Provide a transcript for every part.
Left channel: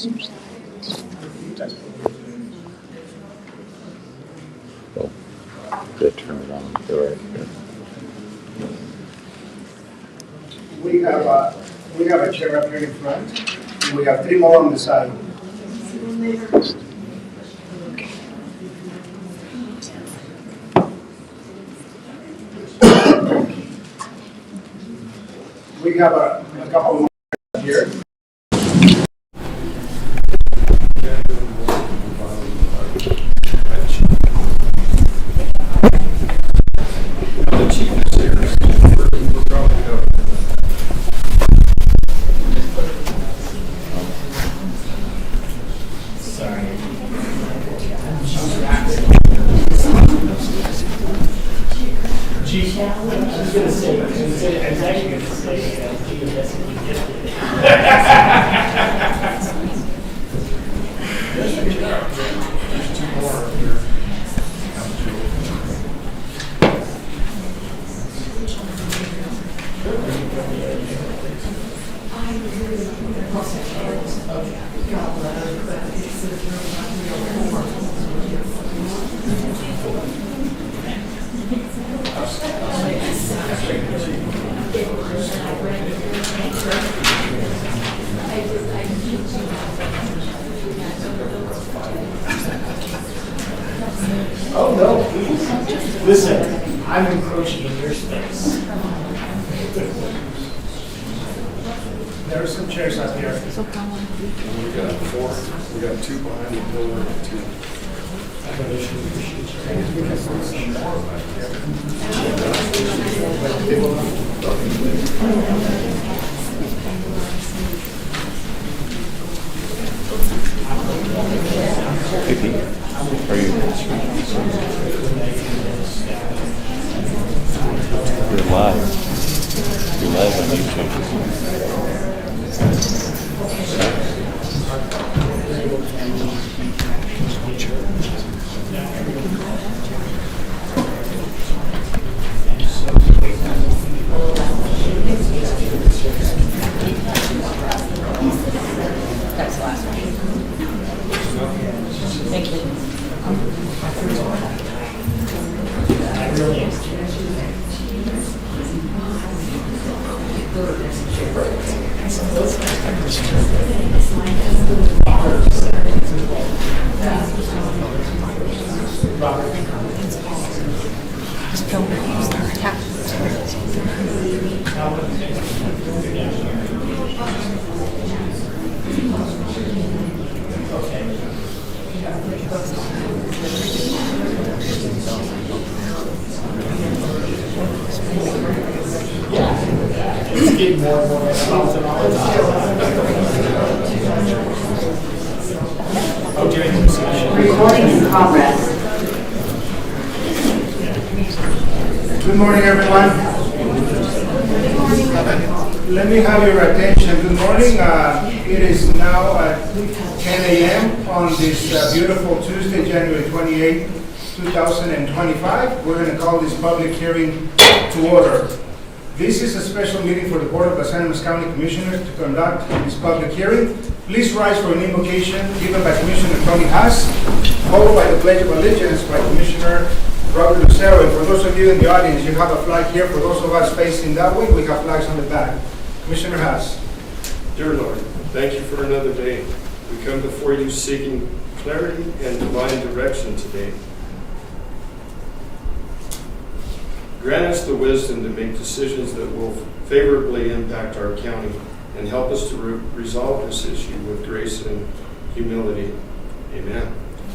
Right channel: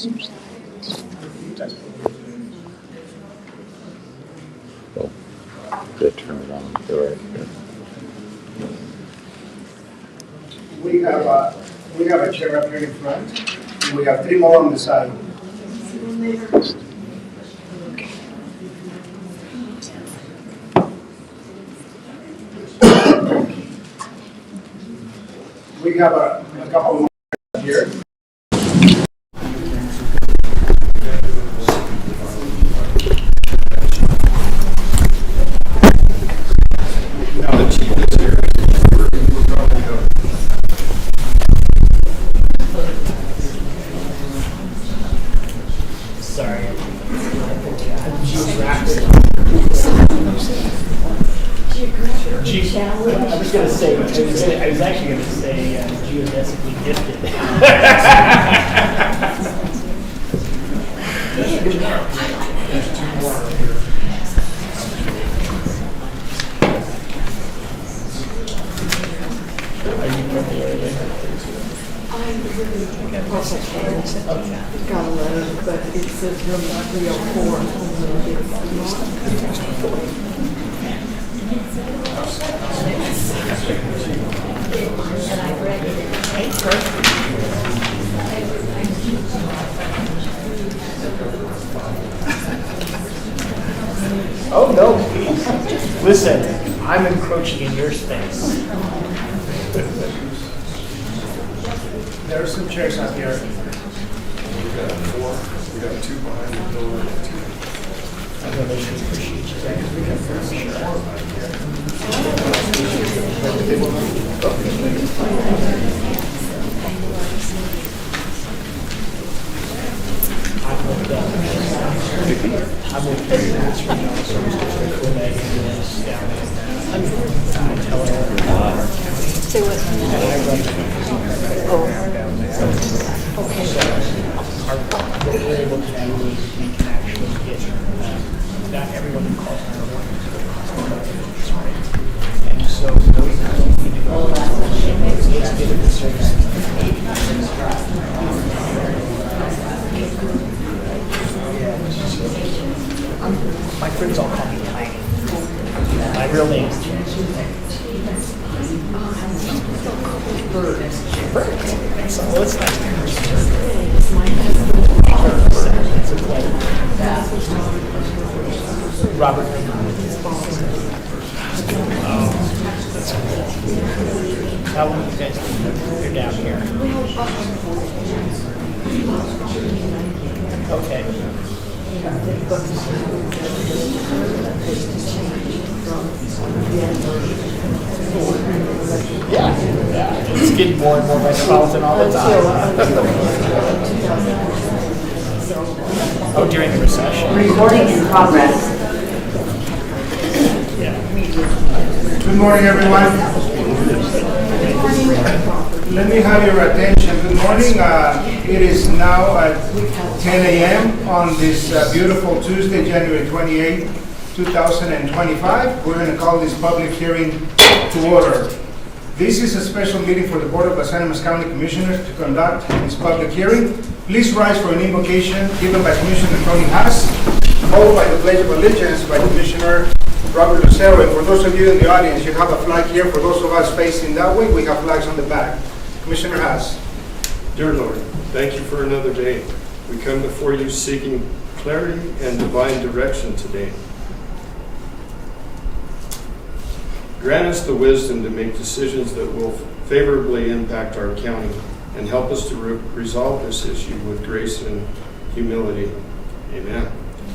Oh, they turn it on. All right. We have a chair up here in front, and we have 3 more on the side. We have a couple more here. Now the chief is here. We're probably go. Sorry. I was going to say, I was actually going to say geodetically gifted. There's 2 more up here. Oh, no, please. Listen, I'm encroaching in your space. There are some chairs up here. We got 4. We got 2 behind the pillar and 2. We can put some more back here. My foot's all kind of tight. I really am. So what's next? Robert. How long you guys you're down here? Okay. Yeah, it's getting more and more metropolitan all the time. Oh, during the recession. Recording in progress. Good morning, everyone. Let me have your attention. Good morning. It is now at 10 a.m. on this beautiful Tuesday, January 28, 2025. We're going to call this public hearing to order. This is a special meeting for the Board of Las Animas County Commissioners to conduct this public hearing. Please rise for an invocation given by Commissioner Tony Haas, followed by the Pledge of Allegiance by Commissioner Robert Lucero. And for those of you in the audience, you have a flag here. For those of us facing that way, we have flags on the back. Commissioner Haas. Dear Lord, thank you for another day. We come before you seeking clarity and divine direction today. Grant us the wisdom to make decisions that will favorably impact our county and help us to resolve this issue with grace and humility. Amen.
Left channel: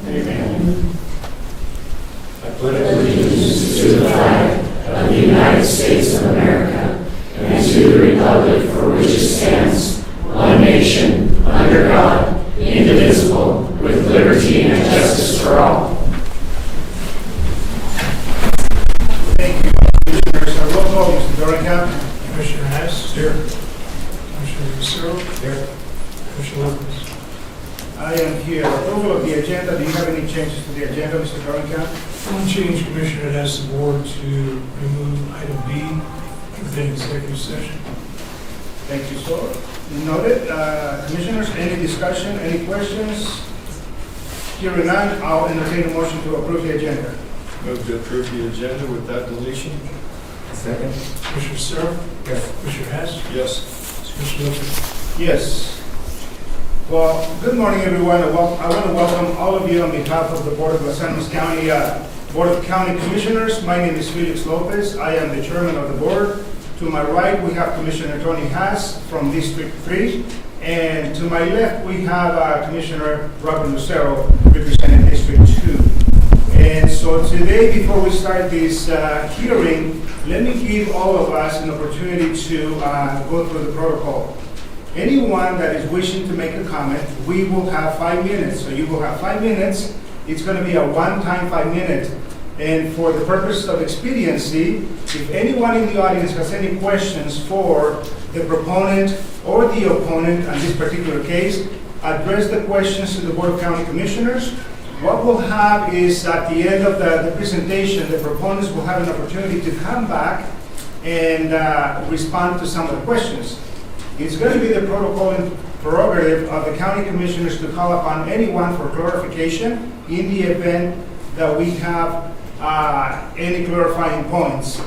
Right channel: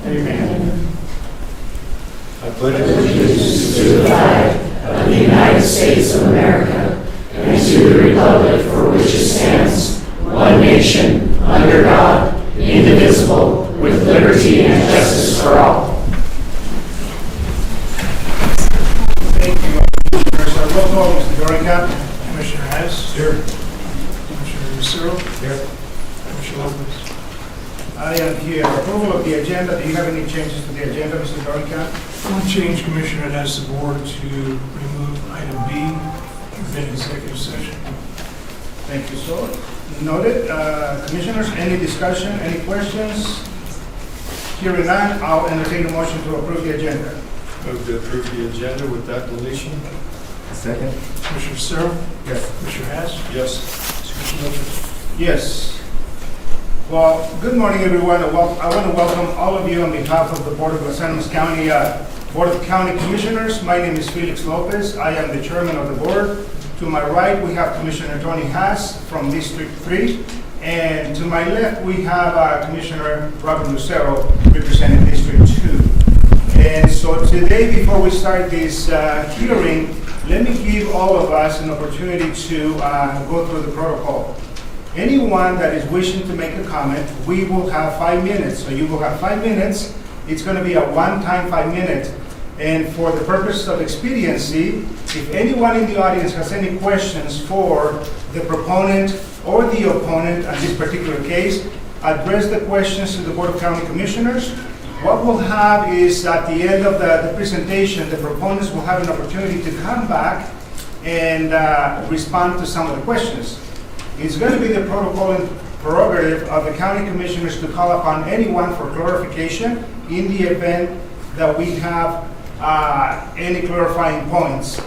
Amen. I pledge allegiance to the flag of the United States of America and to the republic for which it stands, one nation, under God, indivisible, with liberty and justice for all. Thank you, Commissioners. Roll call, Mr. Dorica. Commissioner Hess. Here. Commissioner Lucero. Here. Commissioner Lopez. I am here. Approval of the agenda. Do you have any changes to the agenda, Mr. Dorica? One change, Commissioner, it asks the board to remove item B within executive session. Thank you, sir. Noted. Commissioners, any discussion, any questions? Hearing none, I'll entertain a motion to approve the agenda. Move to approve the agenda with that deletion. Second? Commissioner Searle? Yes. Commissioner Hess? Yes. Commissioner Lopez? Yes. Well, good morning, everyone. I want to welcome all of you on behalf of the Board of Los Angeles County Board of County Commissioners. My name is Felix Lopez. I am the chairman of the board. To my right, we have Commissioner Tony Haas from District 3. And to my left, we have Commissioner Robert Lucero representing District 2. And so today, before we start this hearing, let me give all of us an opportunity to go through the protocol. Anyone that is wishing to make a comment, we will have 5 minutes. So you will have 5 minutes. It's going to be a one-time 5 minutes. And for the purpose of expediency, if anyone in the audience has any questions for the proponent or the opponent on this particular case, address the questions to the Board of County Commissioners. What we'll have is at the end of the presentation, the proponents will have an opportunity to come back and respond to some of the questions. It's going to be the protocol and prerogative of the county commissioners to call upon anyone for clarification in the event that we have any clarifying points.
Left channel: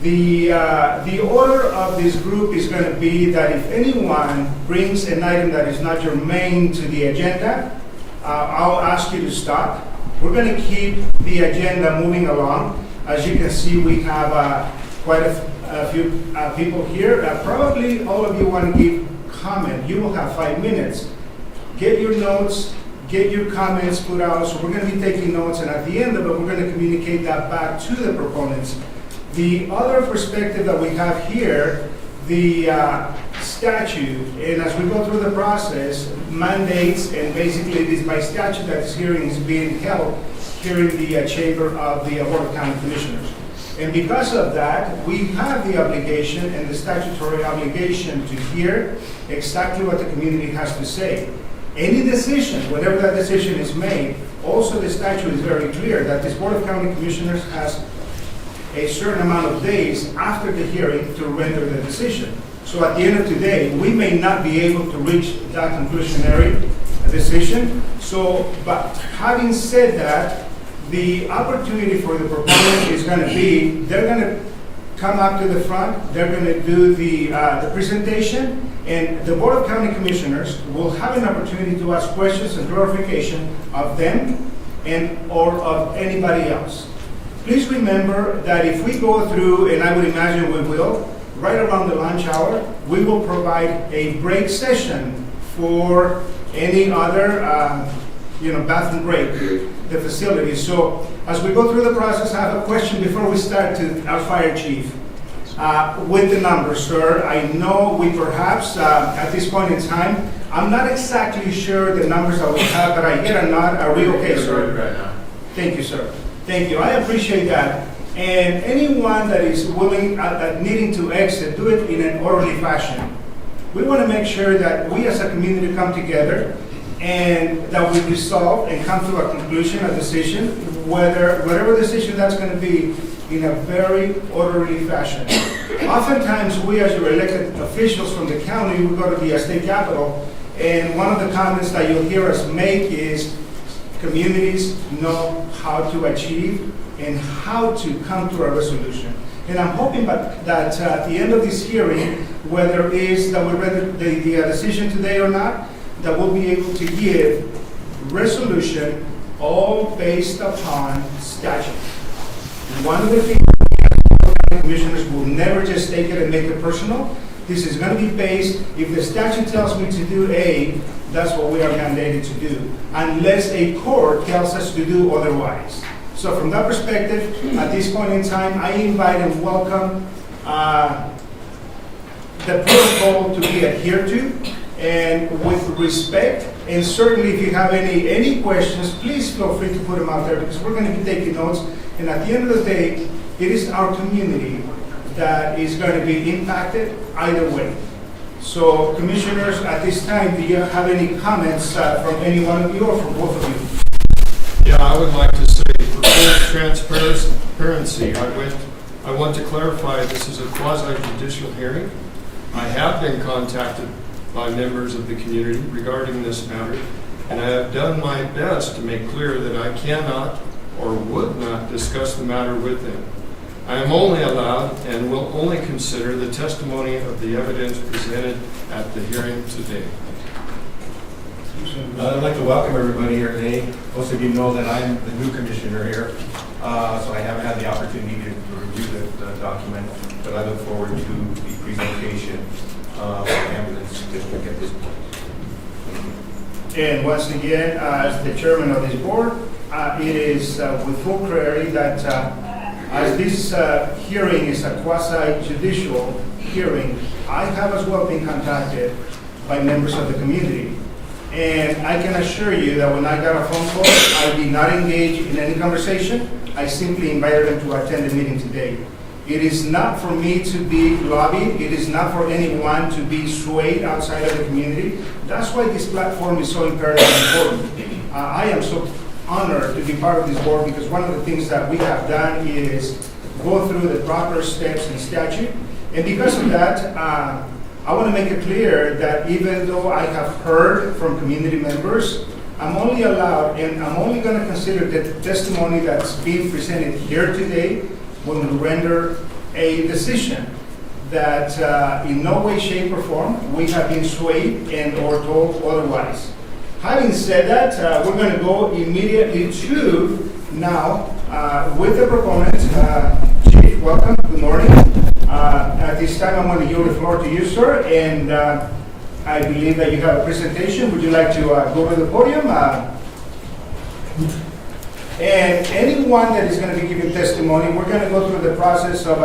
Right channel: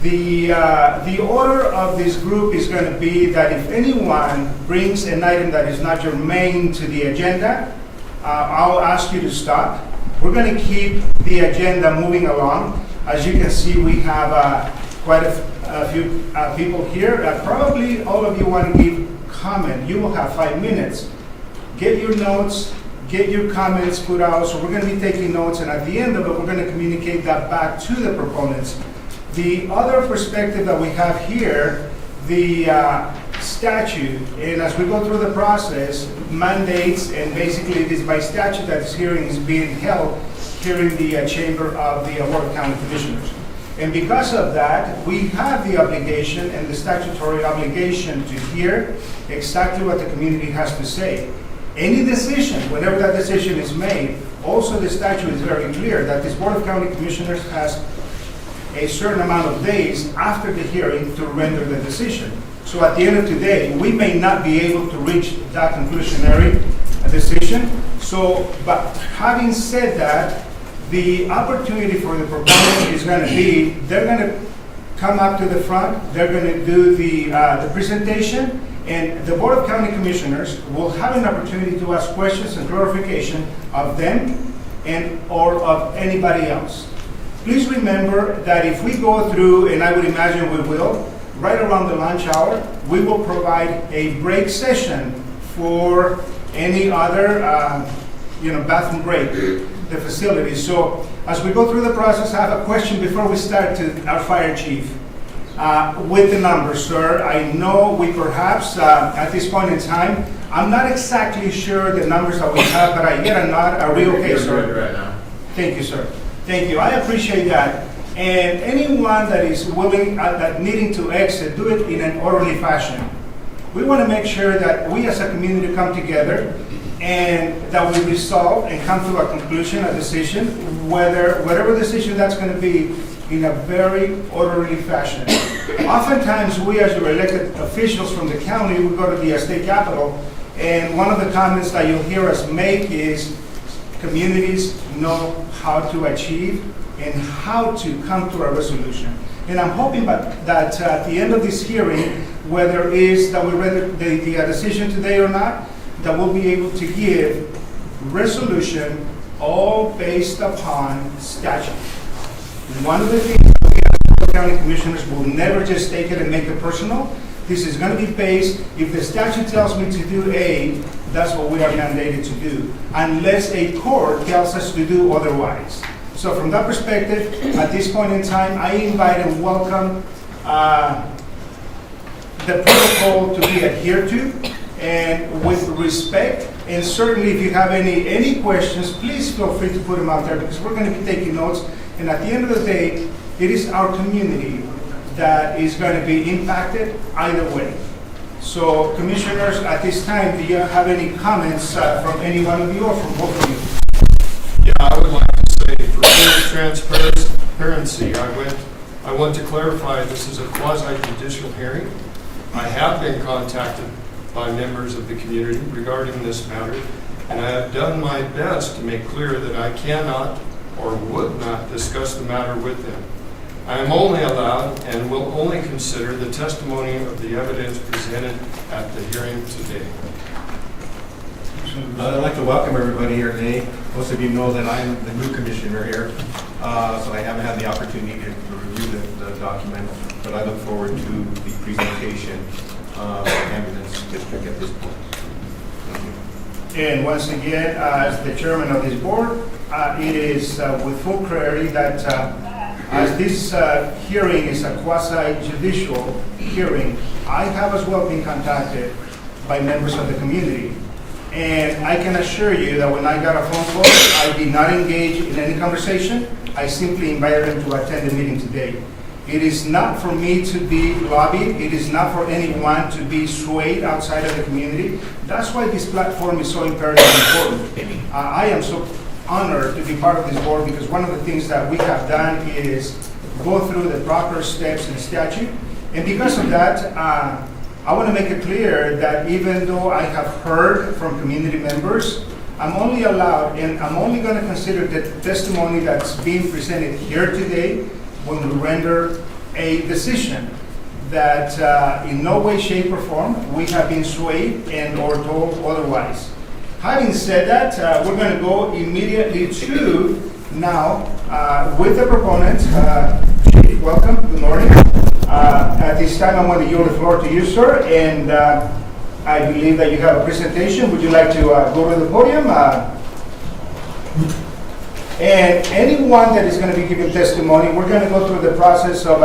The order of this group is going to be that if anyone brings an item that is not germane to the agenda, I'll ask you to stop. We're going to keep the agenda moving along. As you can see, we have quite a few people here. Probably all of you want to give comment. You will have 5 minutes. Get your notes, get your comments put out. So we're going to be taking notes, and at the end of it, we're going to communicate that back to the proponents. The other perspective that we have here, the statute, and as we go through the process, mandates, and basically it is by statute that this hearing is being held here in the chamber of the Board of County Commissioners. And because of that, we have the obligation and the statutory obligation to hear exactly what the community has to say. Any decision, whenever that decision is made, also the statute is very clear that this Board of County Commissioners has a certain amount of days after the hearing to render the decision. So at the end of today, we may not be able to reach that conclusionary decision. So, but having said that, the opportunity for the proponent is going to be, they're going to come up to the front, they're going to do the presentation, and the Board of County Commissioners will have an opportunity to ask questions and clarification of them and or of anybody else. Please remember that if we go through, and I would imagine we will, right around the lunch hour, we will provide a break session for any other bathroom break, the facility. So as we go through the process, I have a question before we start to our fire chief. With the numbers, sir, I know we perhaps, at this point in time, I'm not exactly sure the numbers that we have, but I get a nod. Are we okay, sir? Right now. Thank you, sir. Thank you. I appreciate that. And anyone that is willing, that needing to exit, do it in an orderly fashion. We want to make sure that we as a community come together and that we resolve and come to a conclusion, a decision, whatever decision that's going to be, in a very orderly fashion. Oftentimes, we as your elected officials from the county, we go to the state capitol, and one of the comments that you'll hear us make is communities know how to achieve and how to come to a resolution. And I'm hoping that at the end of this hearing, whether it is that we render the decision today or not, that we'll be able to give resolution all based upon statute. One of the things that we as Board of County Commissioners will never just take it and make it personal. This is going to be based, if the statute tells me to do A, that's what we are mandated to do, unless a court tells us to do otherwise. So from that perspective, at this point in time, I invite and welcome the protocol to be adhered to, and with respect, and certainly if you have any questions, please feel free to put them out there, because we're going to be taking notes. And at the end of the day, it is our community that is going to be impacted either way. So, commissioners, at this time, do you have any comments from any one of you or from both of you? Yeah, I would like to say, for full transparency, I want to clarify this is a quasi-judicial hearing. I have been contacted by members of the community regarding this matter, and I have done my best to make clear that I cannot or would not discuss the matter with them. I am only allowed and will only consider the testimony of the evidence presented at the hearing today. I'd like to welcome everybody here today. Most of you know that I'm the new commissioner here, so I haven't had the opportunity to review the document, but I look forward to the presentation of the ambulance district at this point. Thank you. And once again, as the chairman of this board, it is with full clarity that as this hearing is a quasi-judicial hearing, I have as well been contacted by members of the community. And I can assure you that when I got a phone call, I did not engage in any conversation. I simply invited them to attend the meeting today. It is not for me to be lobbied. It is not for anyone to be swayed outside of the community. That's why this platform is so imperative and important. I am so honored to be part of this board because one of the things that we have done is go through the proper steps and statute. And because of that, I want to make it clear that even though I have heard from community members, I'm only allowed and I'm only going to consider the testimony that's being presented here today when we render a decision that in no way, shape, or form we have been swayed and or told otherwise. Having said that, we're going to go immediately to now with the proponent. Chief, welcome. Good morning. At this time, I'm going to yield the floor to you, sir, and I believe that you have a presentation. Would you like to go to the podium? And anyone that is going to be giving testimony, we're going to go through the process of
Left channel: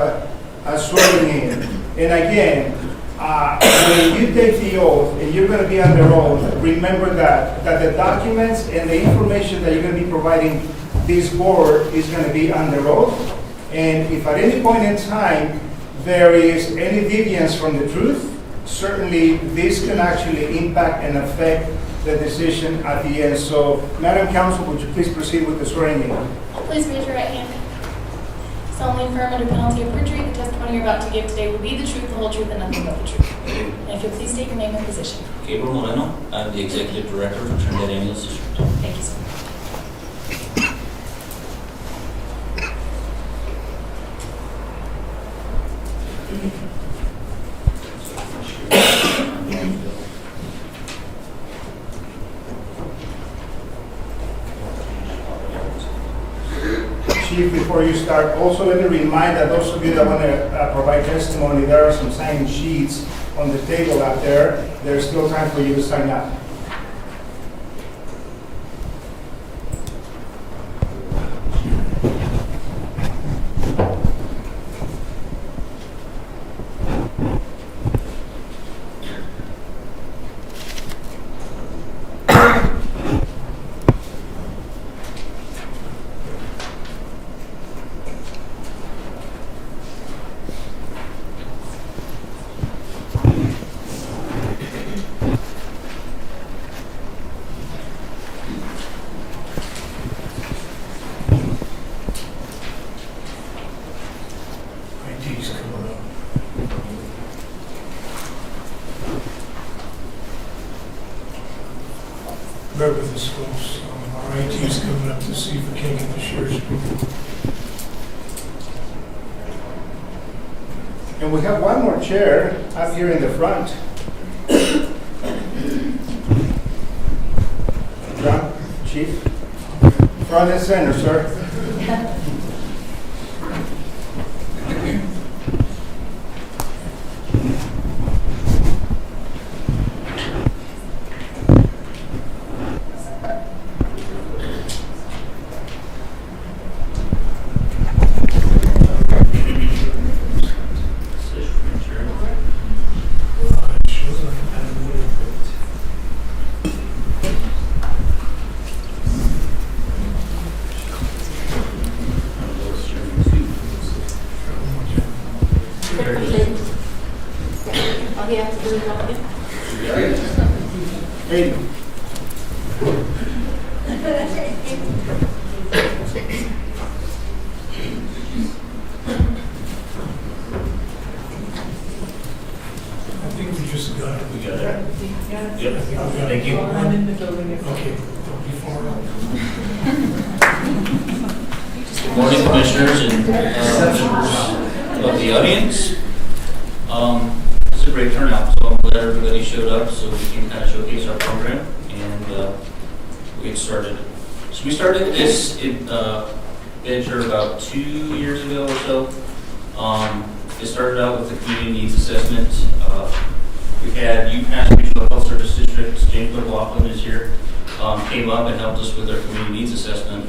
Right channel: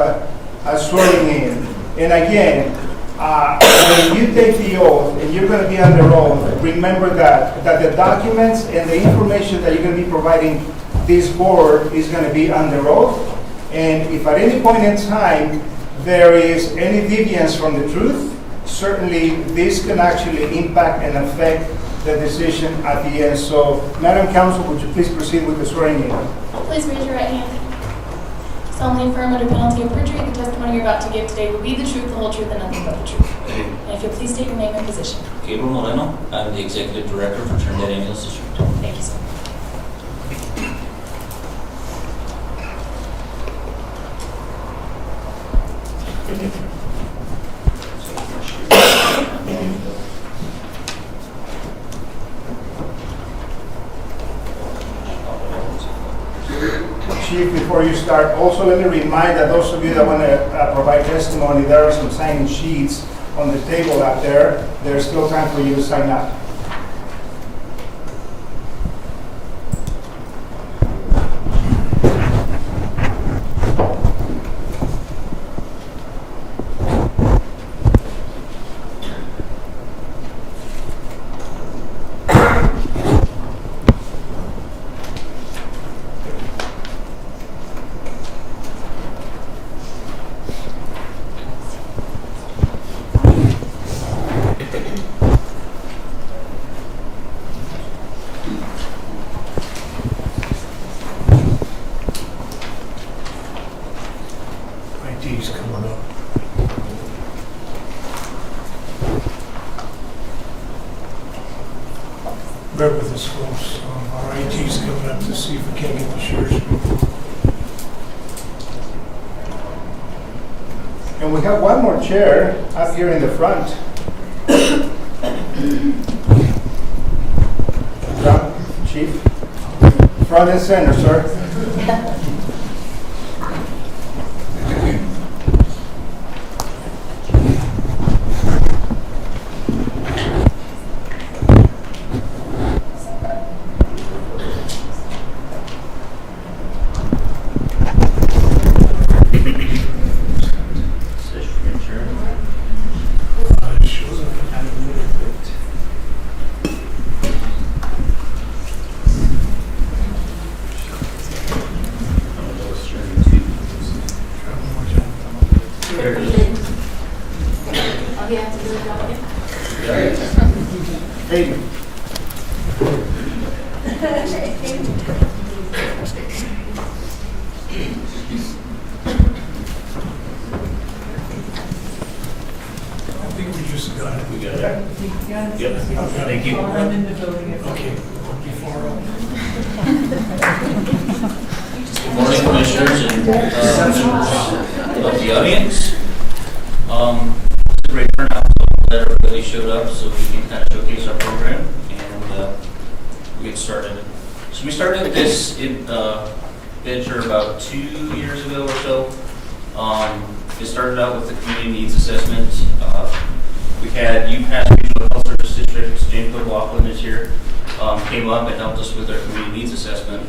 swearing in. And again, when you take the oath and you're going to be under oath, remember that the documents and the information that you're going to be providing this board is going to be under oath. And if at any point in time there is any deviance from the truth, certainly this can actually impact and affect the decision at the end. So, Madam Counsel, would you please proceed with the swearing in? Please raise your right hand. Solemnly affirm under penalty of perjury the testimony you're about to give today will be the truth, the whole truth, and nothing but the truth. And if you'll please state your name and position. Gabriel Moreno, I'm the Executive Director for Trinidad Ambulance District. Thank you, sir. Chief, before you start, also let me remind that those of you that want to provide testimony, there are some signing sheets on the table out there. There's still time for you to sign up. IT's coming up. Bear with us, folks. Our IT's coming up to see if we can get the share screen. And we have one more chair up here in the front. John, Chief, front and center, sir. All you have to do is walk in. Hey. I think we just got it. We got it. Yep. Thank you. I'm in the building. Okay, don't be far off. Good morning, commissioners and members of the audience. It's a great turnout, so I'm glad everybody showed up so we can kind of showcase our program and we get started. So we started this venture about 2 years ago or so. It started out with the community needs assessment. We had UPass Regional Health Service District, James McLaughlin is here, came up and helped us with our community needs assessment.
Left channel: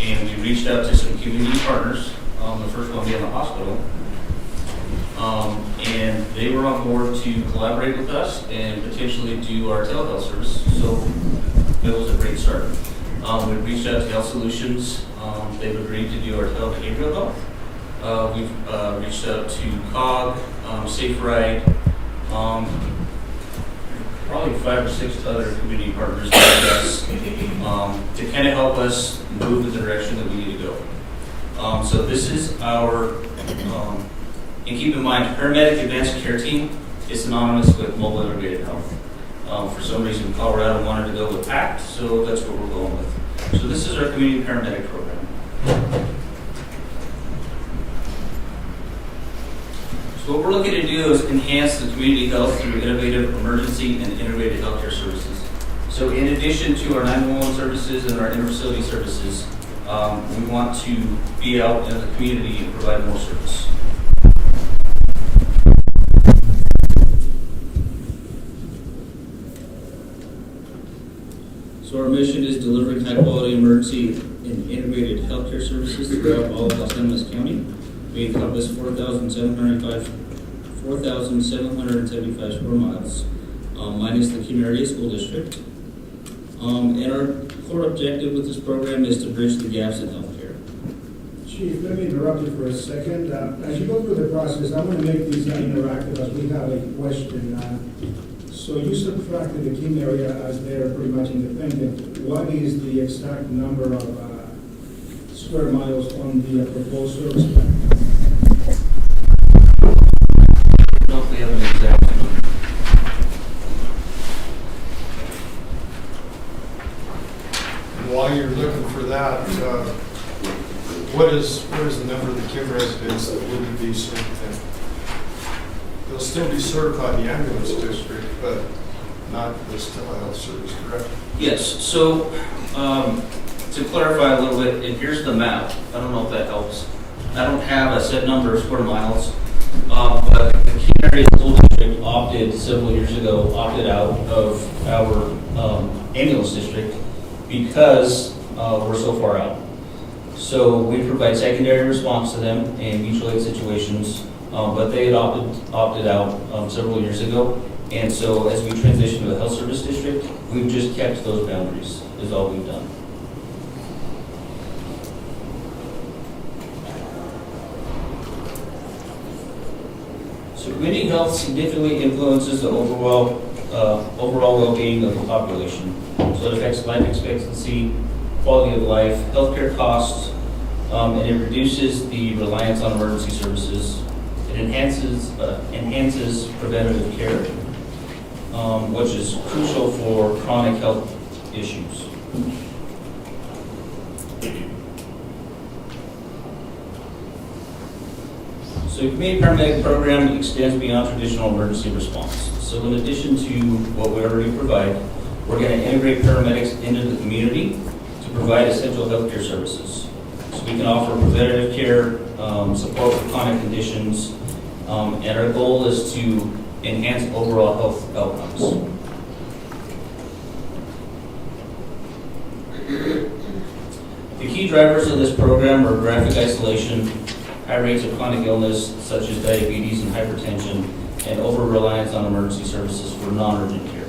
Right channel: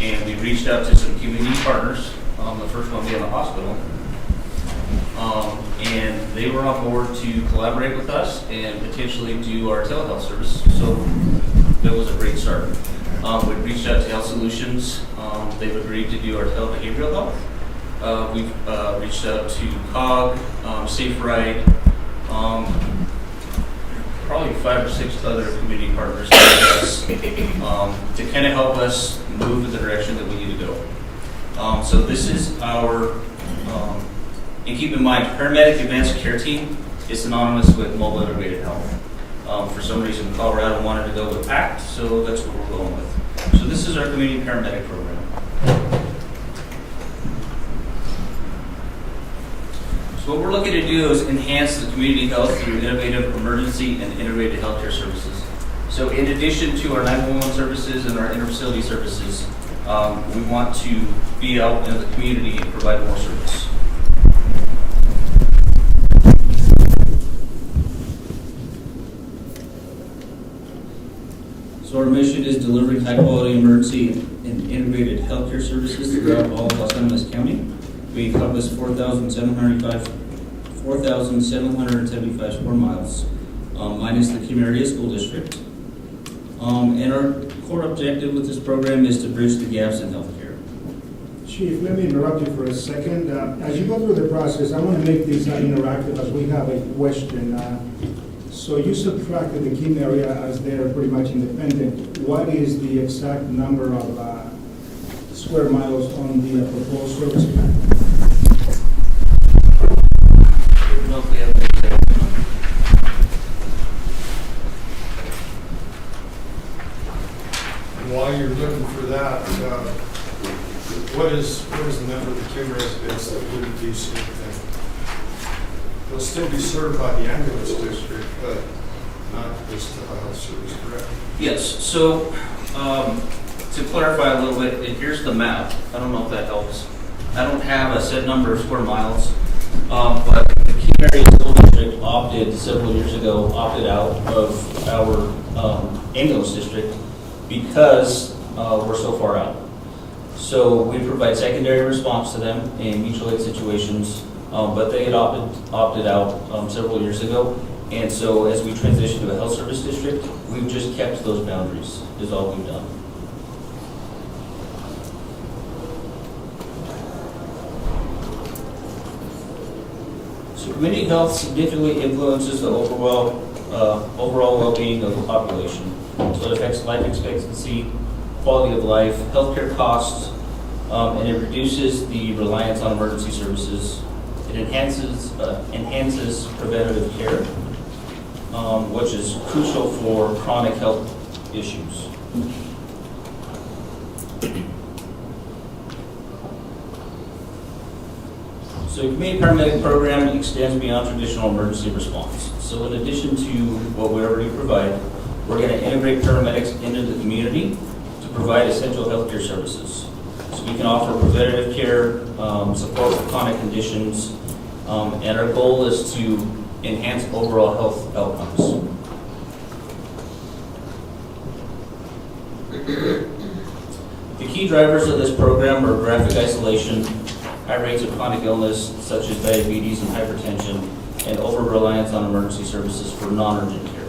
And we reached out to some community partners, the first one being the hospital. And they were on board to collaborate with us and potentially do our telehealth service. So that was a great start. We reached out to Health Solutions. They've agreed to do our telebehavioral health. We've reached out to COG, Safe Ride, probably 5 or 6 other community partners to kind of help us move in the direction that we need to go. So this is our, and keep in mind, Paramedic Advanced Care Team is synonymous with Mobile Integrated Health. For some reason, Colorado wanted to go with PACT, so that's what we're going with. So this is our community paramedic program. So what we're looking to do is enhance the community health through innovative emergency and integrated healthcare services. So in addition to our 911 services and our inter-facility services, we want to be out in the community and provide more service. So our mission is delivering high-quality emergency and integrated healthcare services throughout all of Los Animas County. We encompass 4,775 square miles, minus the Kima Area School District. And our core objective with this program is to bridge the gaps in healthcare. Chief, let me interrupt you for a second. As you go through the process, I want to make this interactive as we have a question. So you subtracted the Kim area as they're pretty much independent. What is the exact number of square miles on the proposed service plan? I don't know if we have an exact number. And while you're looking for that, what is the number of the Kim residents that wouldn't be served then? They'll still be served by the ambulance district, but not this telehealth service, correct? Yes, so to clarify a little bit, and here's the map. I don't know if that helps. I don't have a set number of square miles, but the Kima Area School District several years ago, opted out of our ambulance district because we're so far out. So we provide secondary response to them in mutual aid situations, but they had opted out several years ago. And so as we transition to a health service district, we've just kept those boundaries, is all we've done. So community health significantly influences the overall well-being of the population. So it affects life expectancy, quality of life, healthcare costs, and it reduces the reliance on emergency services. It enhances preventative care, which is crucial for chronic health issues. So the community paramedic program extends beyond traditional emergency response. So in addition to what we already provide, we're going to integrate paramedics into the community to provide essential healthcare services. So we can offer preventative care, support for chronic conditions, and our goal is to enhance overall health outcomes. The key drivers of this program are graphic isolation, high rates of chronic illness such as diabetes and hypertension, and over-reliance on emergency services for non-urgent care.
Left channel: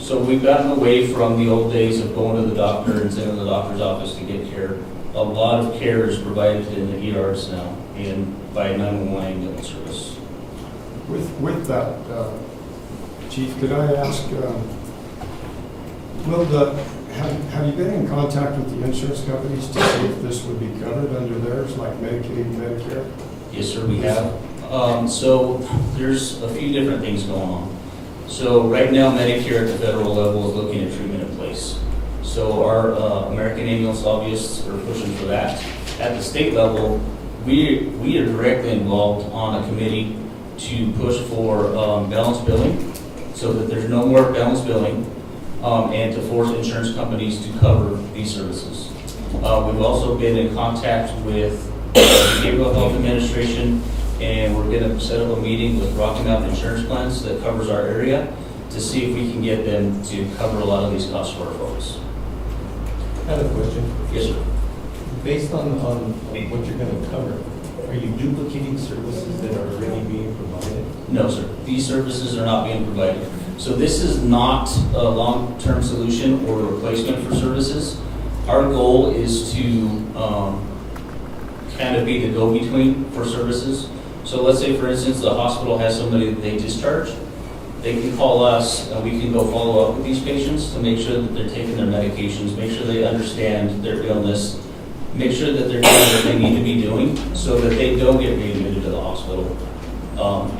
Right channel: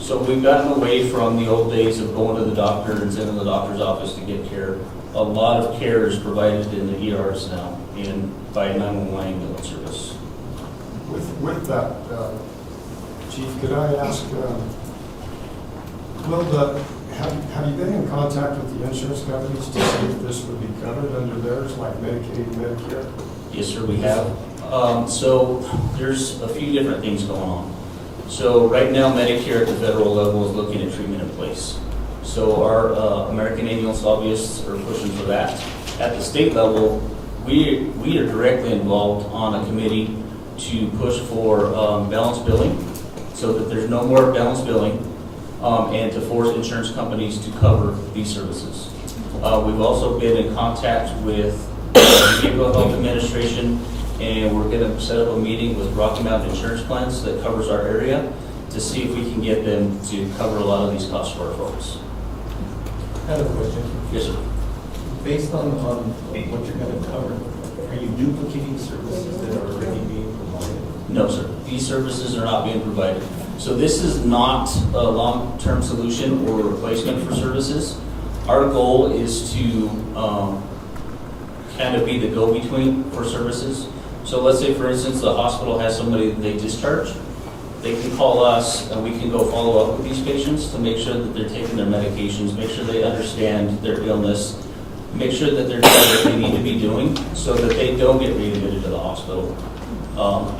So we've gotten away from the old days of going to the doctor and sitting in the doctor's office to get care. A lot of care is provided in the ERs now and by 911 ambulance service. With that, Chief, could I ask, have you been in contact with the insurance companies to see if this would be covered under theirs, like Medicaid, Medicare? Yes, sir, we have. So there's a few different things going on. So right now, Medicare at the federal level is looking at treatment in place. So our American ambulance lobbyists are pushing for that. At the state level, we are directly involved on a committee to push for balanced billing, so that there's no more balanced billing, and to force insurance companies to cover these services. We've also been in contact with the Behavioral Health Administration, and we're going to set up a meeting with Rocky Mountain Insurance Plans that covers our area to see if we can get them to cover a lot of these costs for our folks. I have a question. Yes, sir. Based on what you're going to cover, are you duplicating services that are already being provided? No, sir. These services are not being provided. So this is not a long-term solution or a replacement for services. Our goal is to kind of be the go-between for services. So let's say, for instance, the hospital has somebody that they discharge. They can call us and we can go follow up with these patients to make sure that they're taking their medications, make sure they understand their illness, make sure that they're doing what they need to be doing so that they don't get readmitted to the hospital.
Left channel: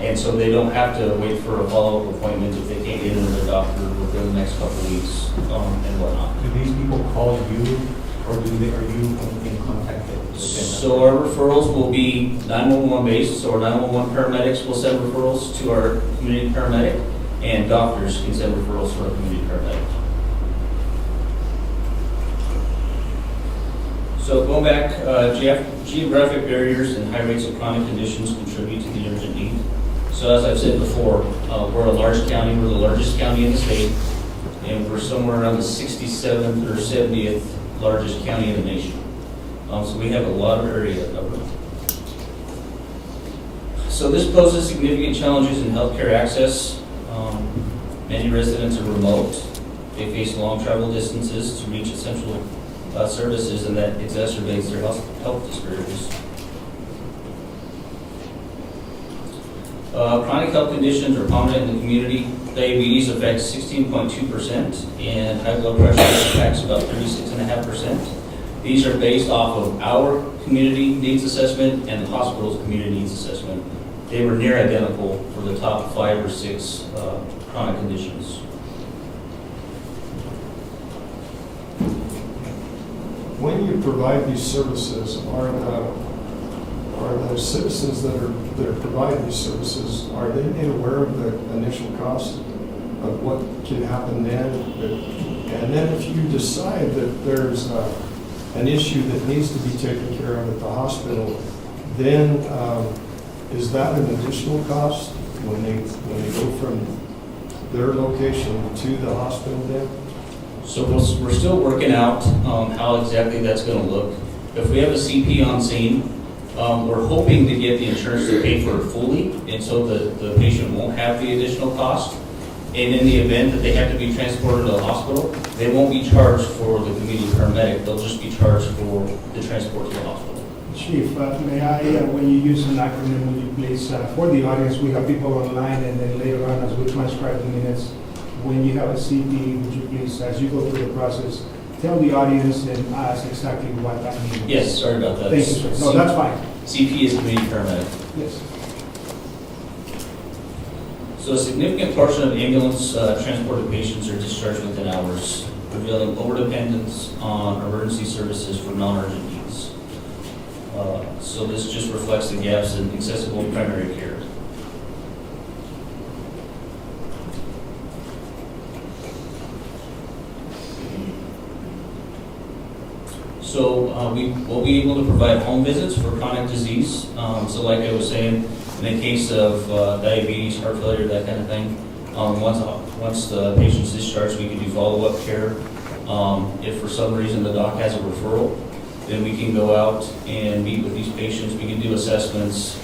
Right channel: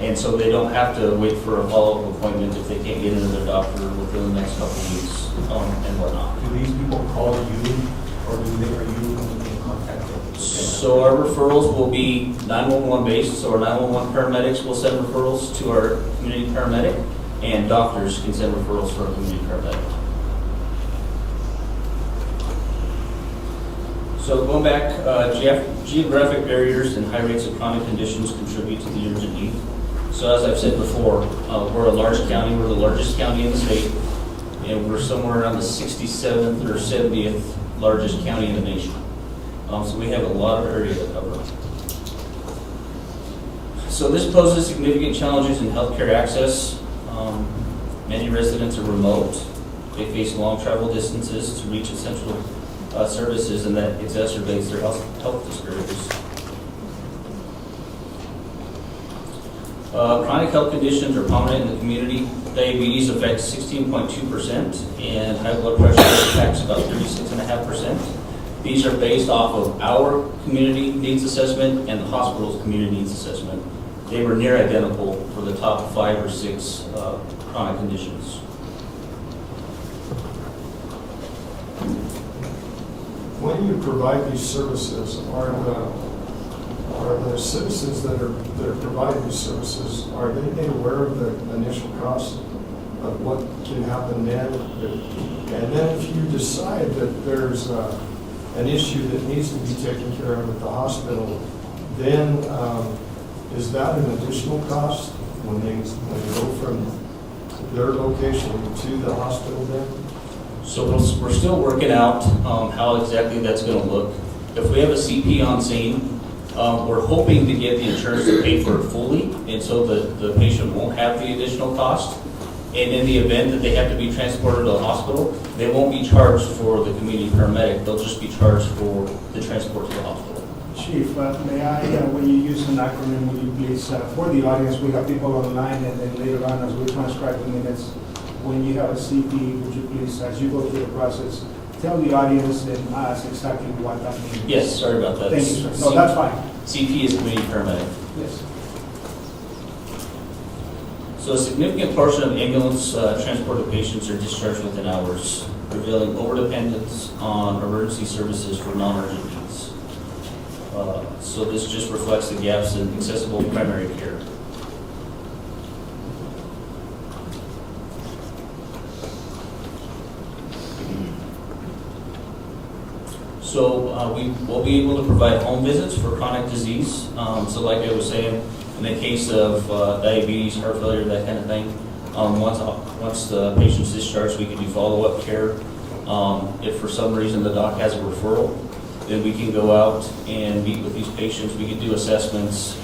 And so they don't have to wait for a follow-up appointment if they can't get into their doctor within the next couple of weeks and whatnot. Do these people call you, or are you in contact with them? So our referrals will be 911 based, so our 911 paramedics will send referrals to our community paramedic, and doctors can send referrals for our community paramedic. So going back, geographic barriers and high rates of chronic conditions contribute to the urgent need. So as I've said before, we're a large county, we're the largest county in the state, and we're somewhere around the 67th or 70th largest county in the nation. So we have a lot of area to cover. So this poses significant challenges in healthcare access. Many residents are remote. They face long travel distances to reach essential services, and that exacerbates their health disparities. Chronic health conditions are prominent in the community. Diabetes affects 16.2%, and high blood pressure affects about 36.5%. These are based off of our community needs assessment and the hospital's community needs assessment. They were near identical for the top 5 or 6 chronic conditions. When you provide these services, are the citizens that are providing these services, are they made aware of the initial cost of what can happen then? And then if you decide that there's an issue that needs to be taken care of at the hospital, then is that an additional cost when they go from their location to the hospital then? So we're still working out how exactly that's going to look. If we have a CP on scene, we're hoping to get the insurance to pay for it fully, and so the patient won't have the additional cost. And in the event that they have to be transported to the hospital, they won't be charged for the community paramedic. They'll just be charged for the transport to the hospital. Chief, may I, when you use an acronym, would you please, for the audience, we have people online, and then later on, as we transcribe the minutes, when you have a CP, would you please, as you go through the process, tell the audience and ask exactly what that means? Yes, sorry about that. Thank you, sir. No, that's fine. CP is community paramedic. Yes. So a significant portion of ambulance transported patients are discharged within hours, revealing overdependence on emergency services for non-urgent needs. So this just reflects the gaps in accessible primary care. So we will be able to provide home visits for chronic disease. So like I was saying, in the case of diabetes, heart failure, that kind of thing, once the patient's discharged, we can do follow-up care. If for some reason the doc has a referral, then we can go out and meet with these patients. We can do assessments,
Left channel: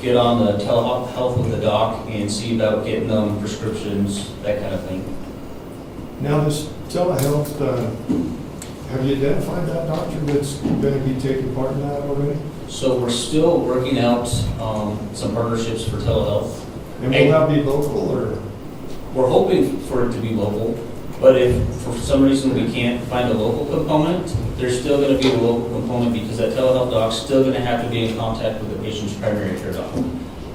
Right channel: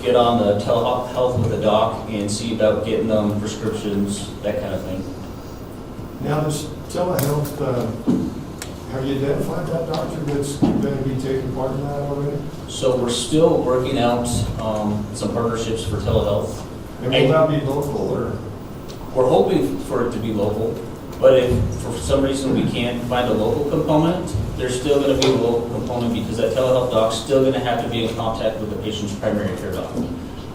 get on the telehealth with the doc and see about getting them prescriptions, that kind of thing. Now this telehealth, have you identified that doctor that's going to be taking part in that already? So we're still working out some partnerships for telehealth. And will that be local or? We're hoping for it to be local. But if for some reason we can't find a local component, there's still going to be a local component because that telehealth doc's still going to have to be in contact with the patient's primary care doc.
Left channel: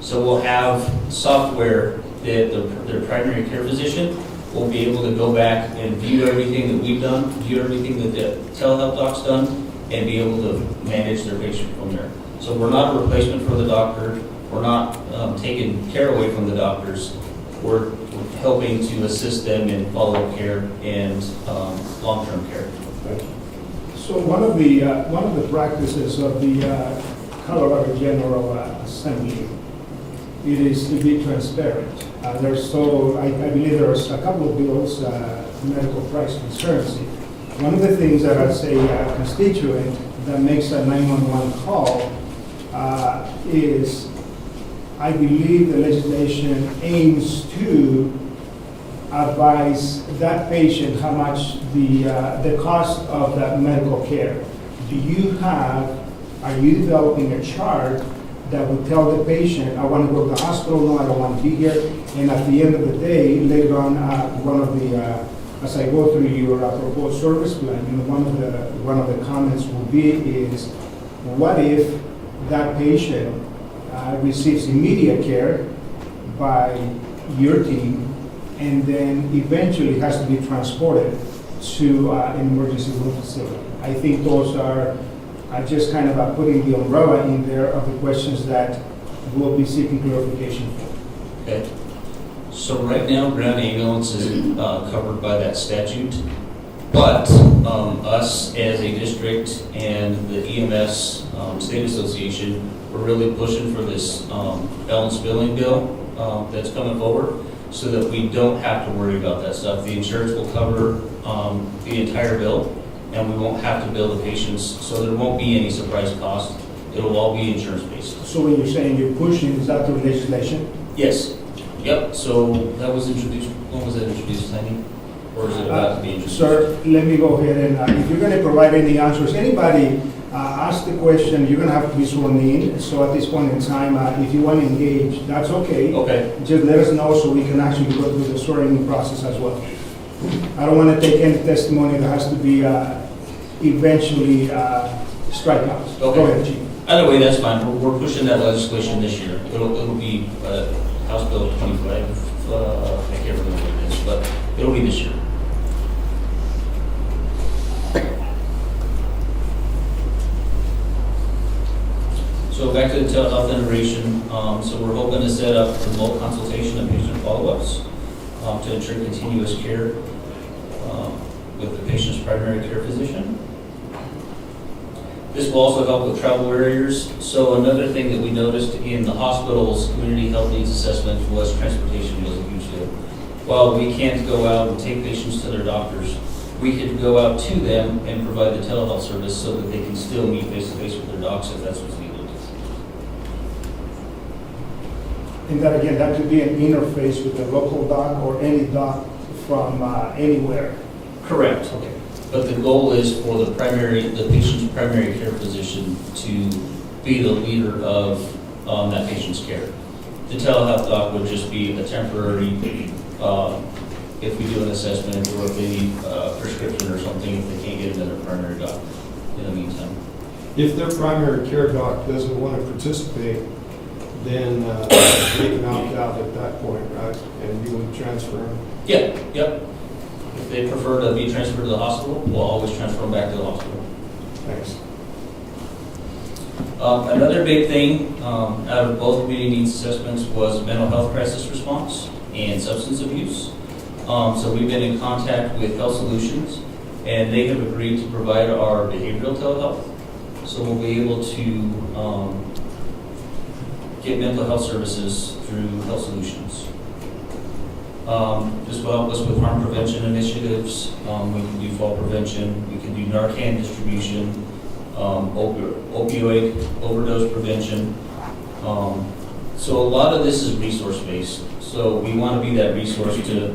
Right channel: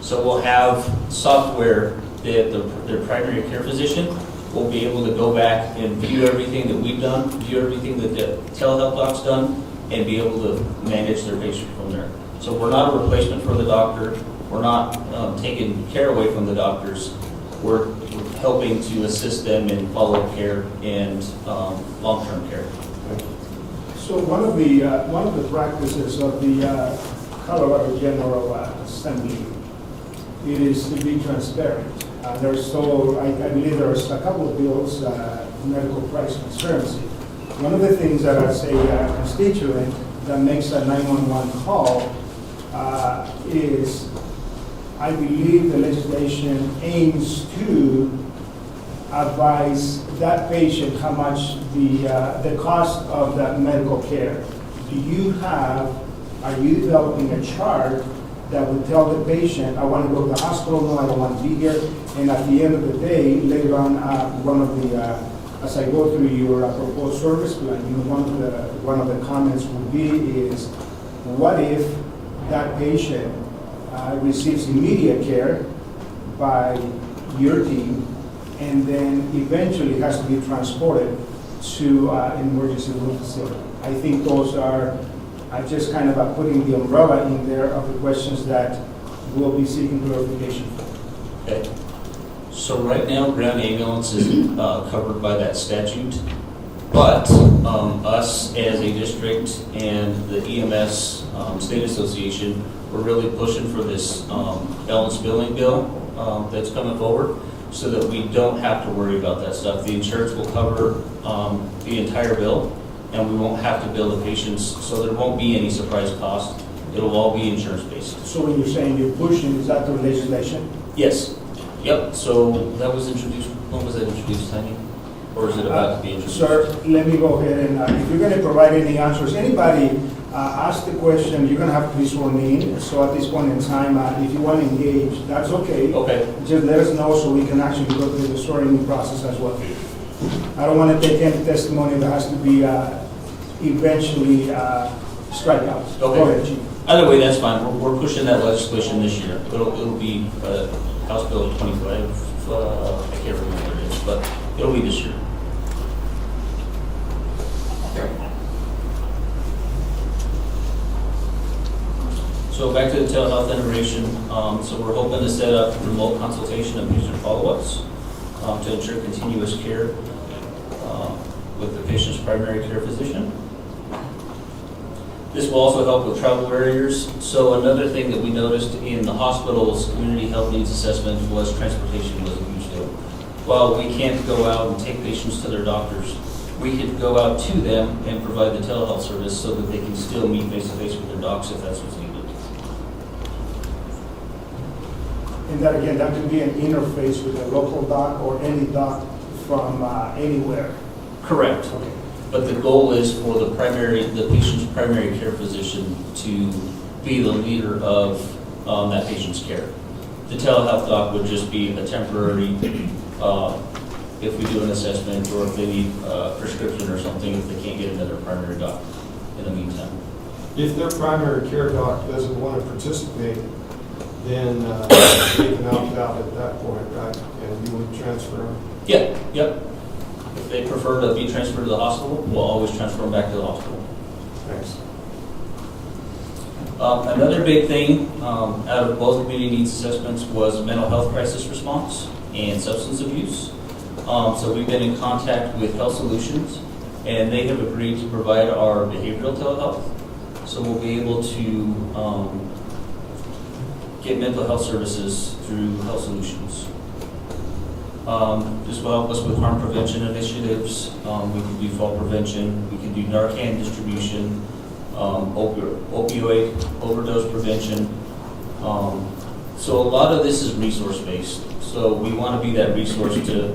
So we'll have software that their primary care physician will be able to go back and view everything that we've done, view everything that the telehealth doc's done, and be able to manage their patient from there. So we're not a replacement for the doctor. We're not taking care away from the doctors. We're helping to assist them in follow-up care and long-term care. So one of the practices of the Colorado General Assembly, it is to be transparent. I believe there's a couple of bills, medical price transparency. One of the things that as a constituent that makes a 911 call is, I believe the legislation aims to advise that patient how much the cost of that medical care. Are you developing a chart that would tell the patient, I want to go to the hospital, no, I don't want to be here, and at the end of the day, later on, as I go through your proposed service plan, one of the comments will be is, what if that patient receives immediate care by your team, and then eventually has to be transported to an emergency room facility? I think those are just kind of putting the umbrella in there of the questions that we'll be seeking clarification for. Okay. So right now, ground ambulance is covered by that statute, but us as a district and the EMS State Association, we're really pushing for this balance billing bill that's coming forward so that we don't have to worry about that stuff. The insurance will cover the entire bill, and we won't have to bill the patients, so there won't be any surprise cost. It'll all be insurance-based. So when you're saying you're pushing, is that through legislation? Yes. Yep. So that was introduced. When was that introduced, Tiny? Or is it about to be introduced? Sir, let me go ahead and if you're going to provide any answers, anybody ask the question, you're going to have to be sworn in. So at this point in time, if you want to engage, that's okay. Okay. Just let us know so we can actually go through the swearing process as well. I don't want to take any testimony that has to be eventually strikeouts. Okay. Go ahead, Chief. Either way, that's fine. We're pushing that legislation this year. It'll be House Bill 25. I can't remember what it is, but it'll be this year. So back to the telehealth integration. So we're hoping to set up remote consultation and patient follow-ups to ensure continuous care with the patient's primary care physician. This will also help with travel barriers. So another thing that we noticed in the hospital's community health needs assessment was transportation was a huge deal. While we can't go out and take patients to their doctors, we could go out to them and provide the telehealth service so that they can still meet face-to-face with their docs if that's what's needed. And that again, that could be an interface with a local doc or any doc from anywhere. Correct. Okay. But the goal is for the patient's primary care physician to be the leader of that patient's care. The telehealth doc would just be a temporary, if we do an assessment or if they need a prescription or something, if they can't get another primary doc in the meantime. If their primary care doc doesn't want to participate, then they can opt out at that point, right? And you would transfer them? Yeah, yep. If they prefer to be transferred to the hospital, we'll always transfer them back to the hospital. Thanks. Another big thing out of both community needs assessments was mental health crisis response and substance abuse. So we've been in contact with Health Solutions, and they have agreed to provide our behavioral telehealth. So we'll be able to get mental health services through Health Solutions. This will help us with harm prevention initiatives. We can do fall prevention. We can do Narcan distribution, opioid overdose prevention. So a lot of this is resource-based. So we want to be that resource to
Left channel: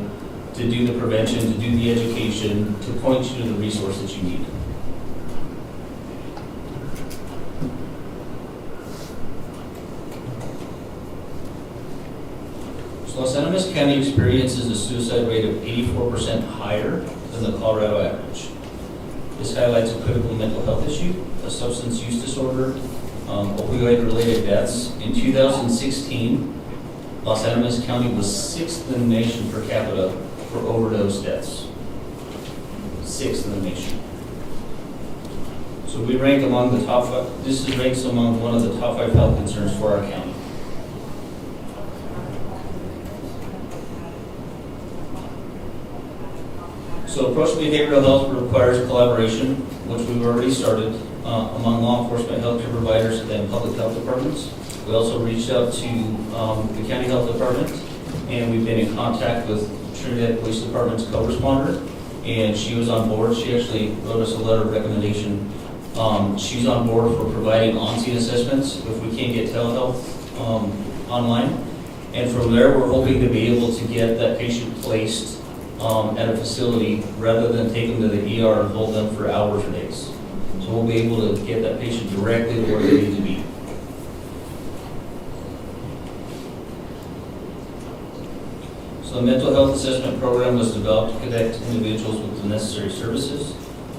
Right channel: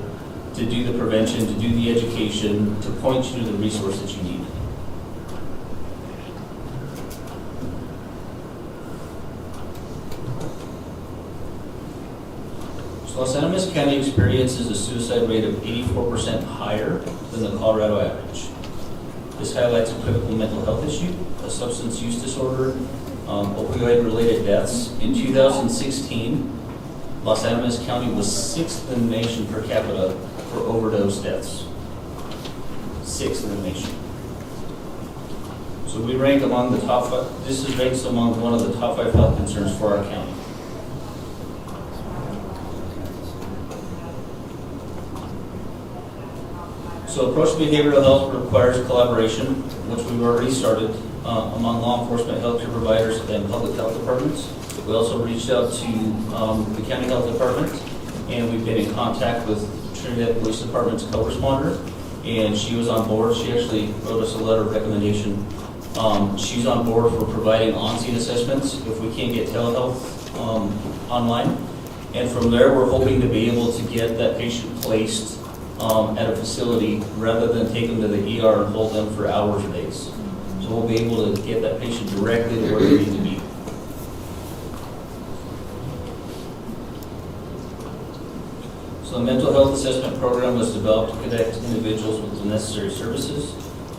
do the prevention, to do the education, to point you to the resource that you need. So Los Animas County experiences a suicide rate of 84% higher than the Colorado average. This highlights a critical mental health issue, a substance use disorder, opioid-related deaths. In 2016, Los Animas County was 6th in the nation per capita for overdose deaths. 6th in the nation. So we rank among the top 5, this is ranked among one of the top 5 health concerns for our county. So approach to behavioral health requires collaboration, which we've already started among law enforcement, healthcare providers, and public health departments. We also reached out to the county health department, and we've been in contact with Trinidad Police Department's co-responder, and she was on board. She actually wrote us a letter of recommendation. She's on board for providing on-scene assessments if we can't get telehealth online. And from there, we're hoping to be able to get that patient placed at a facility rather than take them to the ER and hold them for hours or days. So we'll be able to get that patient directly to where they need to be. So the mental health assessment program was developed to connect individuals with the necessary services.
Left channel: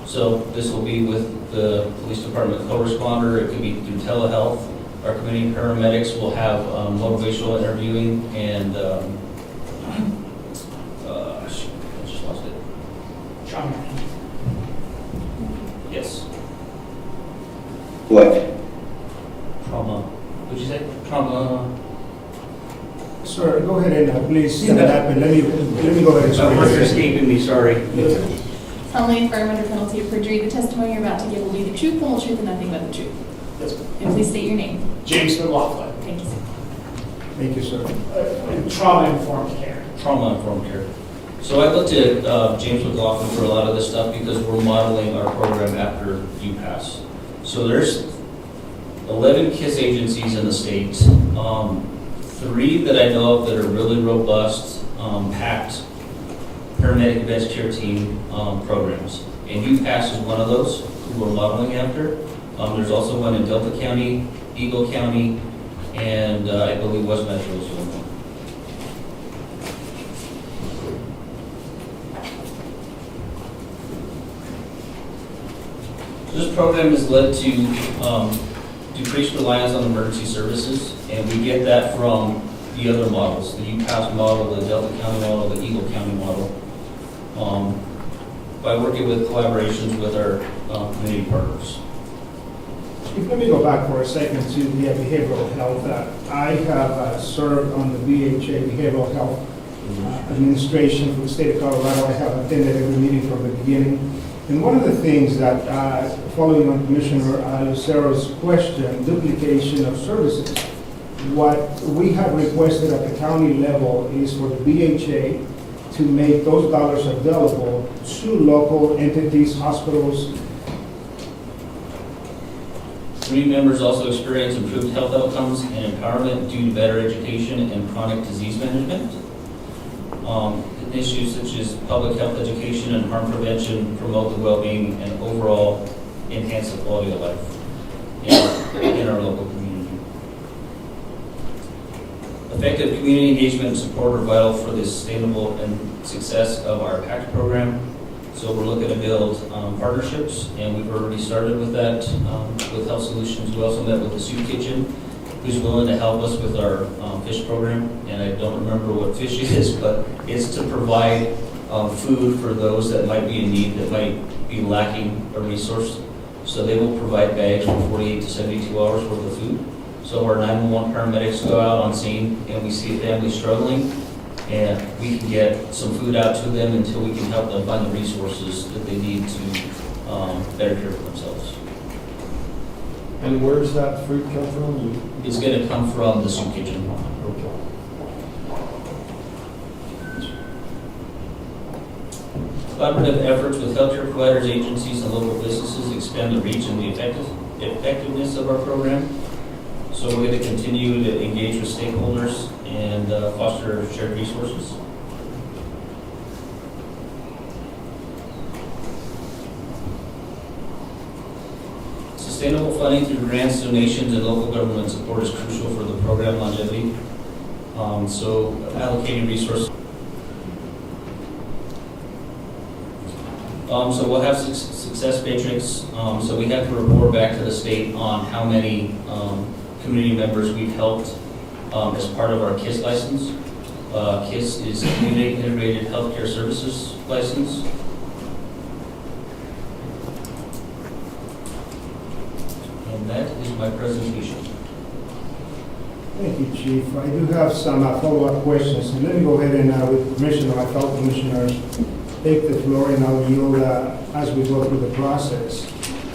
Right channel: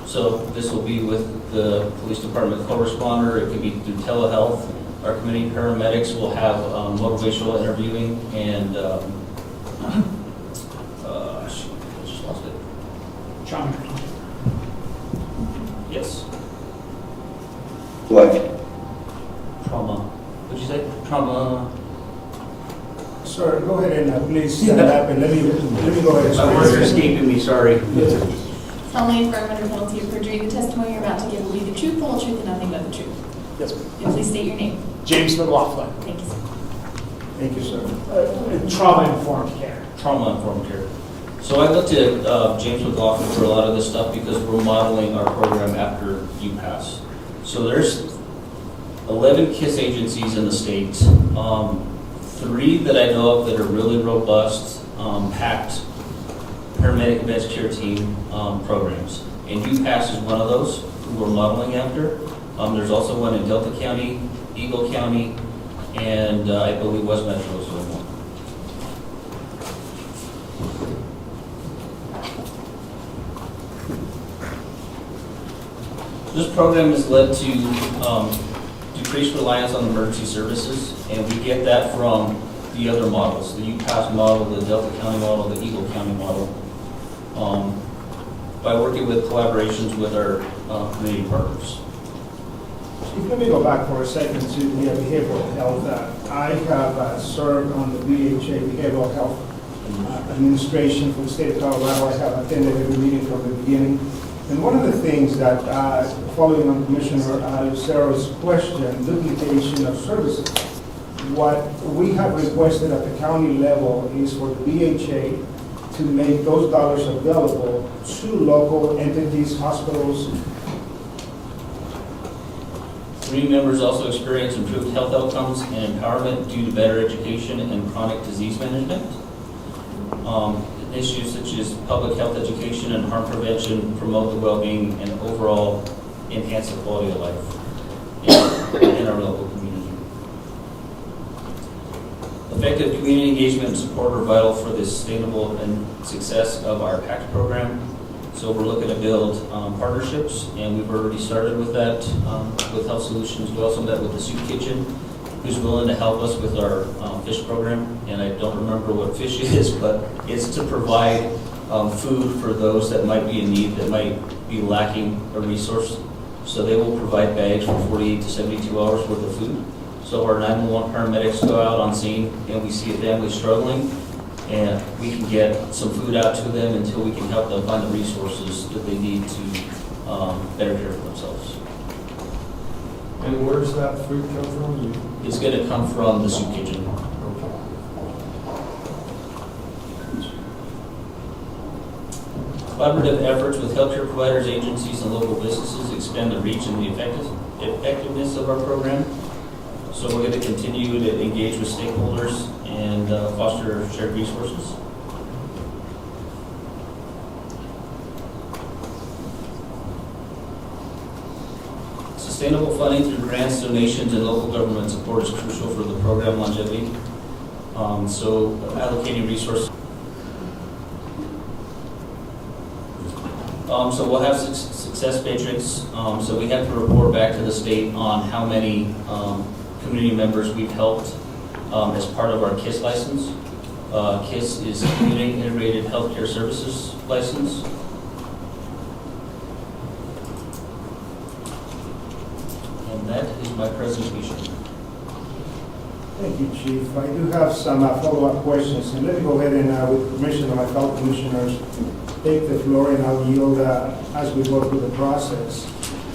So this will be with the police department co-responder. It could be through telehealth. Our community paramedics will have motivational interviewing and I just lost it. Trauma. Yes. What? Trauma. What'd you say? Trauma. Sir, go ahead and please stand up and let me go ahead and My words are swear. escaping me, sorry. Solemnly affirm under penalty of perjury, the testimony you're about to give will be the truth, the whole truth, and nothing but the truth. Yes, ma'am. And please state your name. James McLaughlin. Thank you. Thank you, sir. Trauma-informed care. Trauma-informed care. So I looked at James McLaughlin for a lot of this stuff because we're modeling our program after UPass. So there's 11 KISS agencies in the state. 3 that I know of that are really robust, packed paramedic advanced care team programs. And UPass is one of those who we're modeling after. There's also one in Delta County, Eagle County, and I believe West Metro is one. This program has led to decreased reliance on emergency services, and we get that from the other models, the UPass model, the Delta County model, the Eagle County model, by working with collaborations with our community partners. If let me go back for a second to the behavioral health. I have served on the BHA Behavioral Health Administration for the state of Colorado. I have attended every meeting from the beginning. And one of the things that, following on Commissioner Lucero's question, duplication of services, what we have requested at the county level is for the BHA to make those dollars available to local entities, hospitals. Community members also experience improved health outcomes and empowerment due to better education and chronic disease management. Issues such as public health education and harm prevention promote the well-being and overall enhance the quality of life in our local community. Effective community engagement and support are vital for the sustainable and success of our PACT program. So we're looking to build partnerships, and we've already started with that with Health Solutions. We also met with the Soup Kitchen, who's willing to help us with our fish program. And I don't remember what fish it is, but it's to provide food for those that might be in need, that might be lacking a resource. So they will provide bags for 48 to 72 hours worth of food. So our 911 paramedics go out on scene, and we see a family struggling, and we can get some food out to them until we can help them find the resources that they need to better care for themselves. And where does that food come from? It's going to come from the Soup Kitchen. Okay. Collaborative efforts with healthcare providers, agencies, and local businesses expand the reach and the effectiveness of our program. So we're going to continue to engage with stakeholders and foster shared resources. Sustainable funding through grants, donations, and local government support is crucial for the program longevity. So allocating resources. So we'll have success matrix. So we have to report back to the state on how many community members we've helped as part of our KISS license. KISS is Community Integrated Healthcare Services license. And that is my presentation. Thank you, Chief. I do have some follow-up questions, and let me go ahead and, with permission of my fellow commissioners, take the floor, and I'll yield as we go through the process.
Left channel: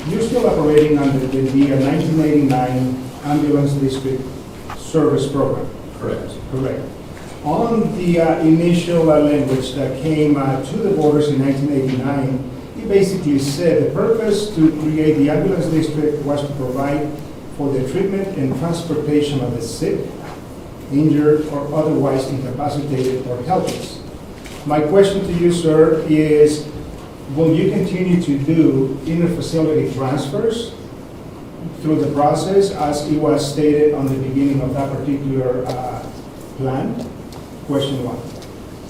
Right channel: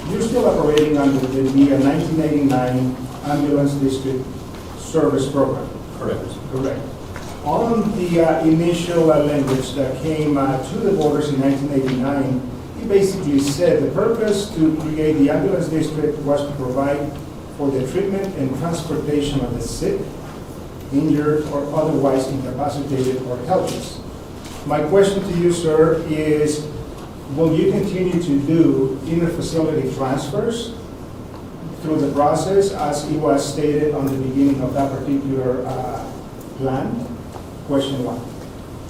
You're still operating under the 1989 Ambulance District Service Program. Correct. Correct. On the initial language that came to the voters in 1989, it basically said the purpose to create the ambulance district was to provide for the treatment and transportation of the sick, injured, or otherwise incapacitated or helpless. My question to you, sir, is will you continue to do inter-facility transfers through the process as it was stated on the beginning of that particular plan? Question one.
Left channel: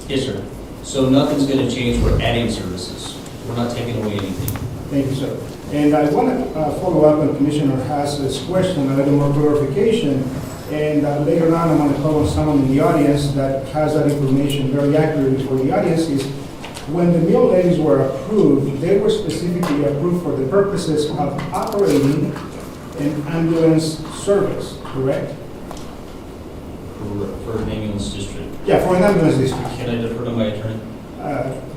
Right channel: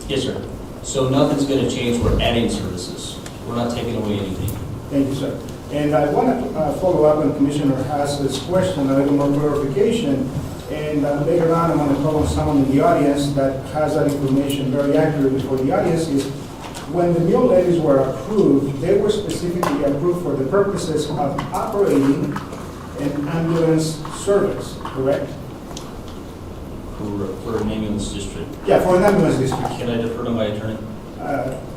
Yes, sir. So nothing's going to change. We're adding services. We're not taking away anything. Thank you, sir. And I want to follow up on Commissioner Hass's question, a little more clarification. And later on, I'm going to call on someone in the audience that has that information very accurately for the audience. Is when the meal levies were approved, they were specifically approved for the purposes of operating an ambulance service, correct? For an ambulance district. Yeah, for an ambulance district. Can I defer to my attorney?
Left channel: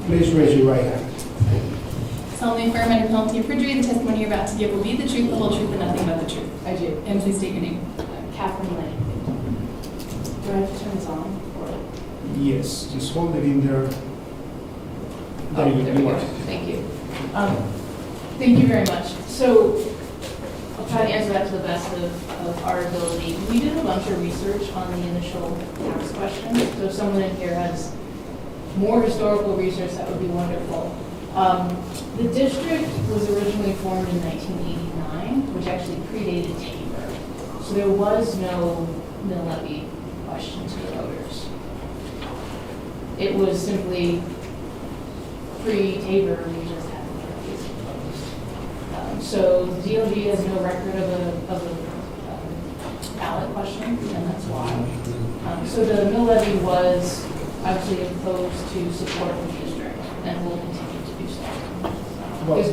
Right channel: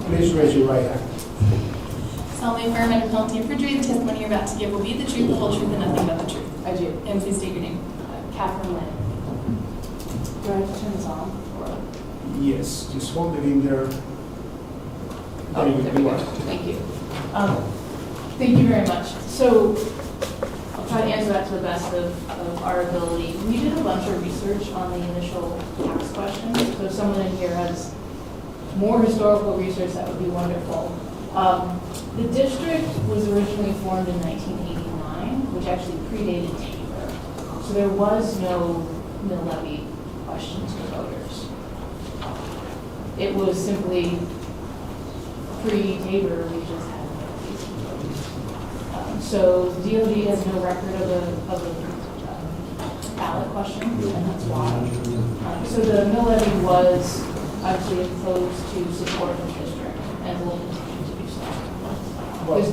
Please raise your right hand. Solemnly affirm under penalty of perjury, the testimony you're about to give will be the truth, the whole truth, and nothing but the truth. I do. And please state your name. Catherine Lane. Do I have to turn this on? Or? Yes, just hold it in there. Oh, there we go. Thank you. Thank you very much. So I'll try to answer that to the best of our ability. We did a bunch of research on the initial tax question. So if someone in here has more historical research, that would be wonderful. The district was originally formed in 1989, which actually predated Tabor. So there was no mill levy question to the voters. It was simply pre-Tabor, we just had mill levies. So the DOD has no record of a ballot question, and that's why. So the mill levy was actually imposed to support the district, and will continue to do so. Well,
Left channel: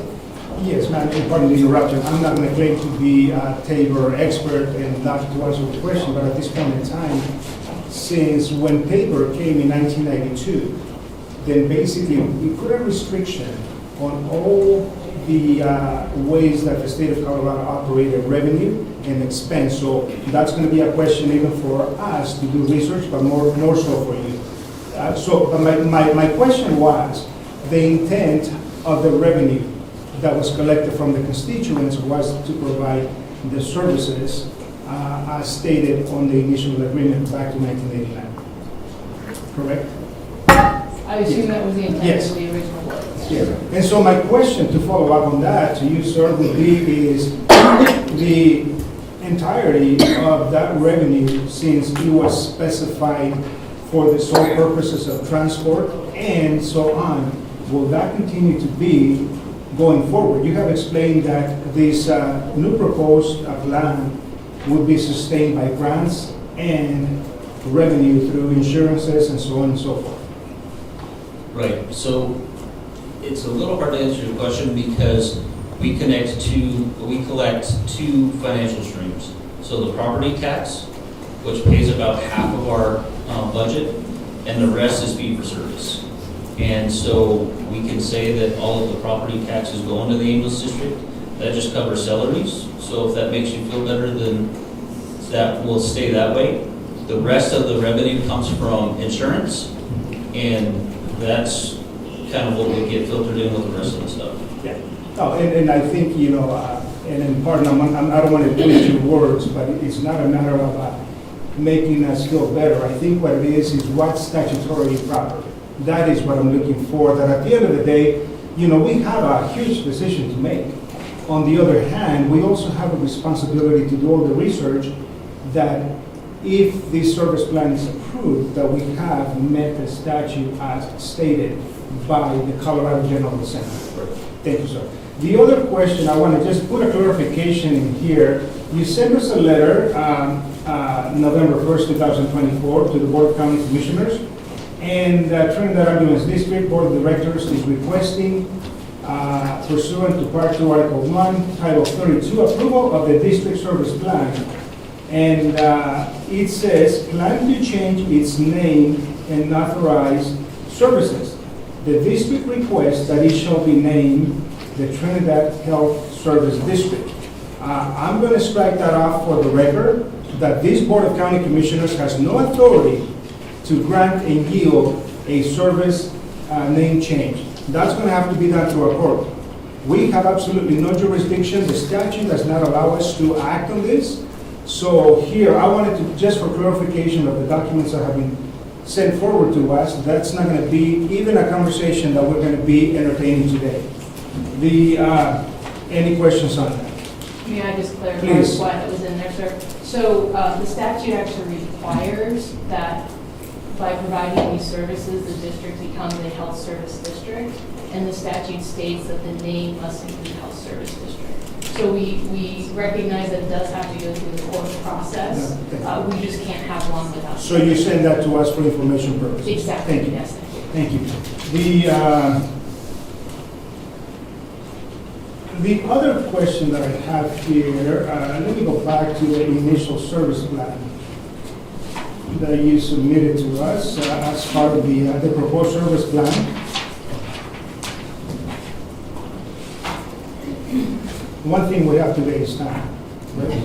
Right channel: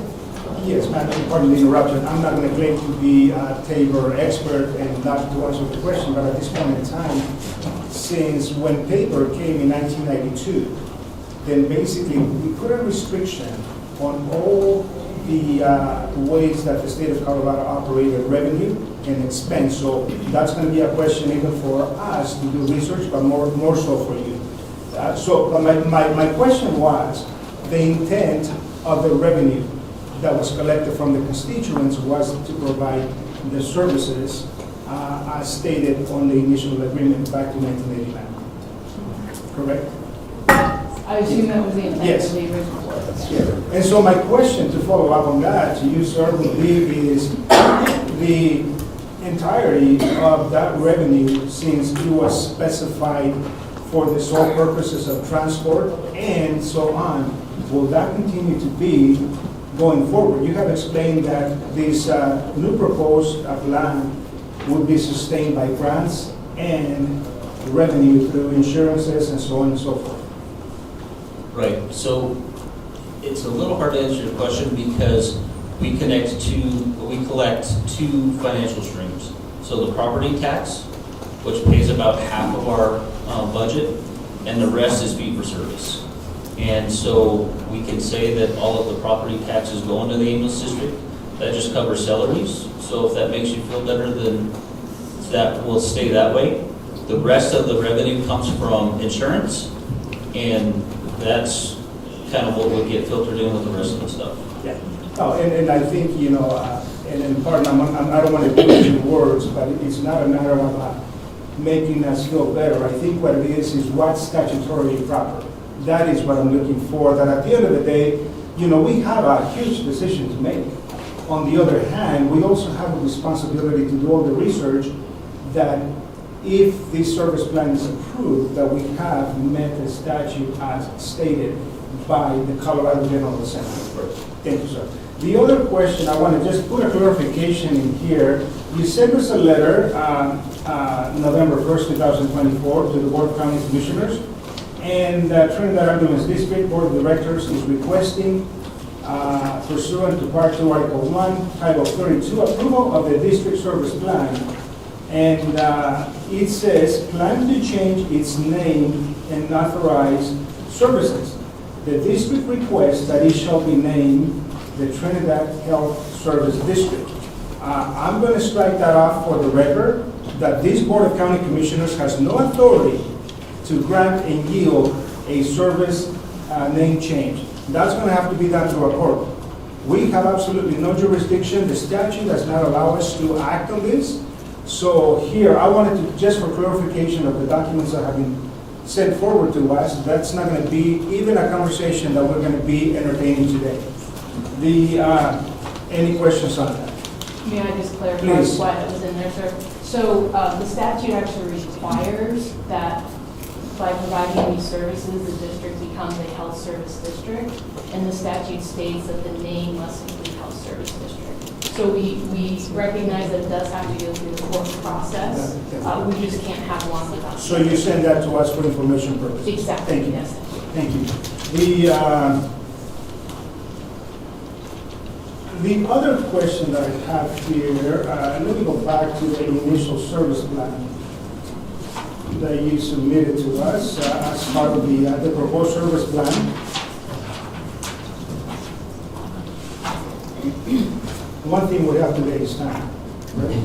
yes, ma'am, and pardon the interruption. I'm not going to claim to be a Tabor expert and not to answer the question, but at this point in time, since when Tabor came in 1992, then basically we put a restriction on all the ways that the state of Colorado operated revenue and expense. So that's going to be a question even for us to do research, but more so for you. So my question was, the intent of the revenue that was collected from the constituents was to provide the services as stated on the initial agreement back in 1989. Correct? I assume that was the intent Yes. of the original ordinance. Yeah. And so my question to follow up on that to you, sir, would be is the entirety of that revenue, since it was specified for the sole purposes of transport and so on, will that continue to be going forward? You have explained that this new proposed plan would be sustained by grants and revenue through insurances and so on and so forth. Right. So it's a little hard to answer your question because we collect two financial streams. So the property tax, which pays about half of our budget, and the rest is fee for service. And so we can say that all of the property taxes go into the ambulance district. That just covers salaries. So if that makes you feel better, then that will stay that way. The rest of the revenue comes from insurance, and that's kind of what we get filtered in with the rest of the stuff. Yeah. Oh, and I think, you know, and pardon, I don't want to put your words, but it's not a matter of making us feel better. I think what it is what's statutorily proper. That is what I'm looking for, that at the end of the day, you know, we have a huge decision to make. On the other hand, we also have a responsibility to do all the research that if this service plan is approved, that we have met the statute as stated by the Colorado General Assembly. Thank you, sir. The other question, I want to just put a clarification in here. You sent us a letter, November 1st, 2024, to the Board of County Commissioners, and Trinidad Ambulance District Board of Directors is requesting, pursuant to Part 2, Article 1, Title 32, approval of the district service plan. And it says, plan to change its name and authorize services. The district requests that it shall be named the Trinidad Health Service District. I'm going to strike that off for the record, that this Board of County Commissioners has no authority to grant and yield a service name change. That's going to have to be done through a court. We have absolutely no jurisdiction. The statute does not allow us to act on this. So here, I wanted to, just for clarification of the documents that have been sent forward to us, that's not going to be even a conversation that we're going to be entertaining today. Any questions on that? May I just clarify Please. what was in there, sir? So the statute actually requires that by providing these services, the district becomes a health service district, and the statute states that the name must include health service district. So we recognize that it does have to go through the court process. We just can't have one without. So you send that to us for information purposes? Exactly. Thank you. Yes, thank you. Thank you. The other question that I have here, let me go back to the initial service plan that you submitted to us as part of the proposed service plan. One thing we have today is time. Right?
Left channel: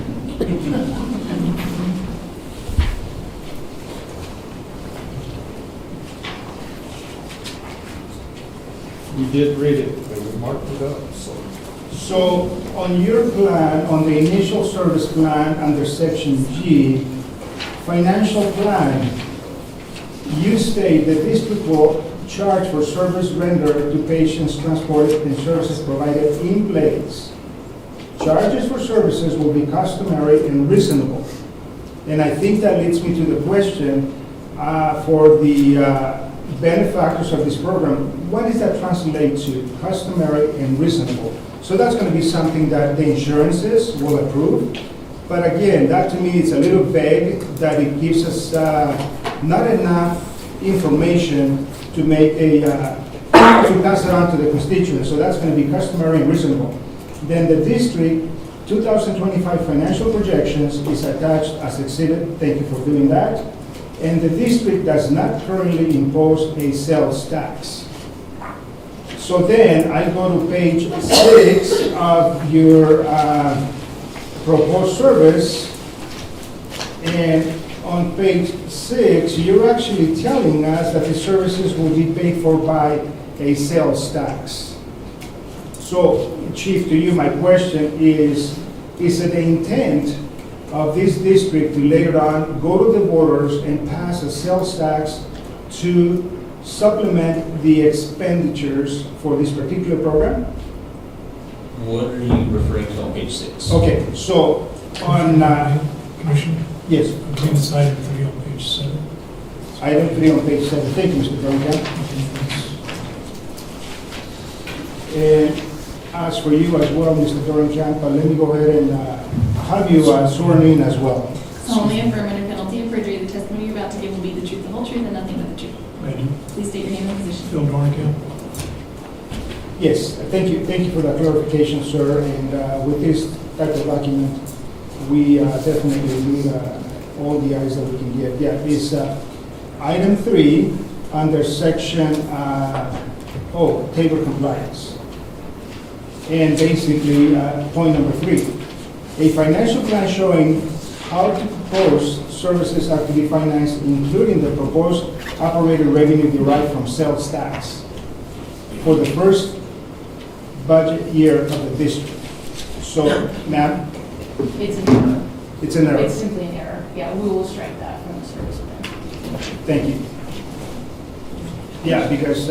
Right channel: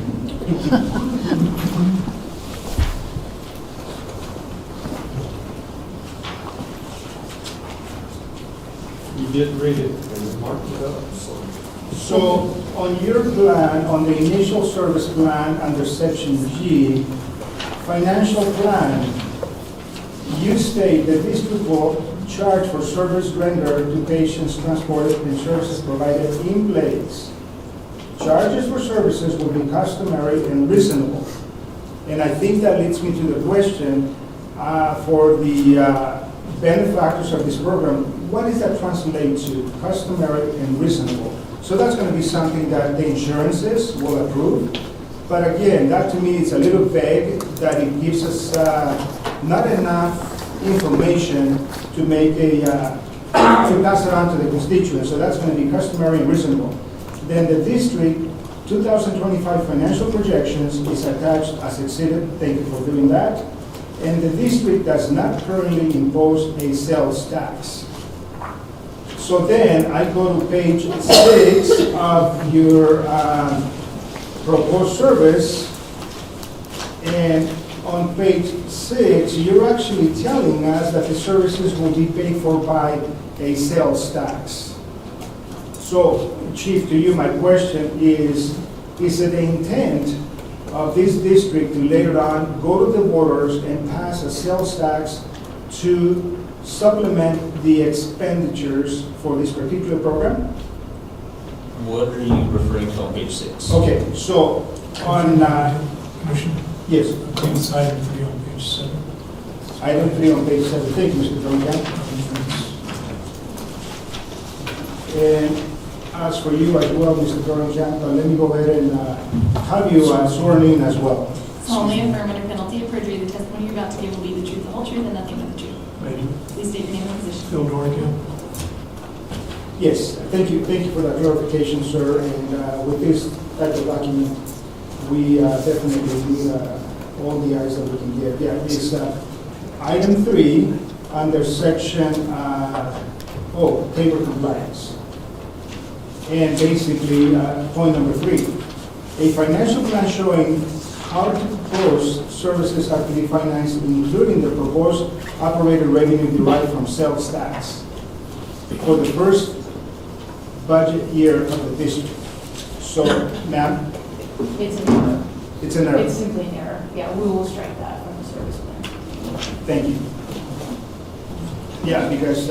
You did read it, and we marked it up, so. So on your plan, on the initial service plan under section G, financial plan, you state the district will charge for service rendered to patients transported and services provided in place. Charges for services will be customary and reasonable. And I think that leads me to the question for the benefactors of this program, what does that translate to, customary and reasonable? So that's going to be something that the insurances will approve. But again, that to me is a little vague, that it gives us not enough information to make to pass it on to the constituents. So that's going to be customary and reasonable. Then the district 2025 financial projections is attached as exhibit. Thank you for doing that. And the district does not currently impose a sales tax. So then I go to page 6 of your proposed service, and on page 6, you're actually telling us that the services will be paid for by a sales tax. So, Chief, to you, my question is it the intent of this district to later on go to the voters and pass a sales tax to supplement the expenditures for this particular program? What are you referring to on page 6? Okay, so on, Commissioner, yes, I think it's item 3 on page 7. item 3 on page 7. Thank you, Mr. Duncan. And as for you as well, Mr. Doran-Champa, let me go ahead and have you sworn in as well. Solemnly affirm under penalty of perjury, the testimony you're about to give will be the truth, the whole truth, and nothing but the truth. I do. Please state your name and position. Phil Dornicamp. Yes, thank you for that clarification, sir. And with this type of document, we definitely need all the eyes that we can get. Yeah, it's item 3 under section, table compliance. And basically, point number 3, a financial plan showing how the proposed services are to be financed, including the proposed operating revenue derived from sales tax for the first budget year of the district. So, ma'am? It's an error. It's an error. It's simply an error. Yeah, we will strike that from the service plan. Thank you. Yeah, because,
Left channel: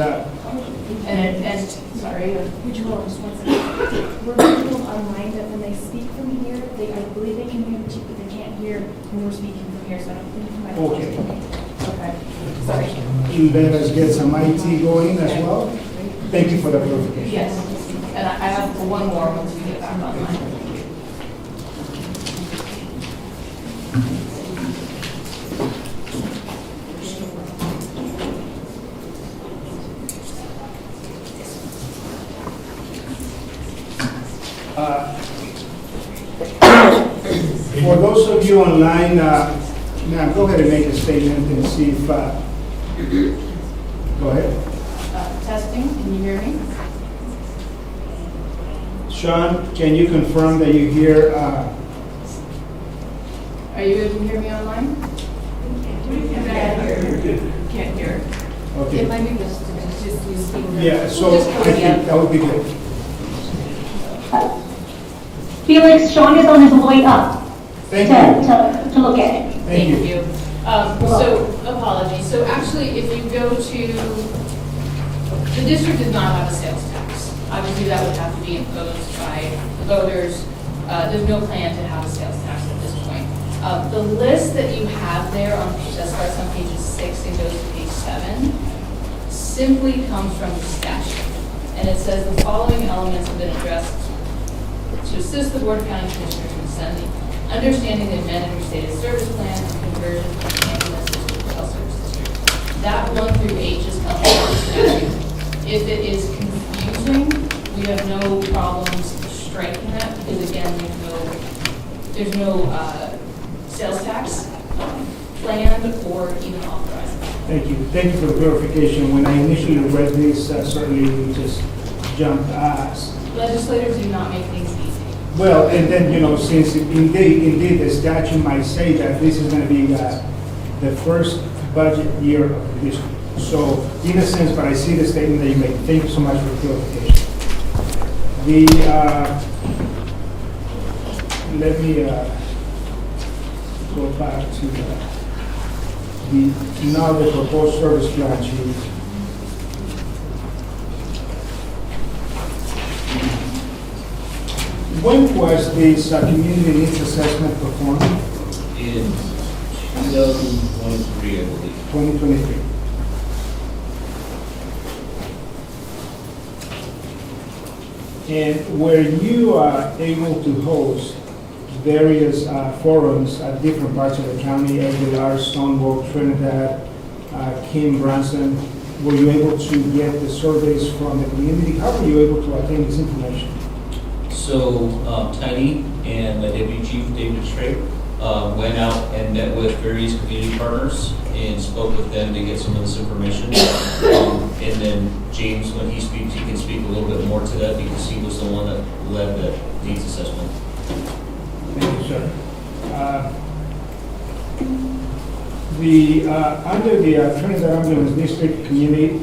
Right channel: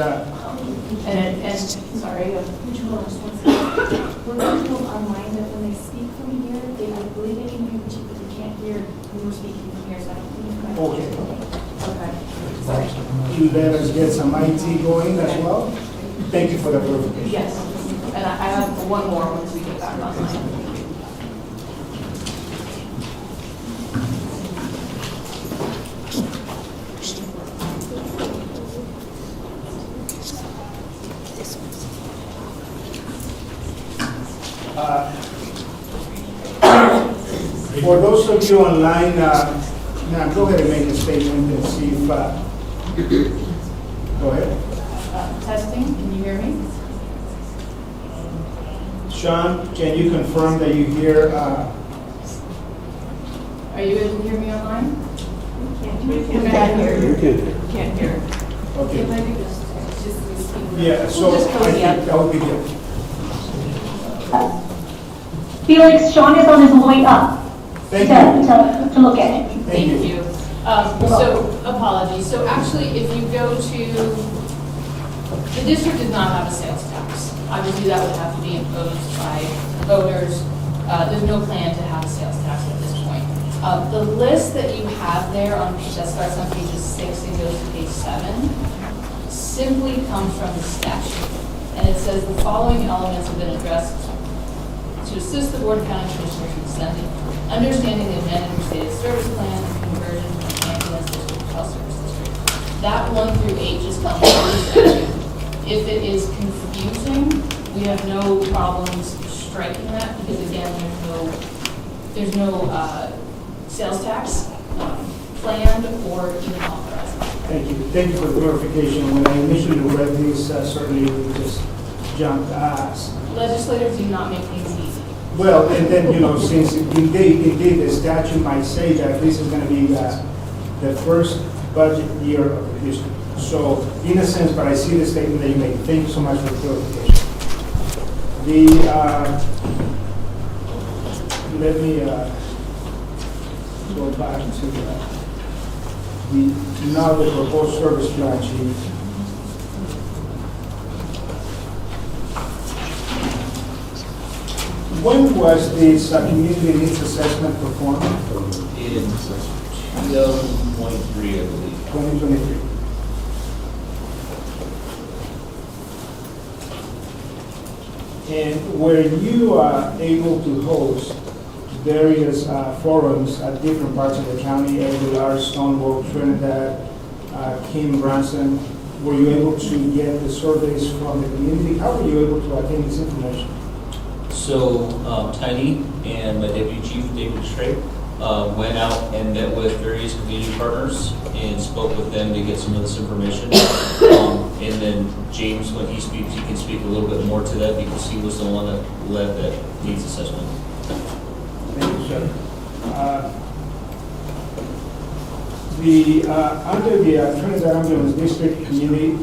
And sorry. Would you hold on just one second? We're going to go online that when they speak from here, they believe they can hear the chief, but they can't we're speaking from here, so I don't think you might. Okay. Okay, sorry. You let us get some IT going as well? Thank you for the clarification. Yes, and I have one more once we get back online. For those of you online, now go ahead and make a statement and see if, go ahead. Testing, can you hear me? Sean, can you confirm that you hear, Are you able to hear me online? Can't hear. Can't hear. okay. Maybe just Yeah, so I think that would be good. Felix, Sean is on his way up Thank you. to look at it. Thank you. So, apologies. So actually, if you go to, the district does not have a sales tax. Obviously, that would have to be imposed by the voters. There's no plan to have a sales tax at this point. The list that you have there on page, that starts on pages 6 and goes to page 7, simply comes from the statute. And it says the following elements have been addressed to assist the Board of County Commissioners in sending, understanding the amended restated service plan and conversion from ambulance district to health service district. That 1 through 8 just comes from the statute. If it is confusing, we have no problems striking that because again, there's no sales tax planned or even authorized. Thank you. Thank you for the clarification. When I initially read this, certainly we just jumped. Legislators do not make things easy. Well, and then, since indeed the statute might say that this is going to be the first budget year of the district. So, in a sense, but I see the statement that you made. Thank you so much for the clarification. Let me go back to now the proposed service plan sheet. When was this community needs assessment performed? In 2023, I believe. 2023. And were you able to host various forums at different parts of the county, Aguilar, Stonewall, Trinidad, Kim, Branson? Were you able to get the surveys from the community? How were you able to attain this information? So Tiny and my deputy chief, David Strait, went out and met with various community partners and spoke with them to get some of this information. And then James, when he speaks, he can speak a little bit more to that because he was the one that led that needs assessment. Thank you, sir. Under the Trinidad Ambulance District Community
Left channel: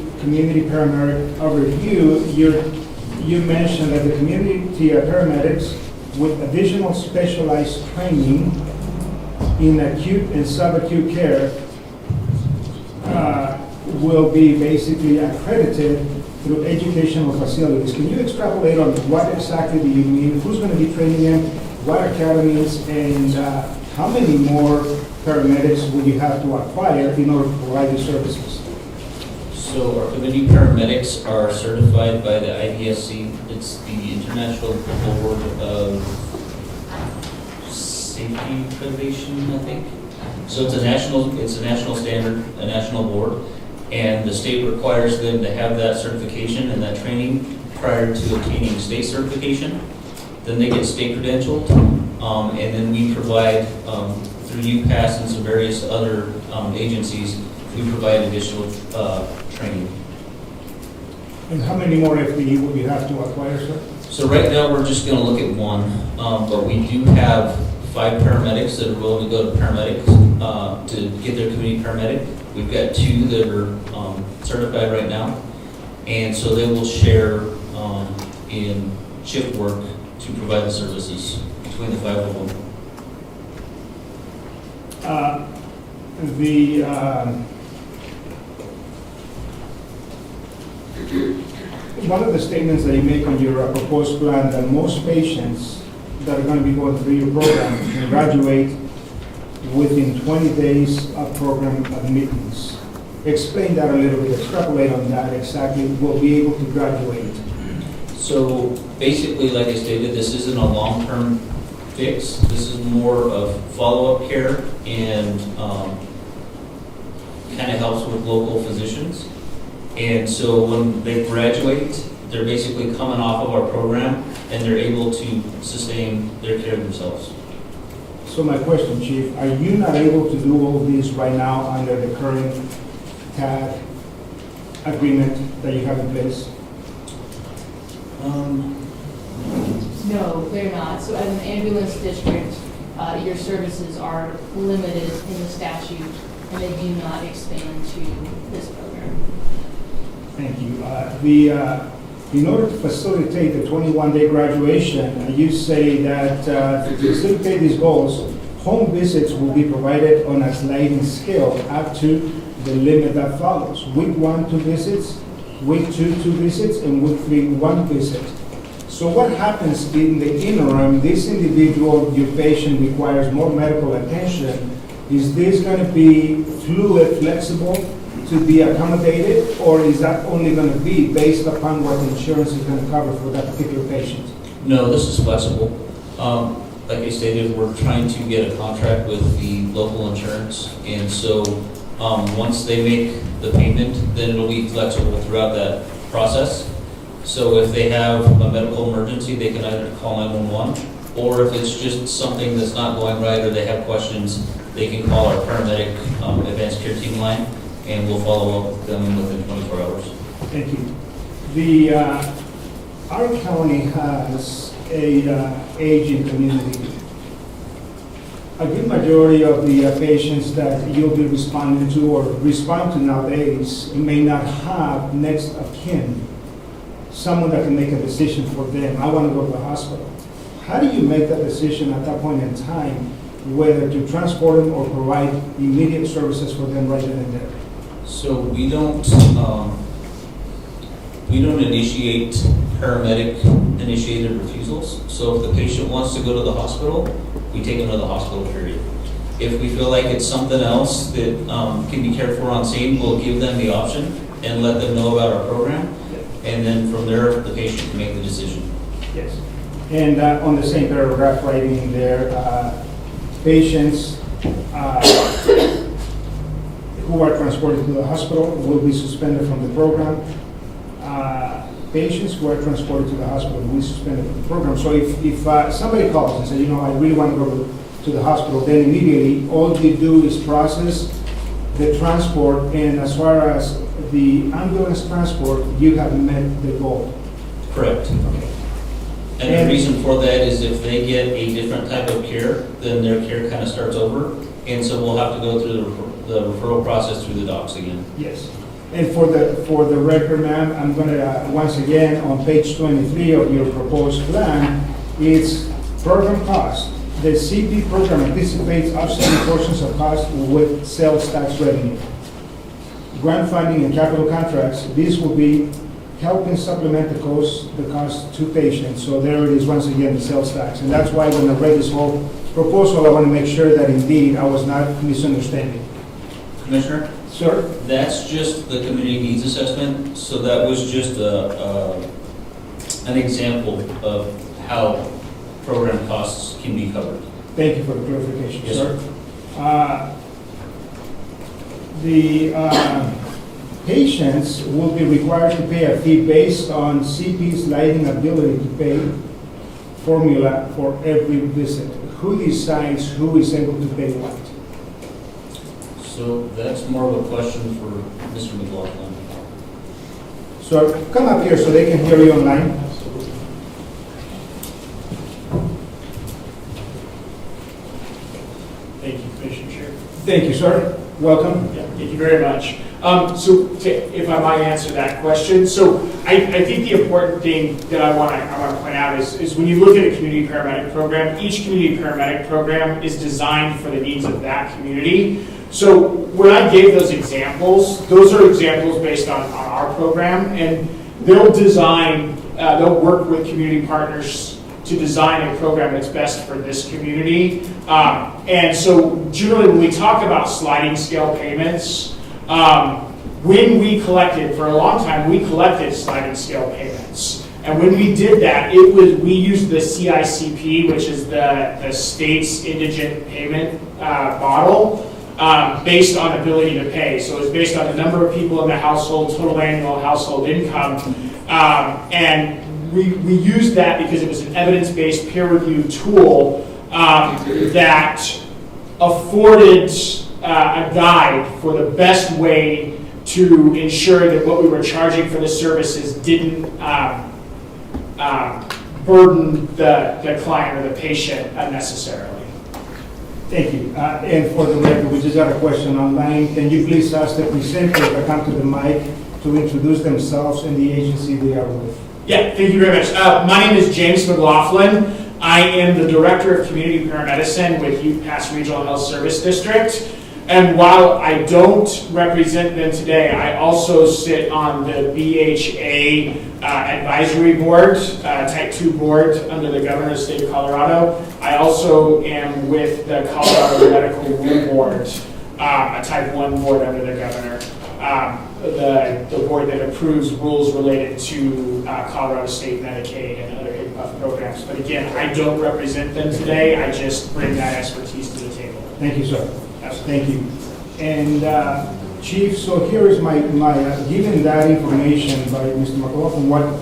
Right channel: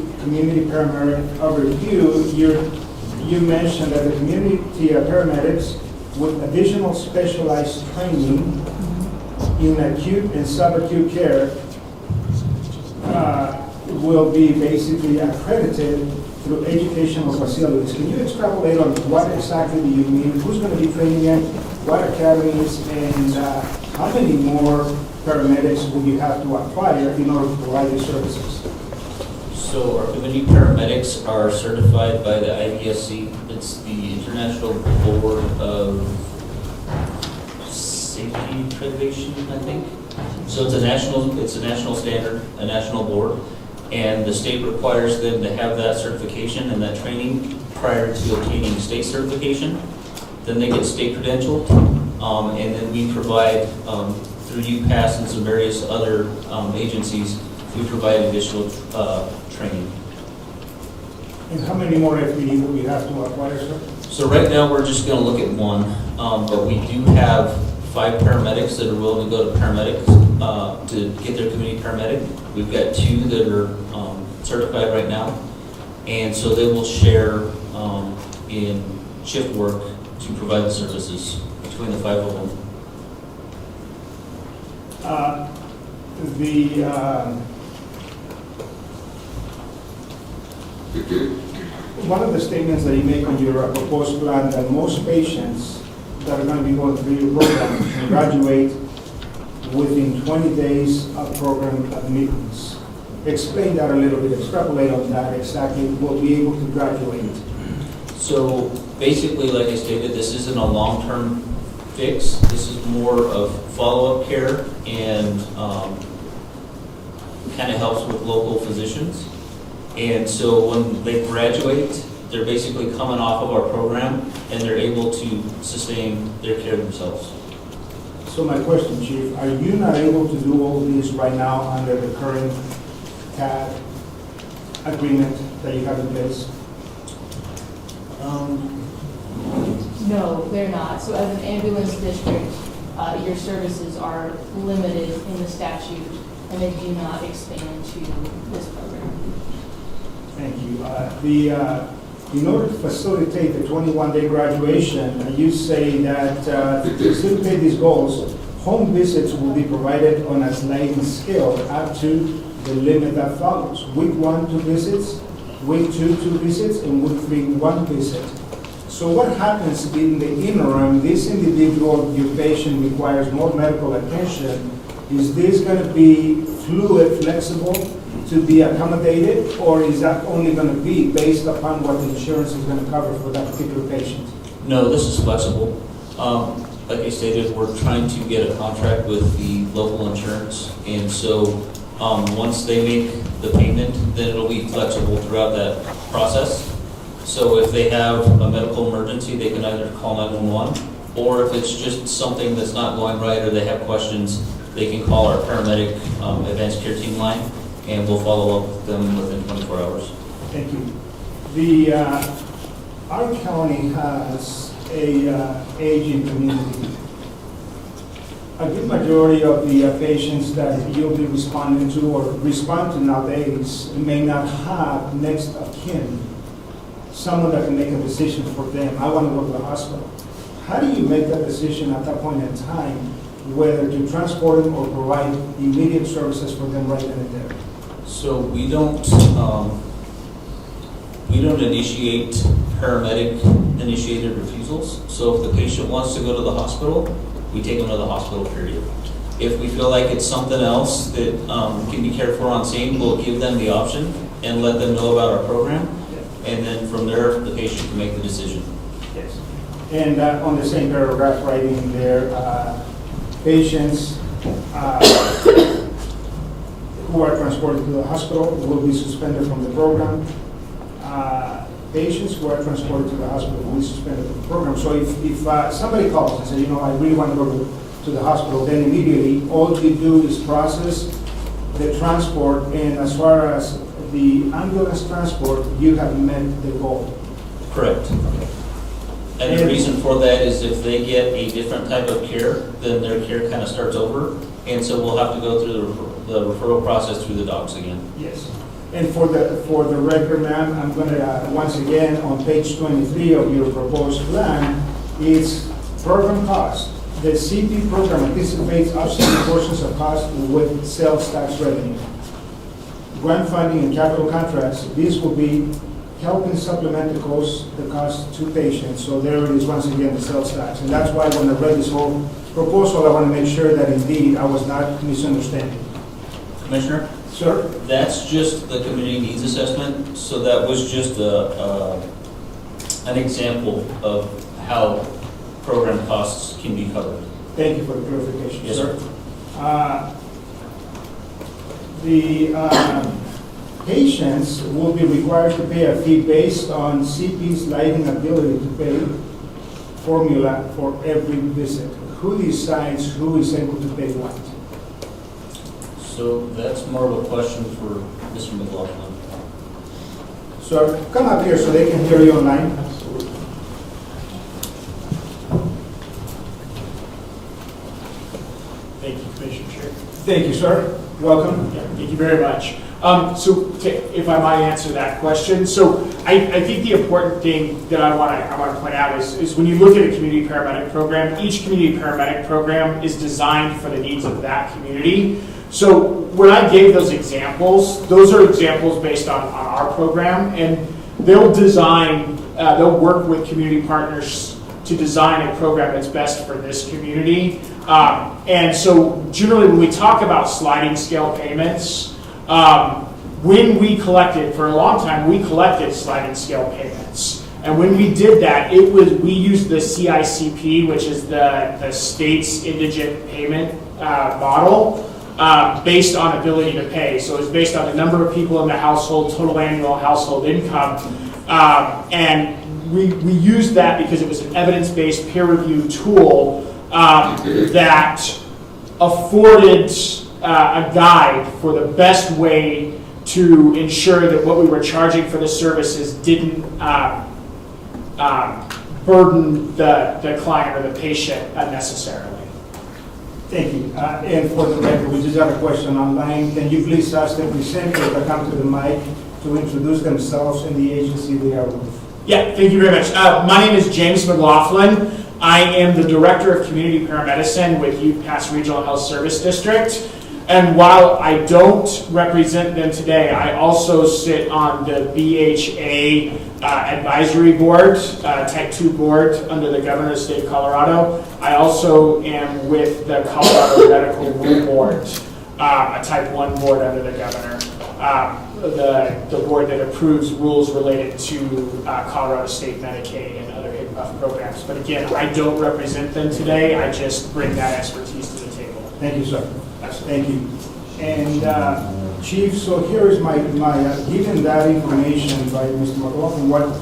Paramedic Overview, you mentioned that the community paramedics with additional specialized training in acute and subacute care will be basically accredited through educational facilities. Can you extrapolate on what exactly do you mean? Who's going to be training them? What academies? And how many more paramedics will you have to acquire in order to provide these services? So our community paramedics are certified by the IDSC. It's the International Board of Safety Accreditation, I think. So it's a national standard, a national board, and the state requires them to have that certification and that training prior to obtaining state certification. Then they get state credentialed, and then we provide through UPass and some various other agencies, we provide additional training. And how many more FTE will you have to acquire, sir? So right now, we're just going to look at one, but we do have 5 paramedics that are willing to go to paramedics to get their community paramedic. We've got 2 that are certified right now, and so they will share in shift work to provide the services between the 5 of them. One of the statements that you make on your proposed plan that most patients that are going to be going through your program can graduate within 20 days of program admittance. Explain that a little bit, extrapolate on that exactly, will be able to graduate. So basically, like I stated, this isn't a long-term fix. This is more of follow-up care and kind of helps with local physicians. And so when they graduate, they're basically coming off of our program and they're able to sustain their care themselves. So my question, Chief, are you not able to do all this right now under the current TAG agreement that you have in place? No, they're not. So as an ambulance district, your services are limited in the statute, and they do not expand to this program. Thank you. In order to facilitate the 21-day graduation, you say that to facilitate these goals, home visits will be provided on a sliding scale up to the limit that follows. Week 1, 2 visits, week 2, 2 visits, and week 3, 1 visit. So what happens in the interim? This individual, your patient, requires more medical attention. Is this going to be fluid, flexible, to be accommodated, or is that only going to be based upon what the insurance is going to cover for that particular patient? No, this is flexible. Like I stated, we're trying to get a contract with the local insurance, and so once they make the payment, then it'll be flexible throughout that process. So if they have a medical emergency, they can either call 911, or if it's just something that's not going right or they have questions, they can call our paramedic advanced care team line, and we'll follow up with them within 24 hours. Thank you. Our county has a aging community. A good majority of the patients that you'll be responding to or respond to nowadays may not have next of kin, someone that can make a decision for them. I want to go to the hospital. How do you make that decision at that point in time, whether to transport them or provide immediate services for them right then and there? So we don't initiate paramedic initiated refusals. So if the patient wants to go to the hospital, we take them to the hospital, period. If we feel like it's something else that can be cared for on scene, we'll give them the option and let them know about our program. And then from there, the patient can make the decision. Yes. And on the same paragraph, writing in there, patients who are transported to the hospital will be suspended from the program. Patients who are transported to the hospital will be suspended from the program. So if somebody calls and says, you know, I really want to go to the hospital, then immediately all you do is process the transport, and as far as the ambulance transport, you have met the goal. Correct. Okay. And the reason for that is if they get a different type of care, then their care kind of starts over. And so we'll have to go through the referral process through the docs again. Yes. And for the record, ma'am, I'm going to, once again, on page 23 of your proposed plan, it's program cost. The CP program anticipates offsetting portions of cost with sales tax revenue. Grant funding and capital contracts, these will be helping supplement the cost to patients. So there it is, once again, the sales tax. And that's why when I read this whole proposal, I want to make sure that indeed I was not misunderstanding. Commissioner? Sir? That's just the community needs assessment. So that was just an example of how program costs can be covered. Thank you for the clarification, Yes, sir. The patients will be required to pay a fee based on CP's lighting ability to pay formula for every visit. Who decides who is able to pay what? So that's more of a question for Mr. McLaughlin. So come up here so they can hear you online. Thank you, Commissioner Chair. Thank you, sir. Welcome. Yeah, thank you very much. If I might answer that question, so I think the important thing that I want to point out is when you look at a community paramedic program, each community paramedic program is designed for the needs of that community. So when I gave those examples, those are examples based on our program, and they'll work with community partners to design a program that's best for this community. And so generally when we talk about sliding scale payments, when we collected, for a long time, we collected sliding scale payments. And when we did that, we used the CICP, which is the state's indigent payment model, based on ability to pay. So it was based on the number of people in the household, total annual household income. And we used that because it was an evidence-based peer-reviewed tool that afforded a guide for the best way to ensure that what we were charging for the services didn't burden the client or the patient unnecessarily. Thank you. And for the record, we just got a question online. Can you please ask the presenter to come to the mic to introduce themselves and the agency they are with? Yeah, thank you very much. My name is James McLaughlin. I am the Director of Community Paramedicine with Youth Pass Regional Health Service District. And while I don't represent them today, I also sit on the BHA Advisory Board, Type 2 board under the Governor of the State of Colorado. I also am with the Colorado Medical Rule Board, a Type 1 board under the Governor. The board that approves rules related to Colorado State Medicaid and other HIPAA programs. But again, I don't represent them today. I just bring that expertise to the table. Thank you, sir. Thank you. And Chief, so here is my given that information by Mr. McLaughlin,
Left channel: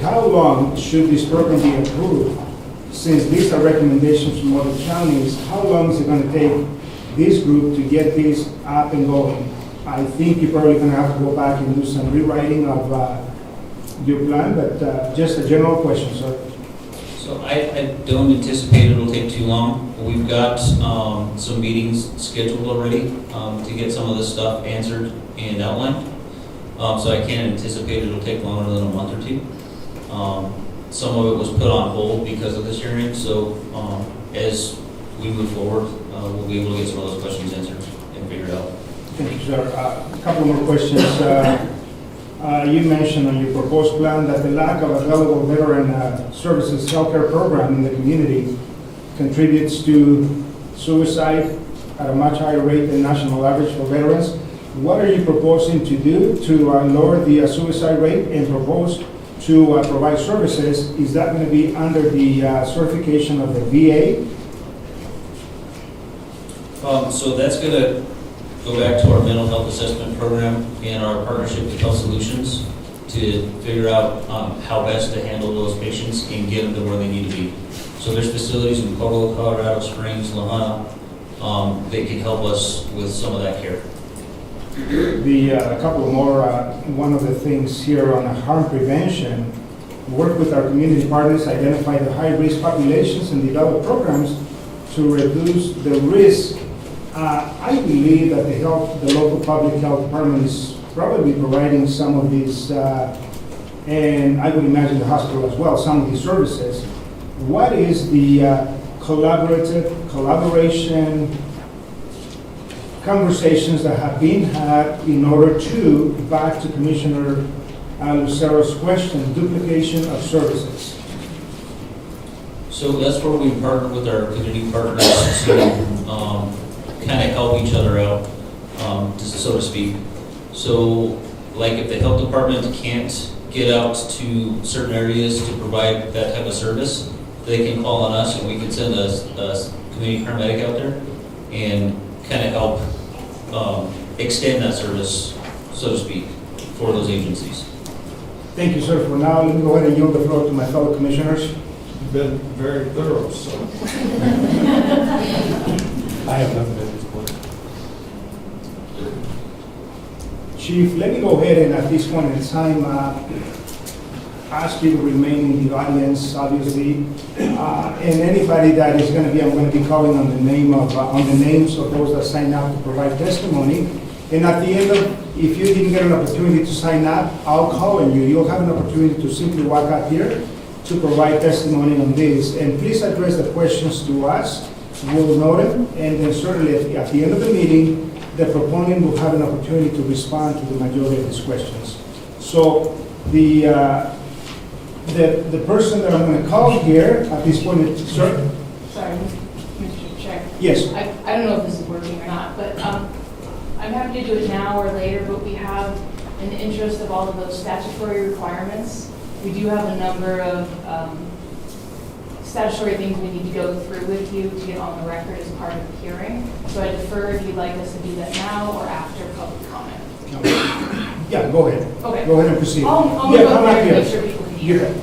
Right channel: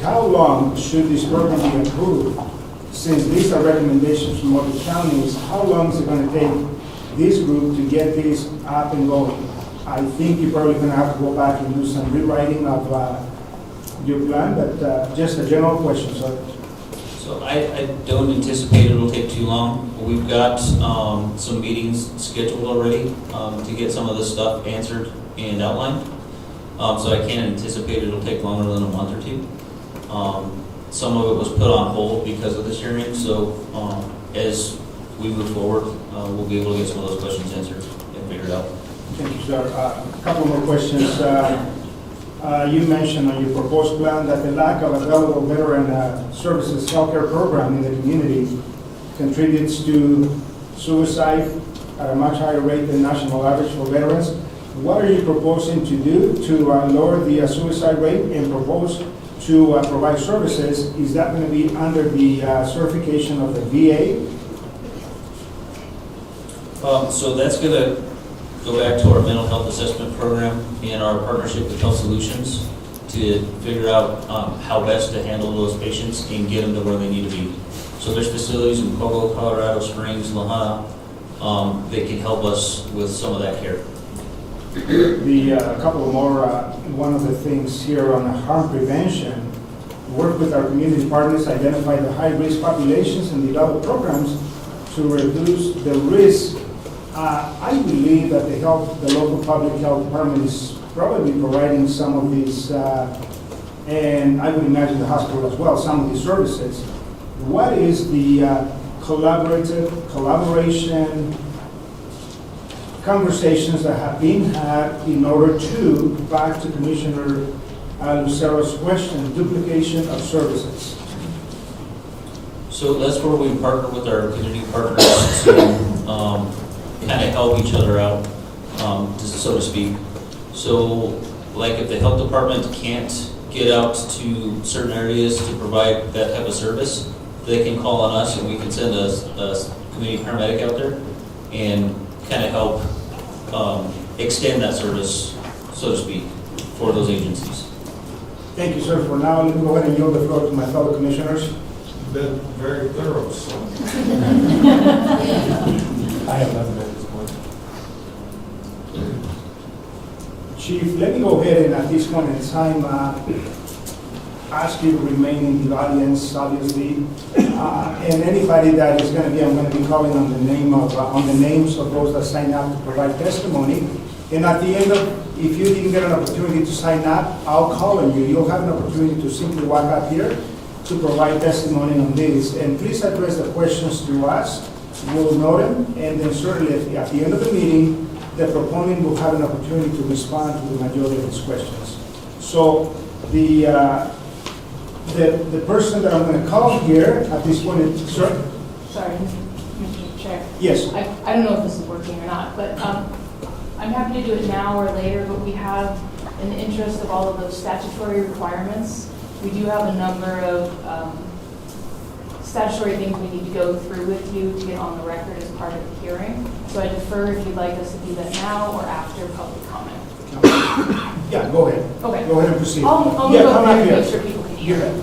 how long should this program be approved? Since these are recommendations from other counties, how long is it going to take this group to get this up and going? I think you're probably going to have to go back and do some rewriting of your plan, but just a general question, sir. So I don't anticipate it'll take too long. We've got some meetings scheduled already to get some of this stuff answered and outlined. So I can't anticipate it'll take longer than a month or two. Some of it was put on hold because of this hearing. So as we move forward, we'll be able to get some of those questions answered and figured out. Thank you, sir. A couple more questions. You mentioned on your proposed plan that the lack of available veteran services healthcare program in the community contributes to suicide at a much higher rate than national average for veterans. What are you proposing to do to lower the suicide rate and propose to provide services? Is that going to be under the certification of the VA? So that's going to go back to our mental health assessment program and our partnership with Health Solutions to figure out how best to handle those patients and get them to where they need to be. So there's facilities in Provo, Colorado Springs, La Junta, that can help us with some of that care. A couple more, one of the things here on harm prevention, work with our community partners, identify the high-risk populations and develop programs to reduce the risk. I believe that the local public health department is probably providing some of these, and I would imagine the hospital as well, some of these services. What is the collaboration conversations that have been had in order to, back to Commissioner Lucero's question, duplication of services? So that's where we partner with our community partners to kind of help each other out, so to speak. So like if the health department can't get out to certain areas to provide that type of service, they can call on us and we can send a community paramedic out there and kind of help extend that service, so to speak, for those agencies. Thank you, sir. For now, let me go ahead and yield the floor to my fellow commissioners. You've been very thorough, so. I have nothing at this point. Chief, let me go ahead and at this point in time ask you to remain in the audience, obviously, and anybody that is going to be, I'm going to be calling on the names of those that sign up to provide testimony. And at the end of, if you didn't get an opportunity to sign up, I'll call on you. You'll have an opportunity to simply walk up here to provide testimony on this. And please address the questions to us. We'll note them, and then certainly at the end of the meeting, the proponent will have an opportunity to respond to the majority of these questions. So the The person that I'm going to call here at this point is, sir? Sorry, Mr. Chair. Yes. I don't know if this is working or not, but I'm happy to do it now or later, but we have, in the interest of all of those statutory requirements, we do have a number of statutory things we need to go through with you to get on the record as part of the hearing. So I defer if you'd like us to do that now or after public comment. Yeah, go ahead. Okay. Go ahead and proceed. I'll Yeah, move up come there up and here. make sure people can You hear. bet.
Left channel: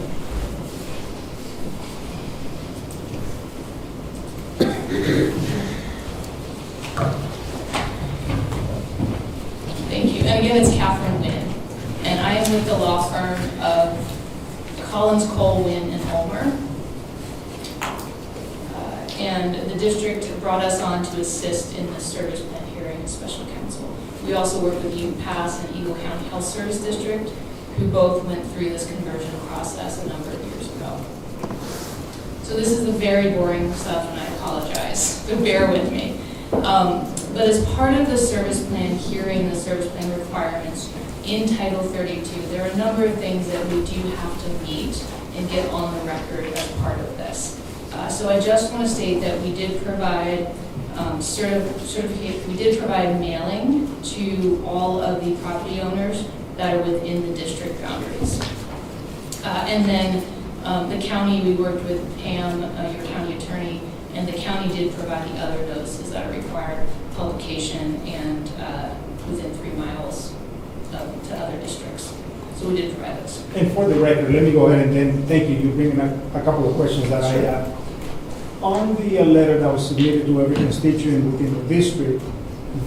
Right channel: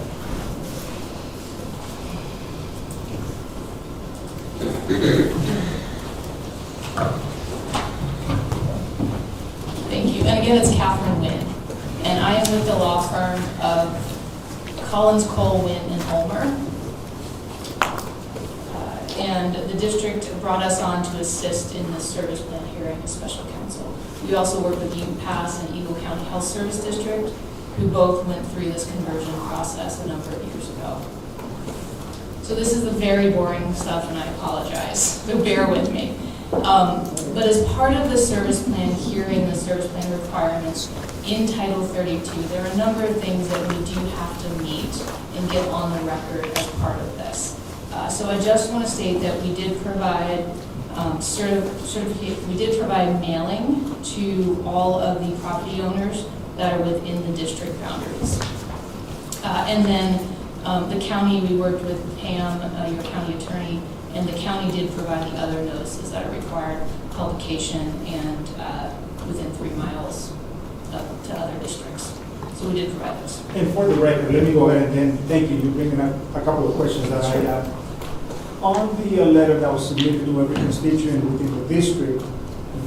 Thank you. And again, it's Catherine Wynn. And I am with the law firm of Collins, Cole, Wynn, and Ulmer. And the district brought us on to assist in the service plan hearing as special counsel. We also work with UPass and Eagle County Health Service District, who both went through this conversion process a number of years ago. So this is the very boring stuff, and I apologize, so bear with me. But as part of the service plan hearing, the service plan requirements in Title 32, there are a number of things that we do have to meet and get on the record as part of this. So I just want to state that we did provide we did provide mailing to all of the property owners that are within the district boundaries. And then the county, we worked with Pam, your county attorney, and the county did provide the other notices that are required, publication and within 3 miles to other districts. So we did provide those. And for the record, let me go ahead and then, thank you, you bringing up a couple of questions that I have. On the letter that was submitted to every constituent within the district,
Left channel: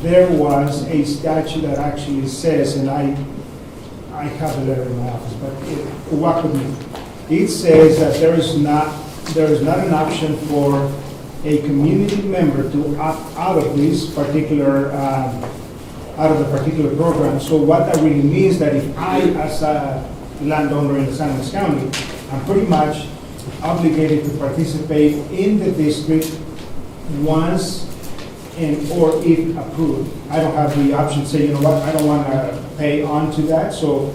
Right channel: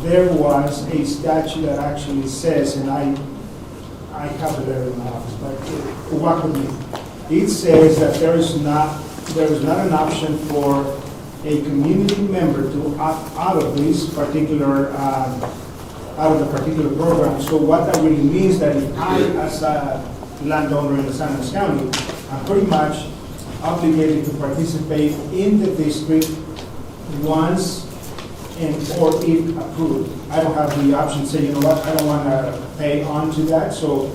there was a statute that actually says, and I have the letter in my office, but walk with me. It says that there is not an option for a community member to opt out of this particular out of the particular program. So what that really means that if I, as a landowner in the San Luis County, I'm pretty much obligated to participate in the district once and or if approved. I don't have the option to say, you know what, I don't want to pay on to that, so.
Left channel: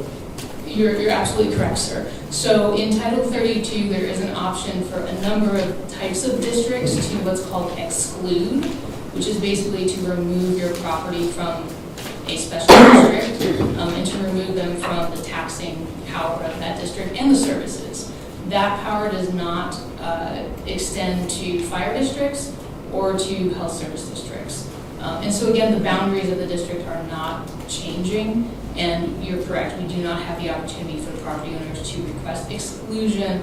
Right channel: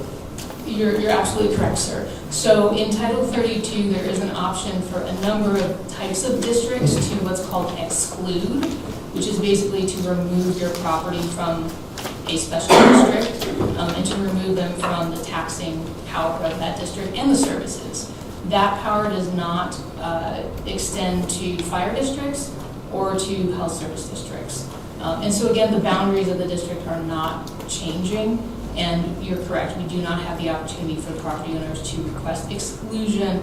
You're absolutely correct, sir. So in Title 32, there is an option for a number of types of districts to what's called exclude, which is basically to remove your property from a special district and to remove them from the taxing power of that district and the services. That power does not extend to fire districts or to health service districts. And so again, the boundaries of the district are not changing, and you're correct, we do not have the opportunity for property owners to request exclusion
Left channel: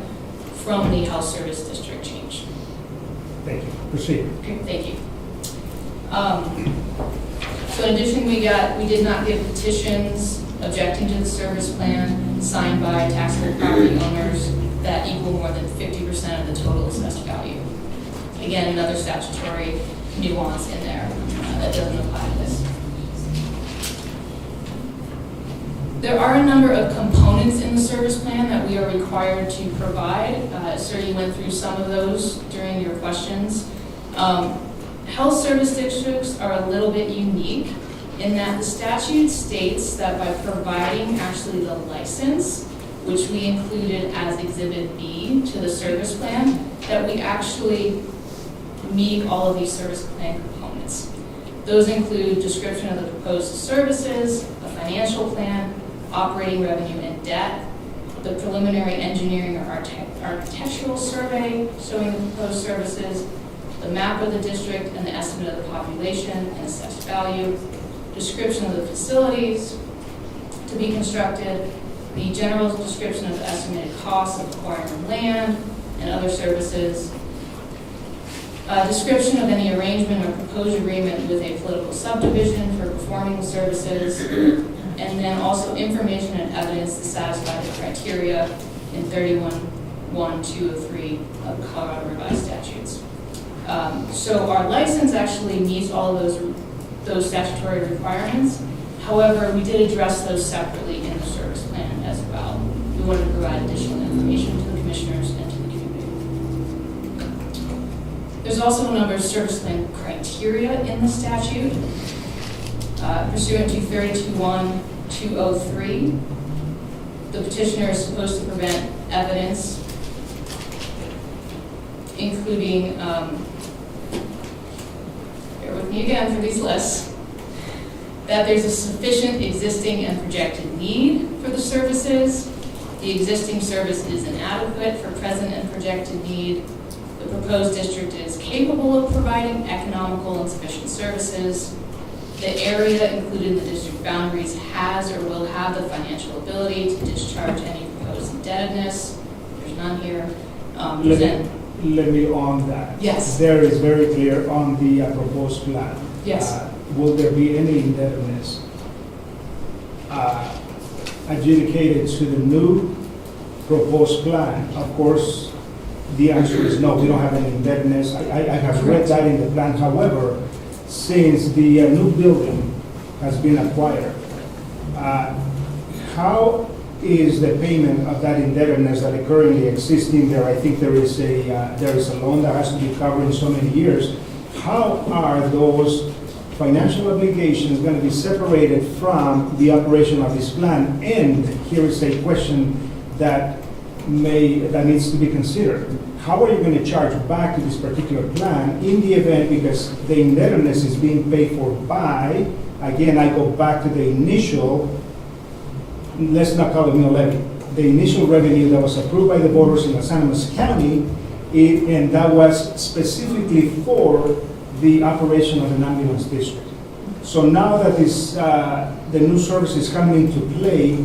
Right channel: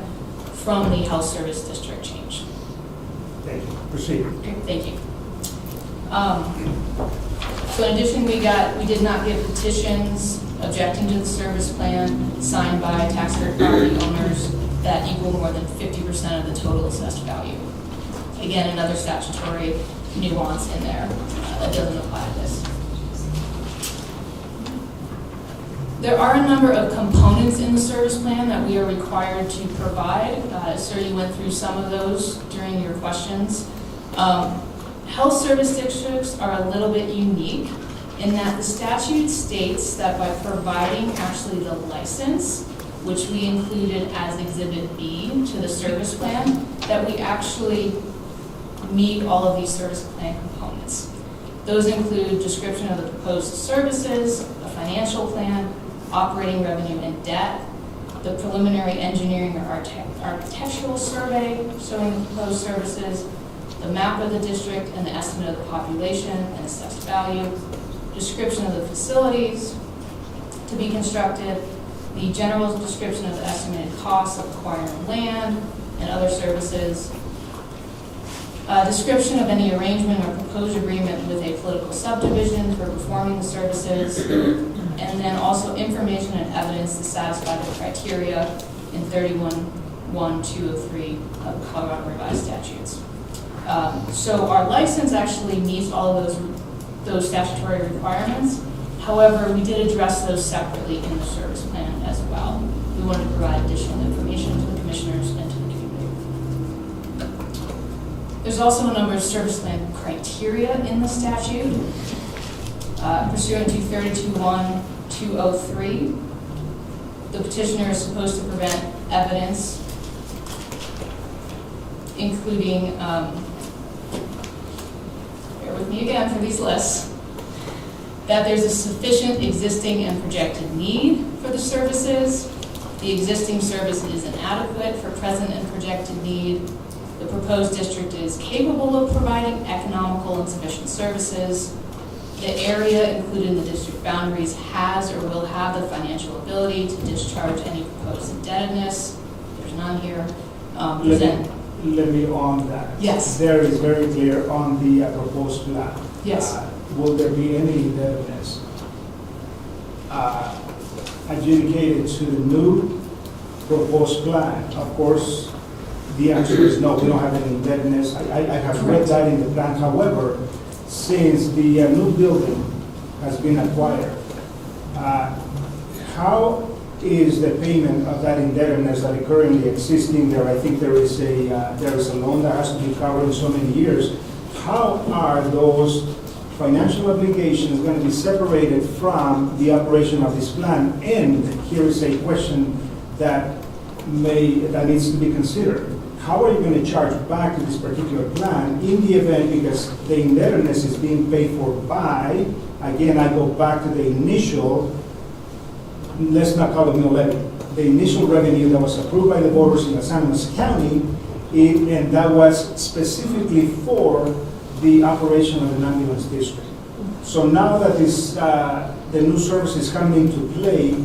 from the health service district change. Thank you. Proceed. Okay, thank you. So in addition, we did not get petitions objecting to the service plan signed by taxpayer property owners that equal more than 50% of the total assessed value. Again, another statutory nuance in there that doesn't apply to this. There are a number of components in the service plan that we are required to provide. Sir, you went through some of those during your questions. Health service districts are a little bit unique in that the statute states that by providing actually the license, which we included as Exhibit B to the service plan, that we actually meet all of these service plan components. Those include description of the proposed services, a financial plan, operating revenue and debt, the preliminary engineering or architectural survey showing the proposed services, the map of the district and the estimate of the population and assessed value, description of the facilities to be constructed, the general description of the estimated costs of acquiring land and other services, description of any arrangement or proposed agreement with a political subdivision for performing the services, and then also information and evidence to satisfy the criteria in 31.1.203 of the Colorado Revised Statutes. So our license actually meets all of those statutory requirements. However, we did address those separately in the service plan as well. We wanted to provide additional information to the commissioners and to the community. There's also a number of service plan criteria in the statute. Pursuant to 32.1.203, the petitioner is supposed to prevent evidence, including, bear with me again for these lists, that there's a sufficient existing and projected need for the services, the existing service is inadequate for present and projected need, the proposed district is capable of providing economical and sufficient services, the area included in the district boundaries has or will have the financial ability to discharge any proposed indebtedness. There's none here. Let me on that. Yes. There is very clear on the proposed plan. Yes. Will there be any indebtedness adjudicated to the new proposed plan? Of course, the answer is no, we don't have any indebtedness. I have read that in the plan. However, since the new building has been acquired, how is the payment of that indebtedness that is currently existing there? I think there is a loan that has to be covered in so many years. How are those financial obligations going to be separated from the operation of this plan? And here is a question that needs to be considered. How are you going to charge back to this particular plan in the event, because the indebtedness is being paid for by, again, I go back to the initial, let's not call it mill levy, the initial revenue that was approved by the voters in San Luis County, and that was specifically for the operation of the ambulance district. So now that the new service is coming into play,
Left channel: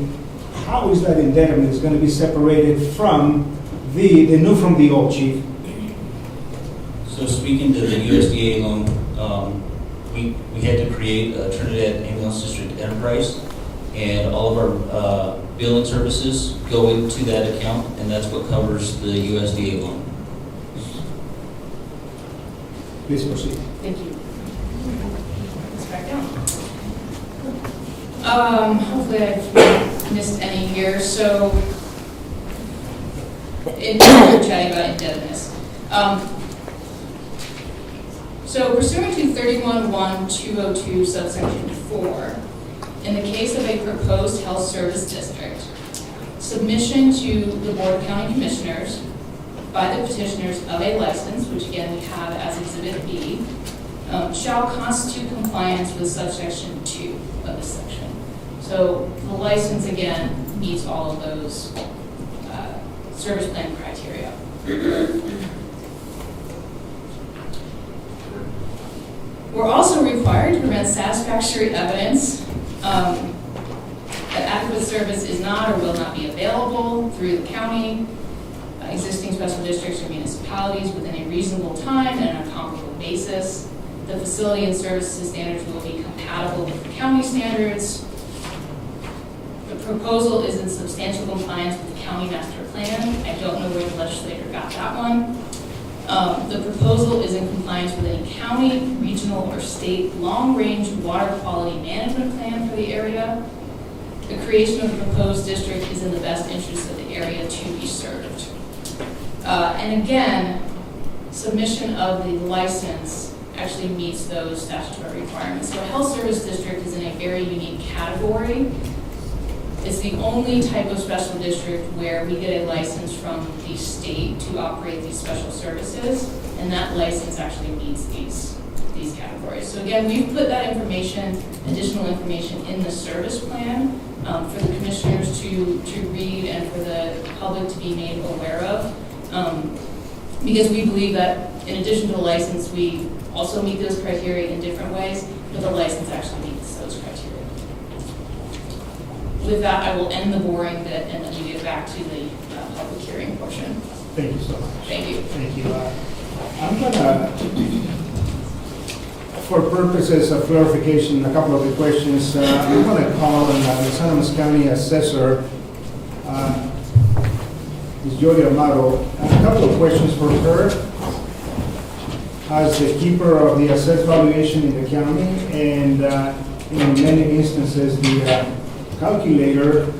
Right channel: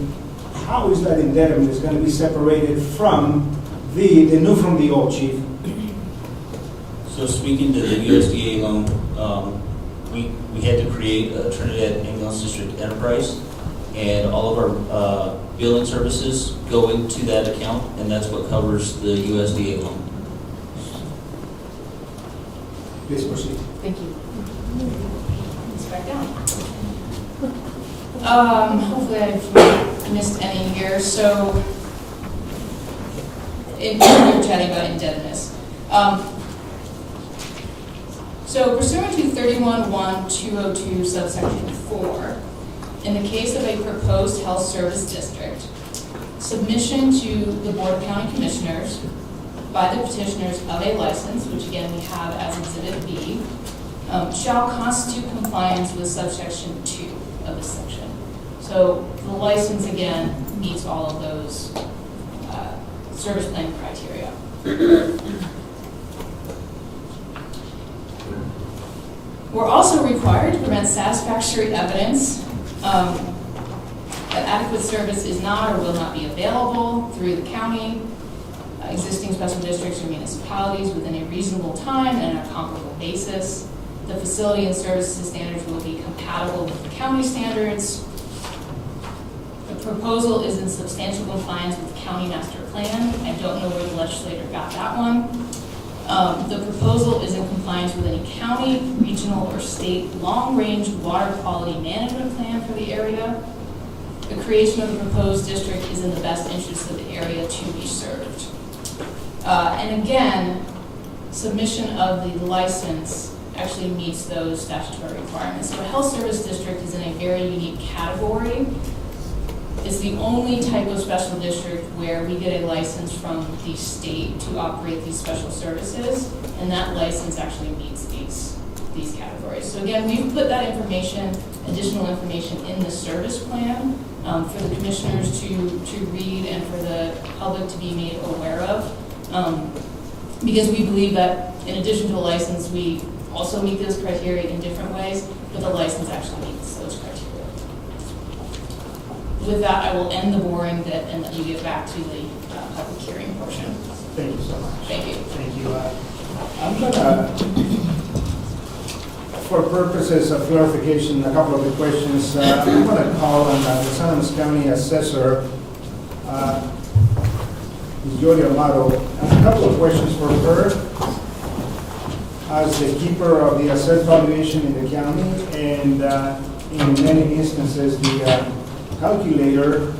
how is that indebtedness going to be separated from the new from the old, Chief? So speaking to the USDA loan, we had to create a Trinidad Ambulance District enterprise, and all of our billing services go into that account, and that's what covers the USDA loan. Please proceed. Thank you. Let's back down. Hopefully I've missed any here. So, you're chatting about indebtedness. So pursuant to 31.1.202 subsection 4, in the case of a proposed health service district, submission to the Board of County Commissioners by the petitioners of a license, which again we have as Exhibit B, shall constitute compliance with subsection 2 of this section. So the license again meets all of those service plan criteria. We're also required to present satisfactory evidence that adequate service is not or will not be available through the county, existing special districts or municipalities within a reasonable time and on a comparable basis. The facility and services standards will be compatible with the county standards. The proposal is in substantial compliance with the county master plan. I don't know where the legislator got that one. The proposal is in compliance with any county, regional, or state long-range water quality management plan for the area. The creation of the proposed district is in the best interest of the area to be served. And again, submission of the license actually meets those statutory requirements. So a health service district is in a very unique category. It's the only type of special district where we get a license from the state to operate these special services, and that license actually meets these categories. So again, we've put that information, additional information in the service plan for the commissioners to read and for the public to be made aware of, because we believe that in addition to the license, we also meet those criteria in different ways, but the license actually meets those criteria. With that, I will end the boring bit and then we get back to the public hearing portion. Thank you so much. Thank you. Thank you. I'm going to, for purposes of clarification, a couple of the questions, I'm going to call on the San Luis County Assessor, Ms. Jody Amado. A couple of questions for her as the keeper of the assessed valuation in the county, and in many instances, the calculator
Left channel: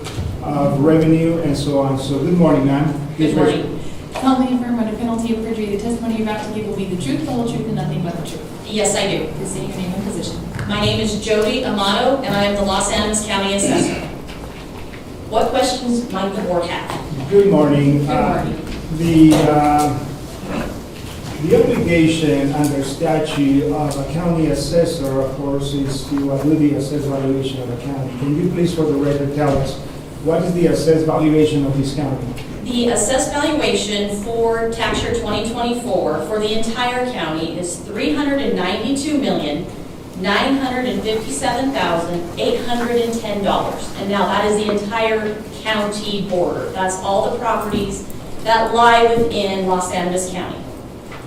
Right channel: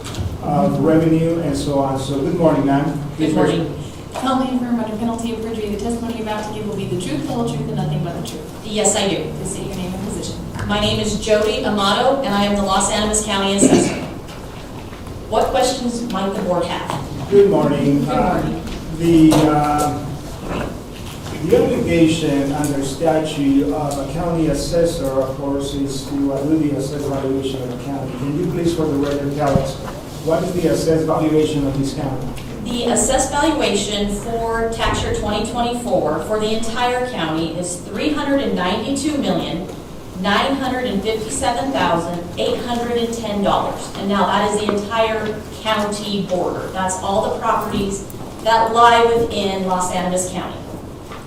of revenue and so on. So good morning, ma'am. Good morning. Solemnly affirm under penalty of perjury, the testimony you're about to give will be the truth, the whole truth, and nothing but the truth. Yes, I do. Please state your name and position. My name is Jody Amato, and I am the Los Angeles County Assessor. What questions might the board have? Good morning. Good morning. The obligation under statute of a county assessor, of course, is to do the assessed valuation of the county. Can you please, for the record, tell us, what is the assessed valuation of this county? The assessed valuation for tax year 2024 for the entire county is $392,957,810. And now that is the entire county border. That's all the properties that lie within Los Angeles County.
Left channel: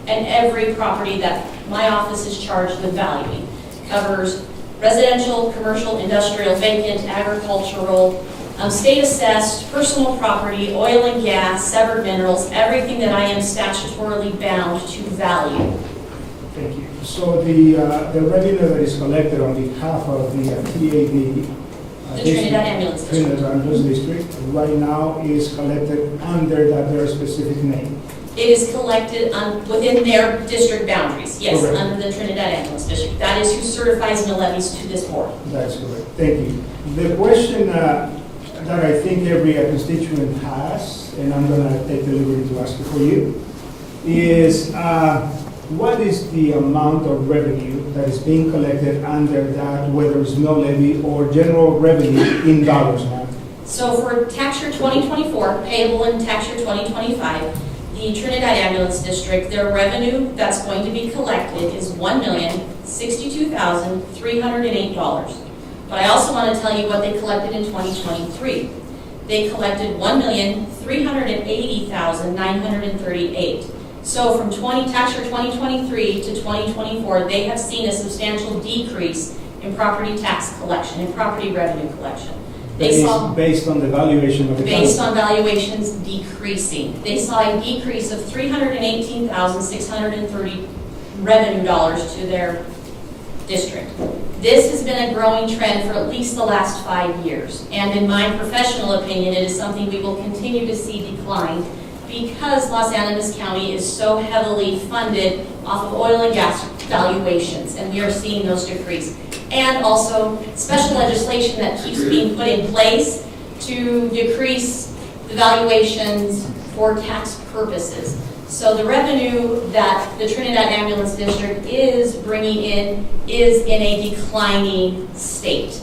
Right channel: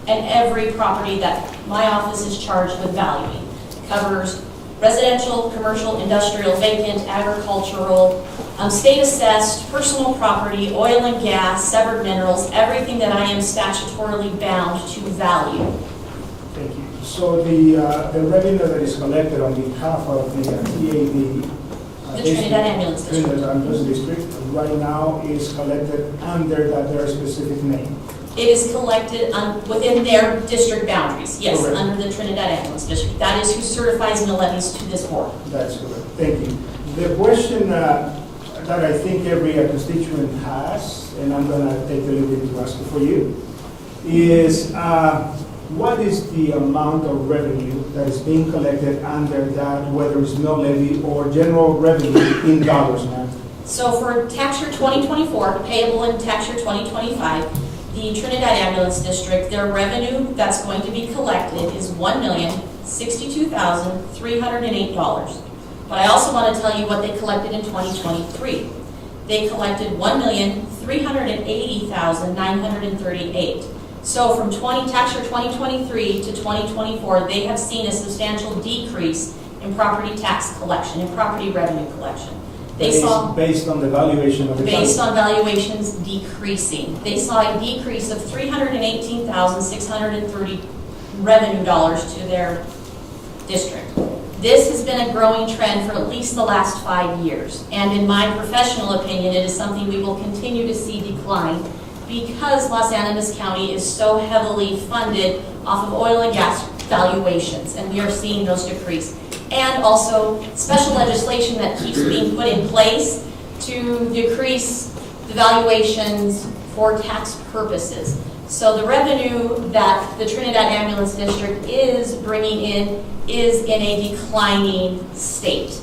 And every property that my office is charged with valuing covers residential, commercial, industrial, vacant, agricultural, state assessed, personal property, oil and gas, severed minerals, everything that I am statutorily bound to value. Thank you. So the revenue that is collected on behalf of the TAD, The Trinidad Ambulance District. Trinidad Ambulance District, right now is collected under that very specific name. It is collected within their district boundaries, yes, Correct. under the Trinidad Ambulance District. That is who certifies mill levies to this board. That's correct. Thank you. The question that I think every constituent has, and I'm going to take the liberty to ask it for you, is what is the amount of revenue that is being collected under that, whether it's mill levy or general revenue in dollars, ma'am? So for tax year 2024, payable in tax year 2025, the Trinidad Ambulance District, their revenue that's going to be collected is $1,062,308. But I also want to tell you what they collected in 2023. They collected $1,380,938. So from tax year 2023 to 2024, they have seen a substantial decrease in property tax collection, in property revenue collection. They saw, based on the valuation of the county. based on valuations decreasing. They saw a decrease of $318,630 revenue dollars to their district. This has been a growing trend for at least the last 5 years. And in my professional opinion, it is something we will continue to see decline because Los Angeles County is so heavily funded off of oil and gas valuations, and we are seeing those decrease. And also special legislation that keeps being put in place to decrease the valuations for tax purposes. So the revenue that the Trinidad Ambulance District is bringing in is in a declining state.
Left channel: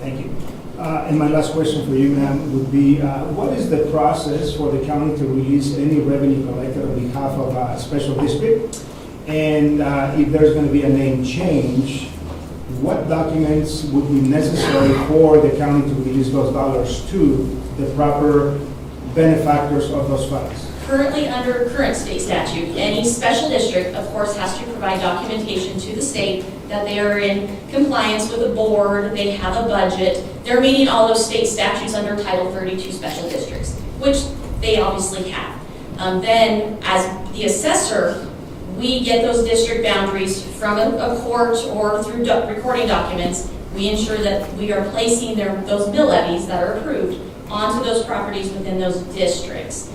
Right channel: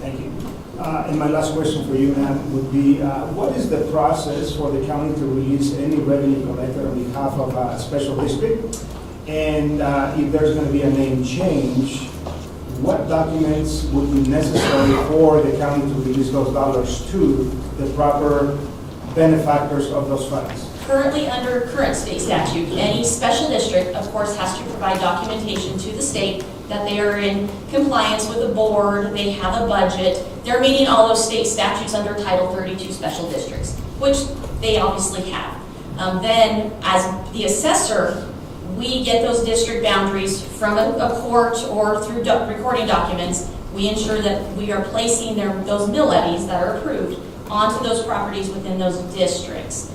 Thank you. And my last question for you, ma'am, would be, what is the process for the county to release any revenue collected on behalf of a special district? And if there's going to be a name change, what documents would be necessary for the county to release those dollars to the proper benefactors of those funds? Currently, under current state statute, any special district, of course, has to provide documentation to the state that they are in compliance with the board, they have a budget, they're meeting all those state statutes under Title 32 special districts, which they obviously have. Then, as the assessor, we get those district boundaries from a court or through recording documents. We ensure that we are placing those mill levies that are approved onto those properties within those districts.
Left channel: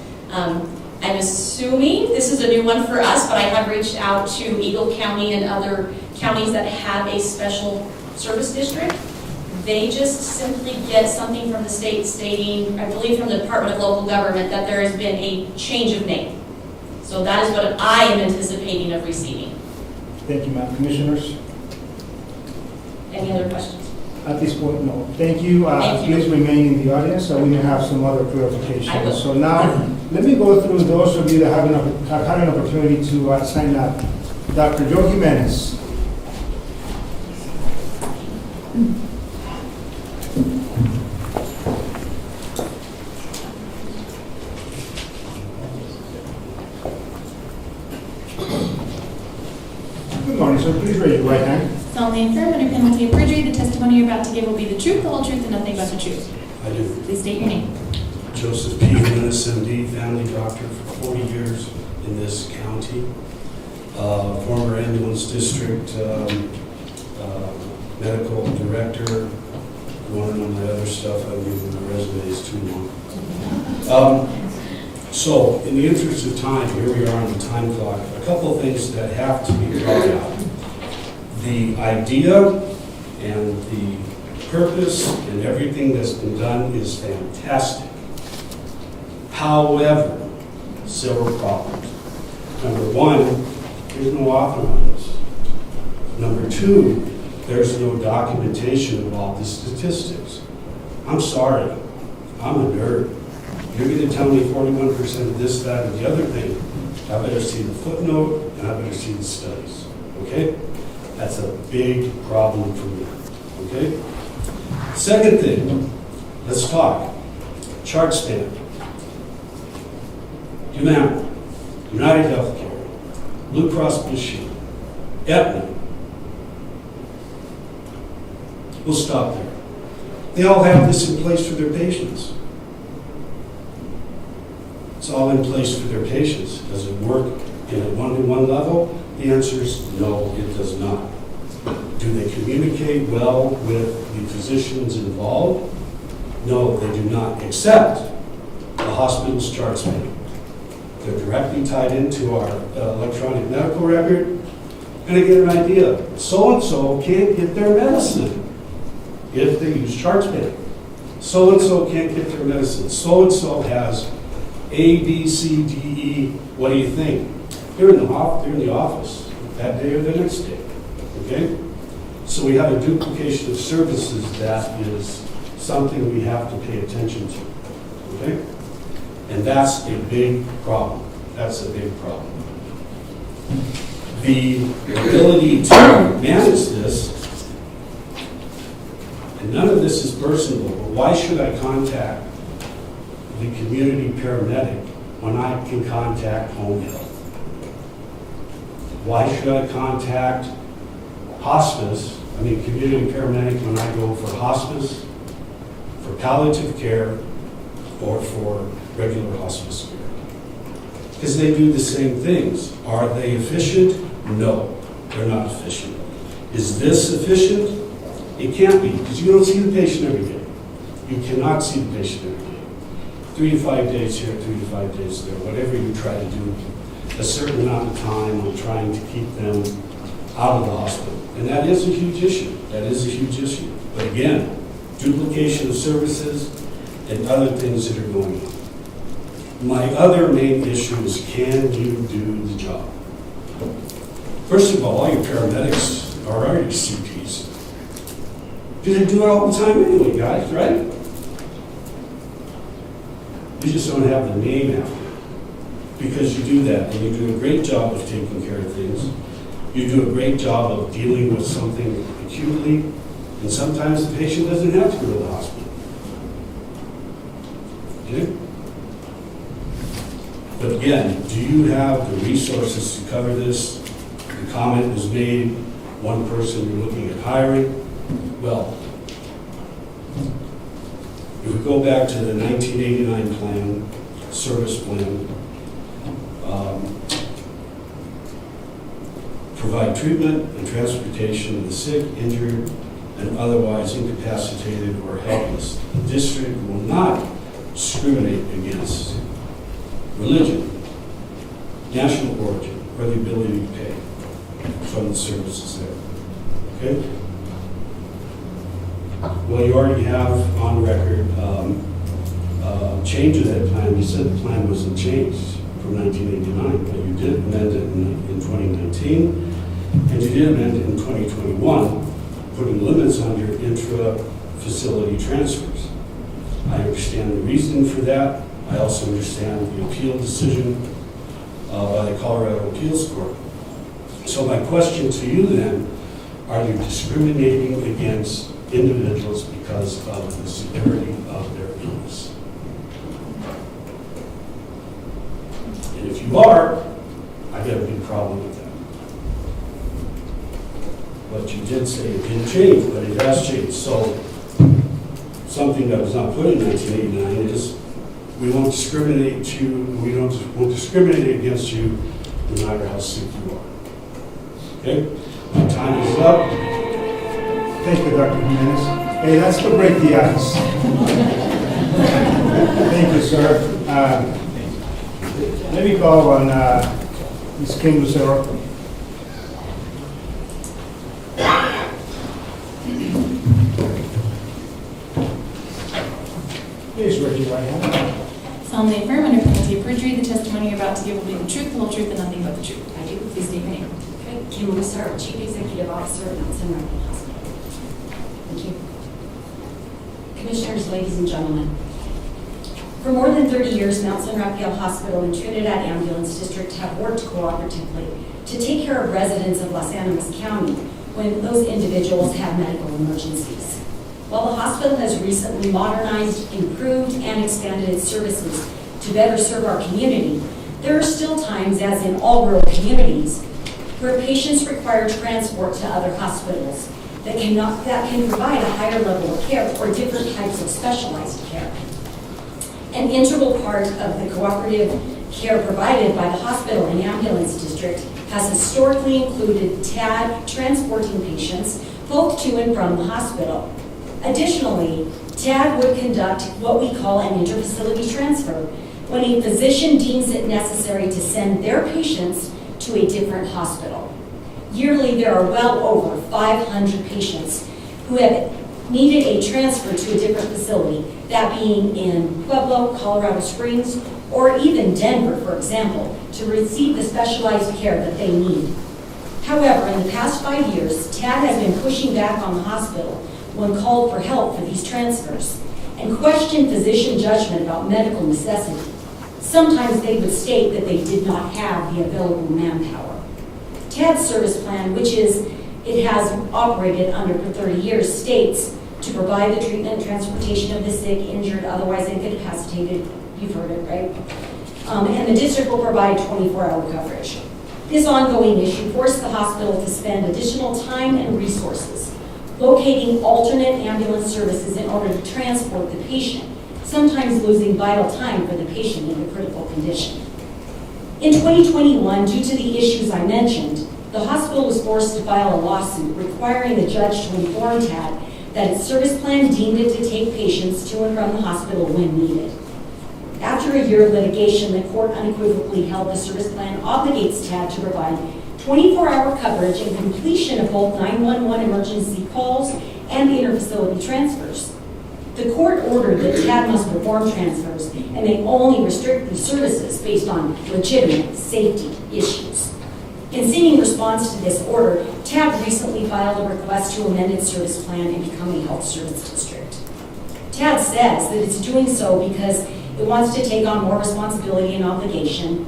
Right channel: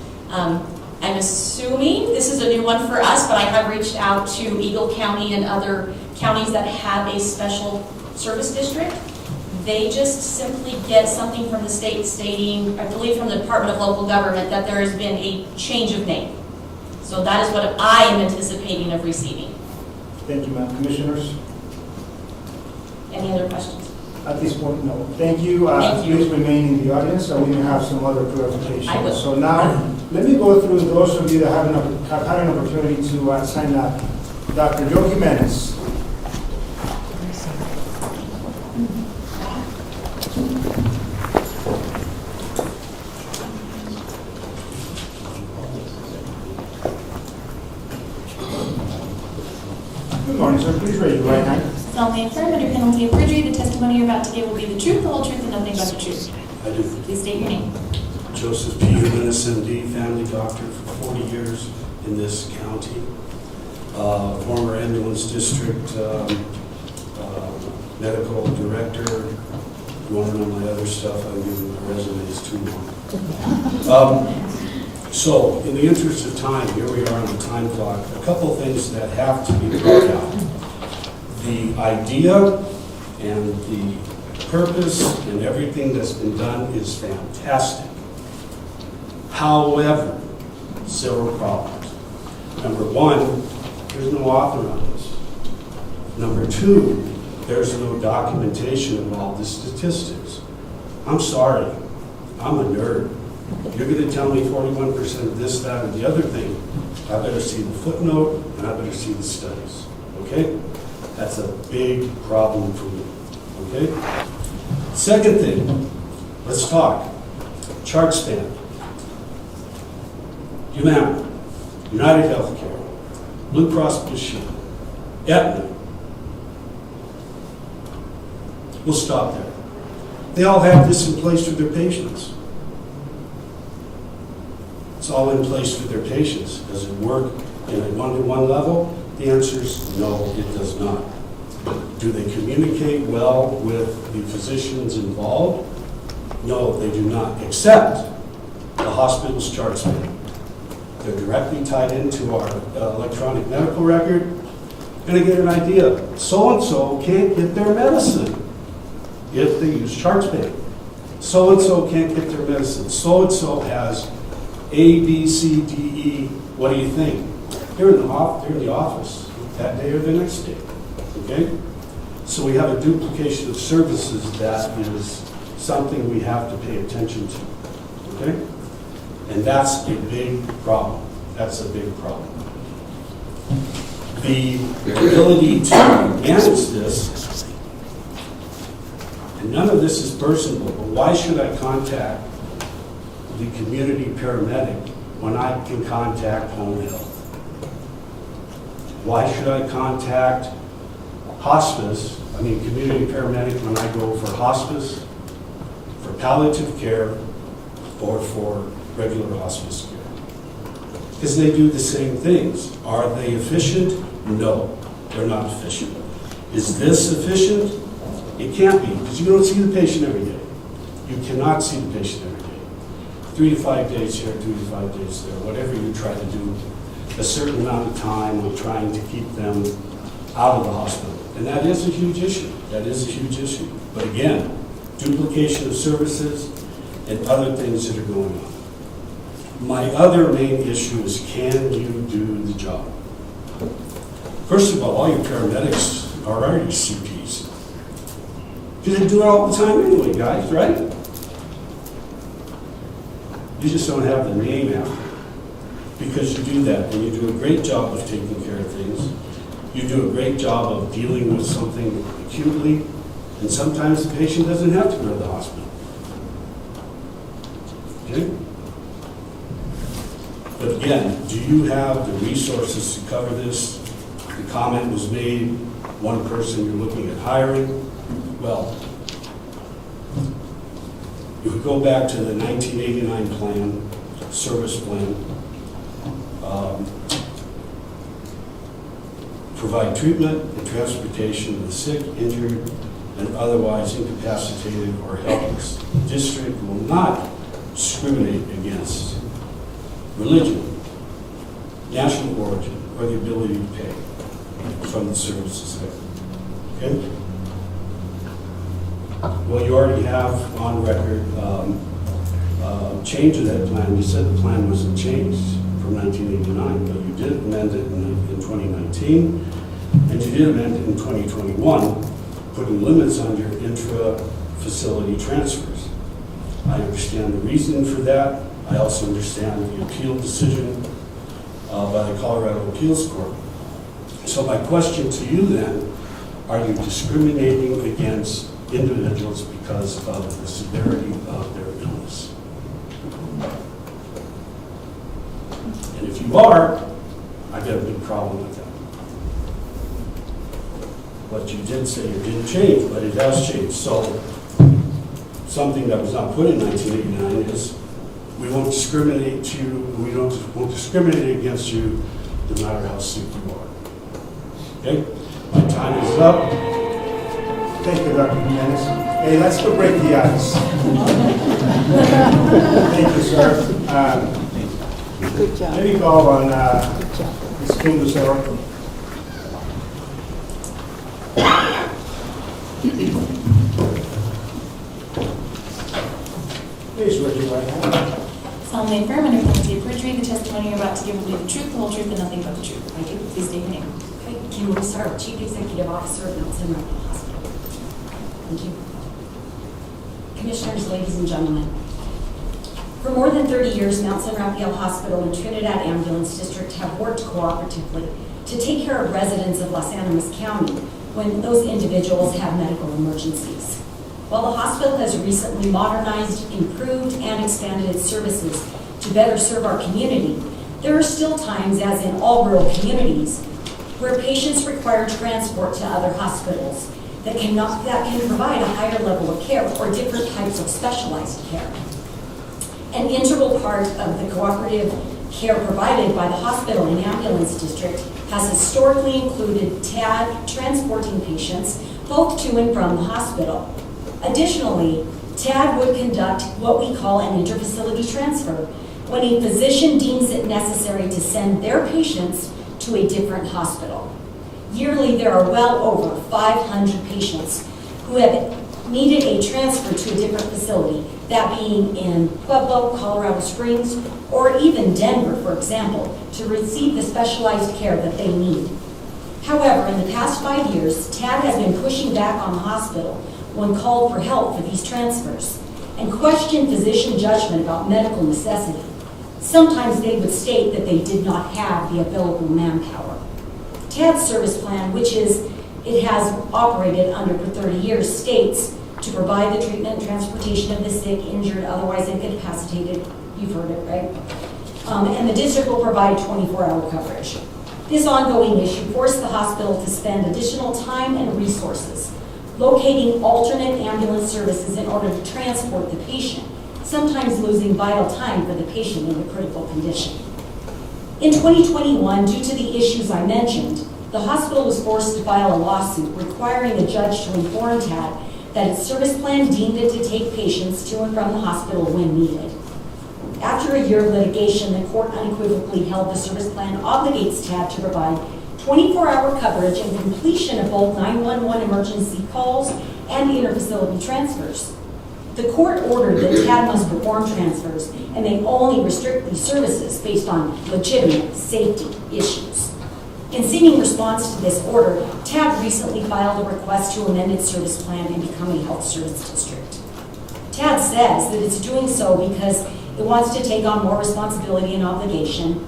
I'm assuming this is a new one for us, but I have reached out to Eagle County and other counties that have a special service district. They just simply get something from the state stating, I believe from the Department of Local Government, that there has been a change of name. So that is what I am anticipating of receiving. Thank you, ma'am. Commissioners? Any other questions? At this point, no. Thank you. Thank you. Please remain in the audience so we may have some other clarifications. I will. So now, let me go through those of you that have had an opportunity to sign up. Dr. Joe Jimenez. Good morning, sir. Please raise your right hand. Solemnly affirm under penalty of perjury, the testimony you're about to give will be the truth, the whole truth, and nothing but the truth. I do. Please state your name. Joseph P. Jimenez, MD, family doctor for 40 years in this county. Former ambulance district medical director. You want to know my other stuff? I've given my resume is too long. So, in the interest of time, here we are on the time clock. A couple of things that have to be brought out. The idea and the purpose and everything that's been done is fantastic. However, several problems. Number one, there's no author on this. Number two, there's no documentation of all the statistics. I'm sorry, I'm a nerd. You're going to tell me 41% of this, that, and the other thing. I better see the footnote, and I better see the studies, okay? That's a big problem for me, okay? Second thing, let's talk. Chart span. Humana, United Healthcare, Blue Cross Blue Shield, Aetna. We'll stop there. They all have this in place for their patients. It's all in place for their patients. Does it work in a one-to-one level? The answer is no, it does not. Do they communicate well with the physicians involved? No, they do not, except the hospital's chart span. They're directly tied into our electronic medical record, and I get an idea. So-and-so can't get their medicine if they use chart span. So-and-so can't get their medicine. So-and-so has A, B, C, D, E. What do you think? They're in the office that day or the next day, okay? So we have a duplication of services that is something we have to pay attention to, okay? And that's a big problem. That's a big problem. The ability to manage this, and none of this is personal, but why should I contact the community paramedic when I can contact home health? Why should I contact community paramedic when I go for hospice, for palliative care, or for regular hospice care? Because they do the same things. Are they efficient? No, they're not efficient. Is this efficient? It can't be, because you don't see the patient every day. You cannot see the patient every day. 3 to 5 days here, 3 to 5 days there, whatever you try to do, a certain amount of time on trying to keep them out of the hospital. And that is a huge issue. That is a huge issue. But again, duplication of services and other things that are going on. My other main issue is, can you do the job? First of all your paramedics are already CPs. You can do it all the time anyway, guys, right? You just don't have the name after it. Because you do that, and you do a great job of taking care of things. You do a great job of dealing with something acutely, and sometimes the patient doesn't have to go to the hospital. Okay? But again, do you have the resources to cover this? The comment was made, one person you're looking at hiring. Well, if we go back to the 1989 plan, service plan, provide treatment and transportation of the sick, injured, and otherwise incapacitated or helpless. The district will not discriminate against religion, national origin, or the ability to pay from the services there. Okay? Well, you already have on record change of that plan. You said the plan wasn't changed from 1989, but you did amend it in 2019, and you did amend it in 2021, putting limits on your intra-facility transfers. I understand the reason for that. I also understand the appeal decision by the Colorado Appeals Court. So my question to you then, are you discriminating against individuals because of the severity of their illness? And if you are, I've got a big problem with that. What you did say it didn't change, but it has changed. So something that was not put in 1989 is we won't discriminate against you no matter how sick you are. Okay? My time is up. Thank you, Dr. Jimenez. Hey, let's go break the ice. Thank you, sir. Let me call on Ms. Kim Lucero. Please raise your right hand. Solemnly affirm under penalty of perjury, the testimony you're about to give will be the truth, the whole truth, and nothing but the truth. I do. Please state your name. Okay, Kim Lusar, Chief Executive Officer of Mount Sinai Hospital. Thank you. Commissioners, ladies and gentlemen, for more than 30 years, Mount San Rafael Hospital and Trinidad Ambulance District have worked cooperatively to take care of residents of Las Animas County when those individuals have medical emergencies. While the hospital has recently modernized, improved, and expanded its services to better serve our community, there are still times, as in all rural communities, where patients require transport to other hospitals that can provide a higher level of care or different types of specialized care. An integral part of the cooperative care provided by the hospital and ambulance district has historically included TAD transporting patients both to and from the hospital. Additionally, TAD would conduct what we call an interfacility transfer when a physician deems it necessary to send their patients to a different hospital. Yearly, there are well over 500 patients who have needed a transfer to a different facility, that being in Pueblo, Colorado Springs, or even Denver, for example, to receive the specialized care that they need. However, in the past 5 years, TAD has been pushing back on the hospital when called for help for these transfers and questioned physician judgment about medical necessity. Sometimes they would state that they did not have the available manpower. TAD's service plan, which it has operated under for 30 years, states to provide the treatment and transportation of the sick, injured, otherwise incapacitated, you've heard it, right? And the district will provide 24-hour coverage. This ongoing issue forced the hospital to spend additional time and resources locating alternate ambulance services in order to transport the patient, sometimes losing vital time for the patient in a critical condition. In 2021, due to the issues I mentioned, the hospital was forced to file a lawsuit requiring the judge to inform TAD that its service plan deemed it to take patients to and from the hospital when needed. After a year of litigation, the court unequivocally held the service plan obligates TAD to provide 24-hour coverage and completion of both 911 emergency calls and the interfacility transfers. The court ordered that TAD must perform transfers and may only restrict these services based on legitimate safety issues. In seeking response to this order, TAD recently filed a request to amend its service plan and become a health service district. TAD says that it's doing so because it wants to take on more responsibility and obligation.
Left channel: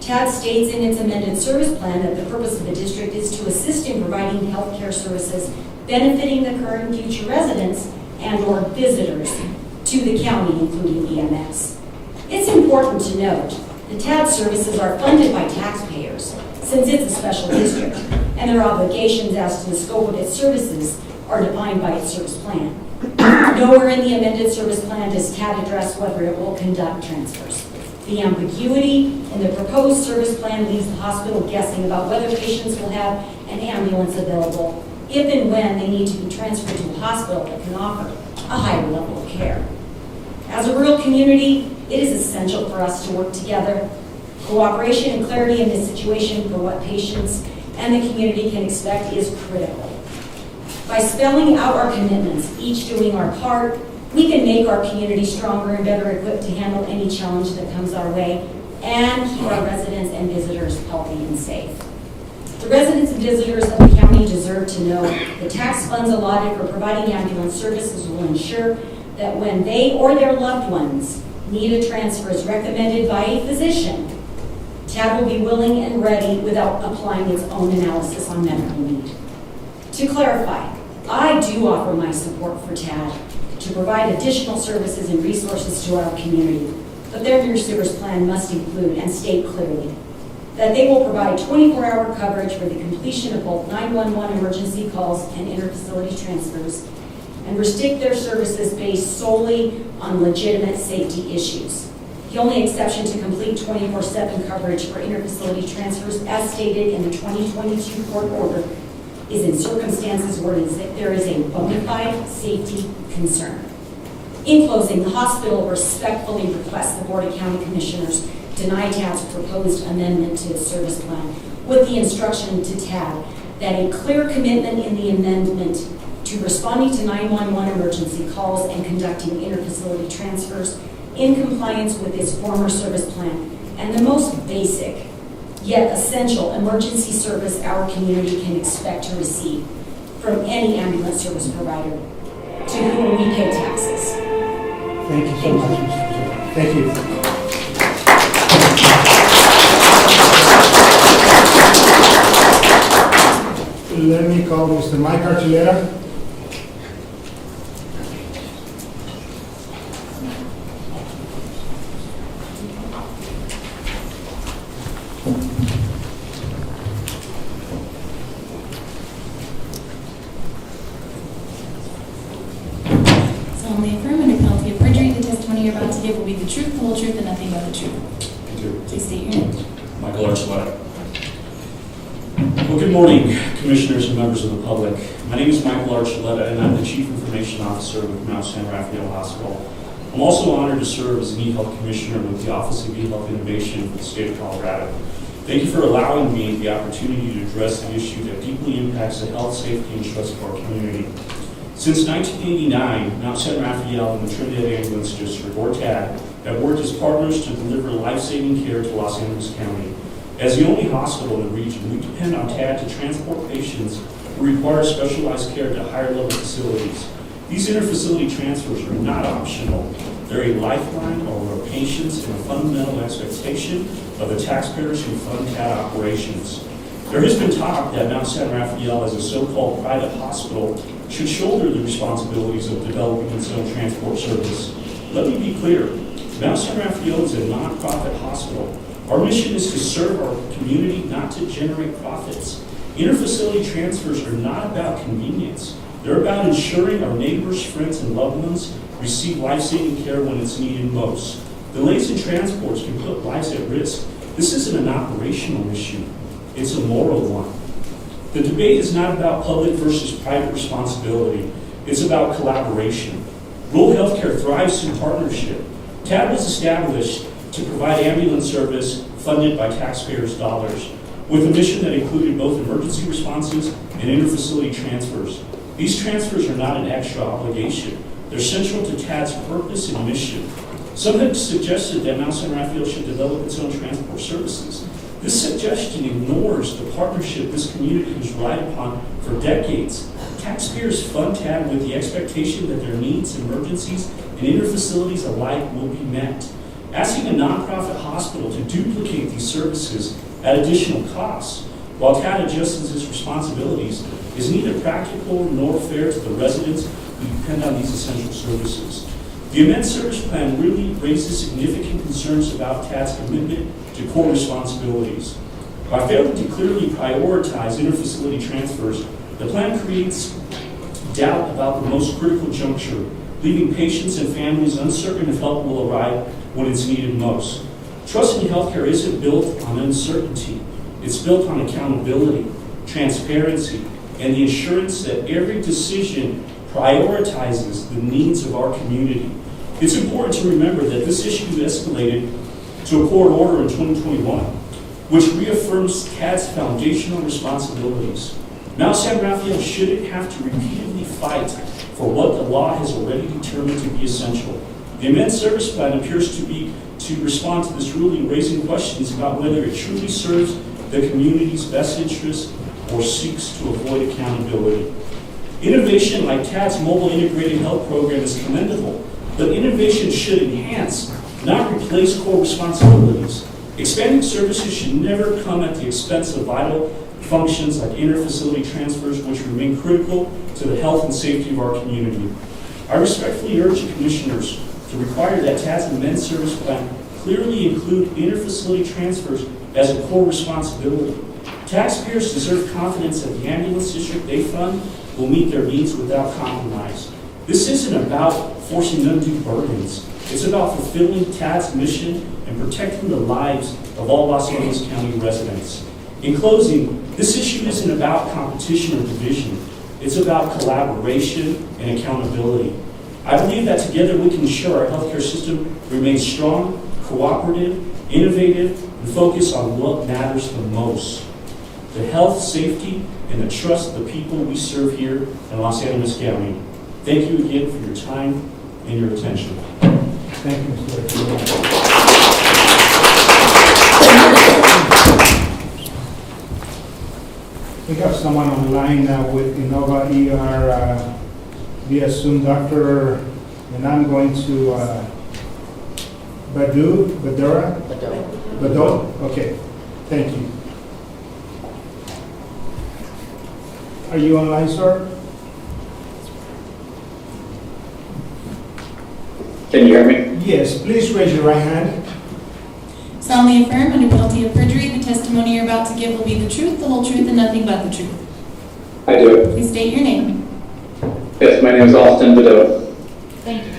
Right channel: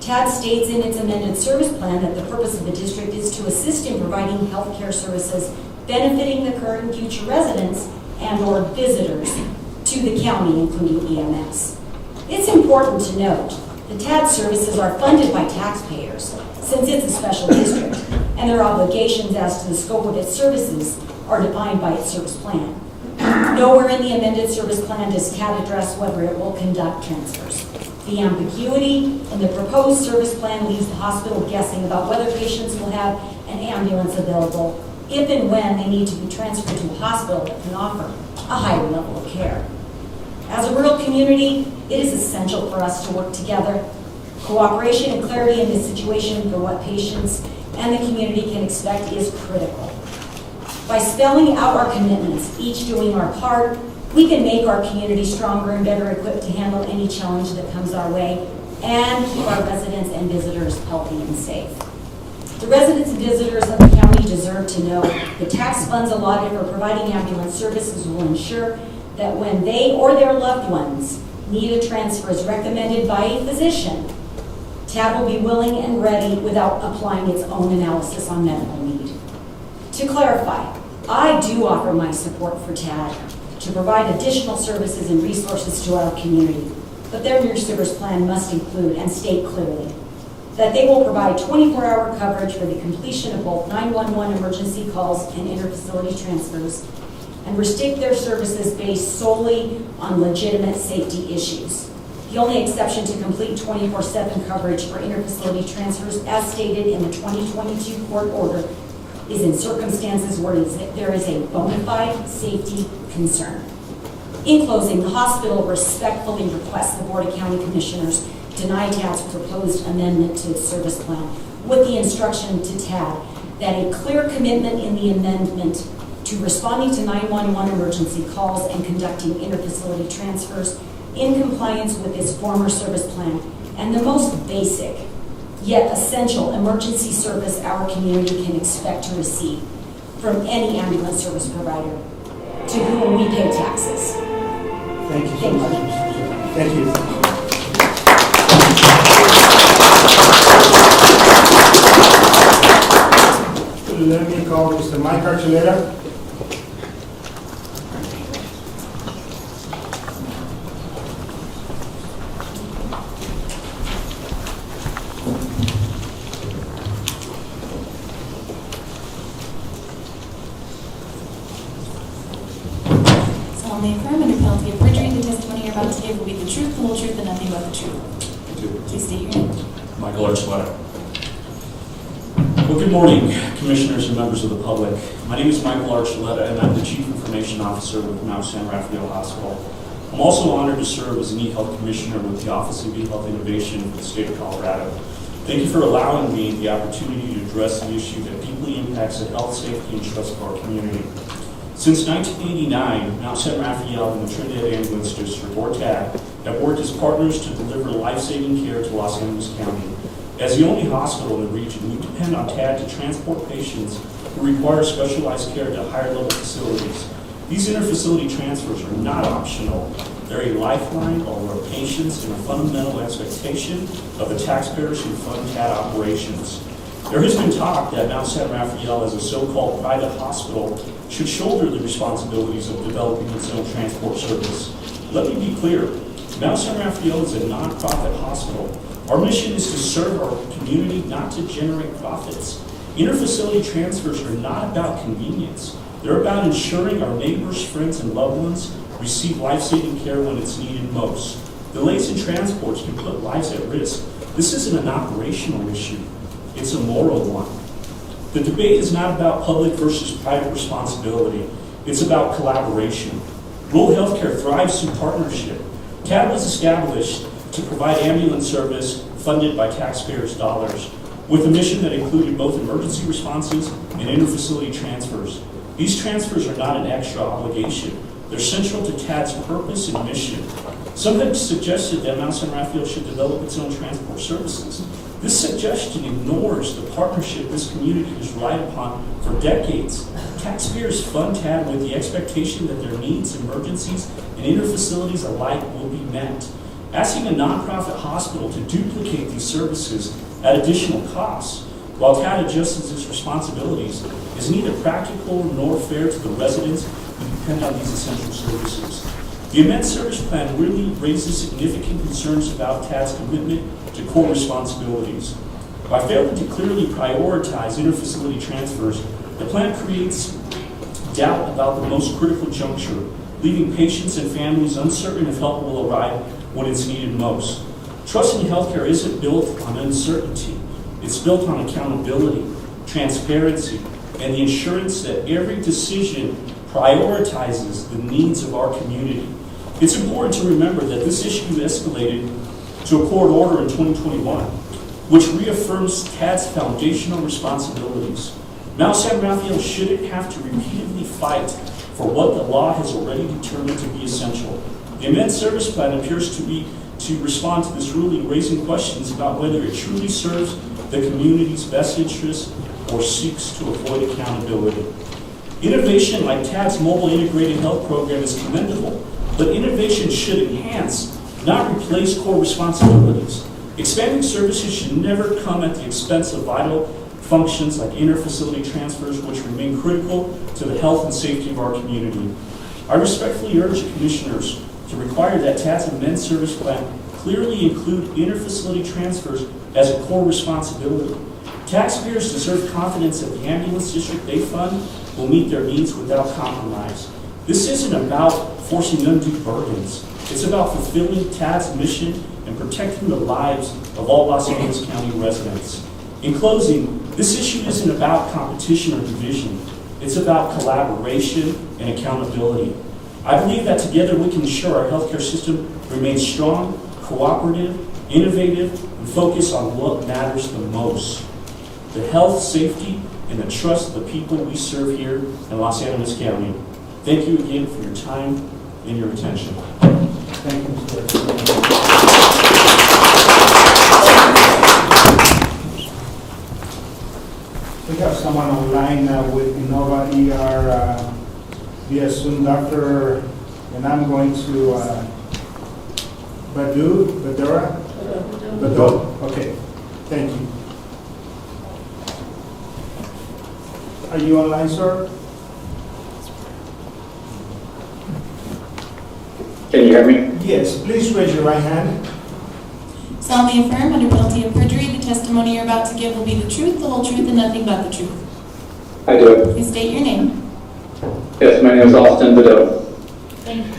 TAD states in its amended service plan that the purpose of the district is to assist in providing health care services benefiting the current and future residents and/or visitors to the county, including EMS. It's important to note that TAD services are funded by taxpayers since it's a special district, and their obligations as to the scope of its services are defined by its service plan. Nowhere in the amended service plan does TAD address whether it will conduct transfers. The ambiguity in the proposed service plan leaves the hospital guessing about whether patients will have an ambulance available if and when they need to be transferred to a hospital that can offer a higher level of care. As a rural community, it is essential for us to work together. Cooperation and clarity in this situation for what patients and the community can expect is critical. By spelling out our commitments, each doing our part, we can make our community stronger and better equipped to handle any challenge that comes our way and keep our residents and visitors healthy and safe. The residents and visitors of the county deserve to know the tax funds allotted for providing ambulance services will ensure that when they or their loved ones need a transfer as recommended by a physician, TAD will be willing and ready without applying its own analysis on medical need. To clarify, I do offer my support for TAD to provide additional services and resources to our community, but their new service plan must include and state clearly that they will provide 24-hour coverage for the completion of both 911 emergency calls and interfacility transfers, and restrict their services based solely on legitimate safety issues. The only exception to complete 24/7 coverage for interfacility transfers, as stated in the 2022 court order, is in circumstances where there is a bona fide safety concern. In closing, the hospital respectfully requests the Board of County Commissioners deny TAD's proposed amendment to its service plan with the instruction to TAD that a clear commitment in the amendment to responding to 911 emergency calls and conducting interfacility transfers in compliance with its former service plan and the most basic yet essential emergency service our community can expect to receive from any ambulance service provider to whom we pay taxes. Thank you so much, Mr. Chair. Thank you. Let me call Mr. Mike Archuleta. Solemnly affirm under penalty of perjury, the testimony you're about to give will be the truth, the whole truth, and nothing but the truth. Please state your name. Michael Archuleta. Well, good morning, commissioners and members of the public. My name is Michael Archuleta, and I'm the Chief Information Officer with Mount San Rafael Hospital. I'm also honored to serve as an eHealth Commissioner with the Office of eHealth Innovation for the state of Colorado. Thank you for allowing me the opportunity to address an issue that deeply impacts the health, safety, and trust of our community. Since 1989, Mount San Rafael and the Trinidad Ambulance District, or TAD, have worked as partners to deliver life-saving care to Los Angeles County. As the only hospital in the region, we depend on TAD to transport patients who require specialized care to higher-level facilities. These interfacility transfers are not optional. They're a lifeline of our patients and a fundamental expectation of the taxpayers who fund TAD operations. There has been talk that Mount San Rafael, as a so-called private hospital, should shoulder the responsibilities of developing its own transport service. Let me be clear. Mount San Rafael is a nonprofit hospital. Our mission is to serve our community, not to generate profits. Interfacility transfers are not about convenience. They're about ensuring our neighbors, friends, and loved ones receive life-saving care when it's needed most. Delays in transports can put lives at risk. This isn't an operational issue. It's a moral one. The debate is not about public versus private responsibility. It's about collaboration. Rural healthcare thrives through partnership. TAD was established to provide ambulance service funded by taxpayers' dollars, with a mission that included both emergency responses and interfacility transfers. These transfers are not an extra obligation. They're central to TAD's purpose and mission. Some have suggested that Mount San Rafael should develop its own transport services. This suggestion ignores the partnership this community has relied upon for decades. Taxpayers fund TAD with the expectation that their needs, emergencies, and interfacilities alike will be met. Asking a nonprofit hospital to duplicate these services at additional costs while TAD adjusts its responsibilities is neither practical nor fair to the residents who depend on these essential services. The amended service plan really raises significant concerns about TAD's commitment to core responsibilities. By failing to clearly prioritize interfacility transfers, the plan creates doubt about the most critical juncture, leaving patients and families uncertain if help will arrive when it's needed most. Trust in healthcare isn't built on uncertainty. It's built on accountability, transparency, and the assurance that every decision prioritizes the needs of our community. It's important to remember that this issue escalated to a court order in 2021, which reaffirms TAD's foundational responsibilities. Mount San Rafael shouldn't have to repeatedly fight for what the law has already determined to be essential. The amended service plan appears to respond to this ruling, raising questions about whether it truly serves the community's best interest or seeks to avoid accountability. Innovation like TAD's mobile integrated health program is commendable, but innovation should enhance, not replace core responsibilities. Expanding services should never come at the expense of vital functions like interfacility transfers, which remain critical to the health and safety of our community. I respectfully urge the commissioners to require that TAD's amended service plan clearly include interfacility transfers as a core responsibility. Taxpayers deserve confidence that the ambulance district they fund will meet their needs without compromise. This isn't about forcing undue burdens. It's about fulfilling TAD's mission and protecting the lives of all Los Angeles County residents. In closing, this issue isn't about competition or division. It's about collaboration and accountability. I believe that together we can ensure our healthcare system remains strong, cooperative, innovative, and focused on what matters the most. the health, safety, and the trust of the people we serve here in Los Angeles County. Thank you again for your time and your attention. Thank you, Mr. We have someone online with Innova ER via Zoom, Dr. And I'm going to Badura? Okay, thank you. Are you online, sir? Can you hear me? Yes, please raise your right hand. Solemnly affirm under penalty of perjury, the testimony you're about to give will be the truth, the whole truth, and nothing but the truth. I do. Please state your name. Yes, my name is Austin Beddoe. Thank you.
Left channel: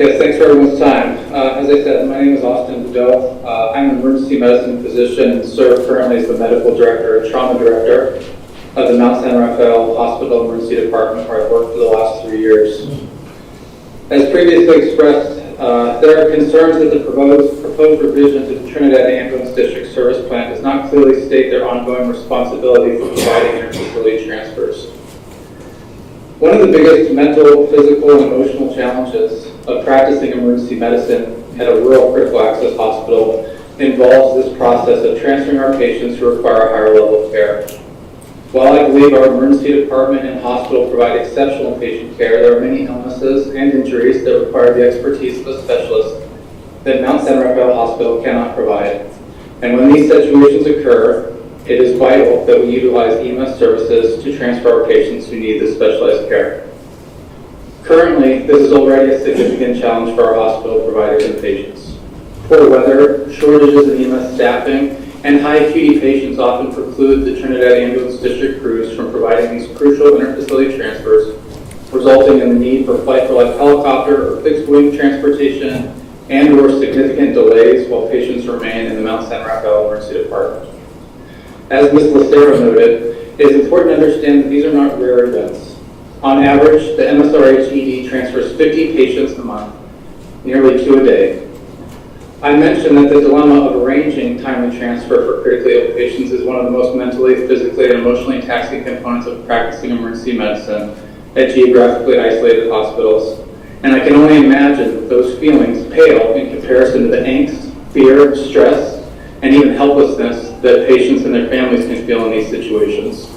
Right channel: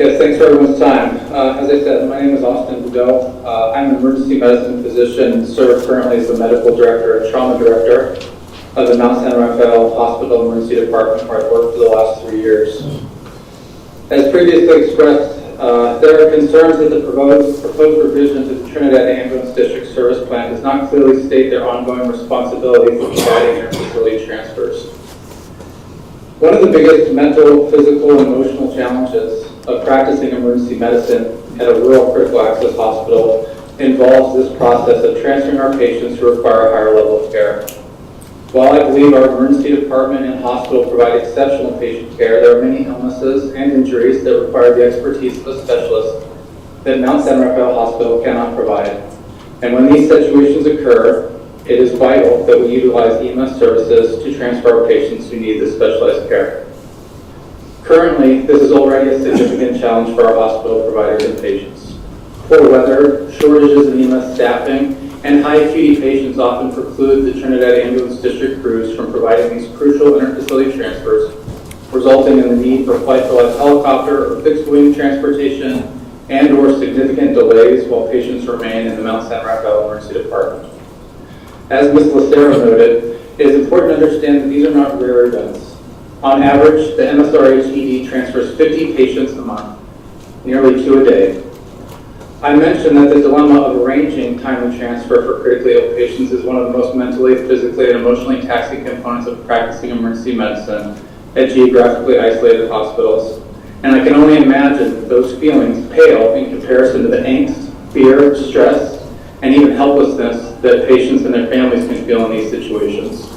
Yes, thanks for everyone's time. As I said, my name is Austin Beddoe. I'm an emergency medicine physician and serve currently as the medical director and trauma director of the Mount San Rafael Hospital Emergency Department, where I've worked for the last 3 years. As previously expressed, there are concerns that the proposed revision to the Trinidad Ambulance District Service Plan does not clearly state their ongoing responsibility for providing inter-facility transfers. One of the biggest mental, physical, and emotional challenges of practicing emergency medicine at a rural critical access hospital involves this process of transferring our patients who require a higher level of care. While I believe our emergency department and hospital provide exceptional patient care, there are many illnesses and injuries that require the expertise of a specialist that Mount San Rafael Hospital cannot provide. And when these situations occur, it is vital that we utilize EMS services to transfer our patients who need this specialized care. Currently, this is already a significant challenge for our hospital providers and patients. Poor weather, shortages in EMS staffing, and high acuity patients often preclude the Trinidad Ambulance District crews from providing these crucial interfacility transfers, resulting in the need for flight-for-life helicopter or fixed-wing transportation and/or significant delays while patients remain in the Mount San Rafael Emergency Department. As Ms. Lucero noted, it is important to understand that these are not rare events. On average, the MSRH ED transfers 50 patients a month, nearly 2 a day. I mentioned that the dilemma of arranging timely transfer for critically ill patients is one of the most mentally, physically, and emotionally taxing components of practicing emergency medicine at geographically isolated hospitals. And I can only imagine that those feelings pale in comparison to the angst, fear, stress, and even helplessness that patients and their families can feel in these situations.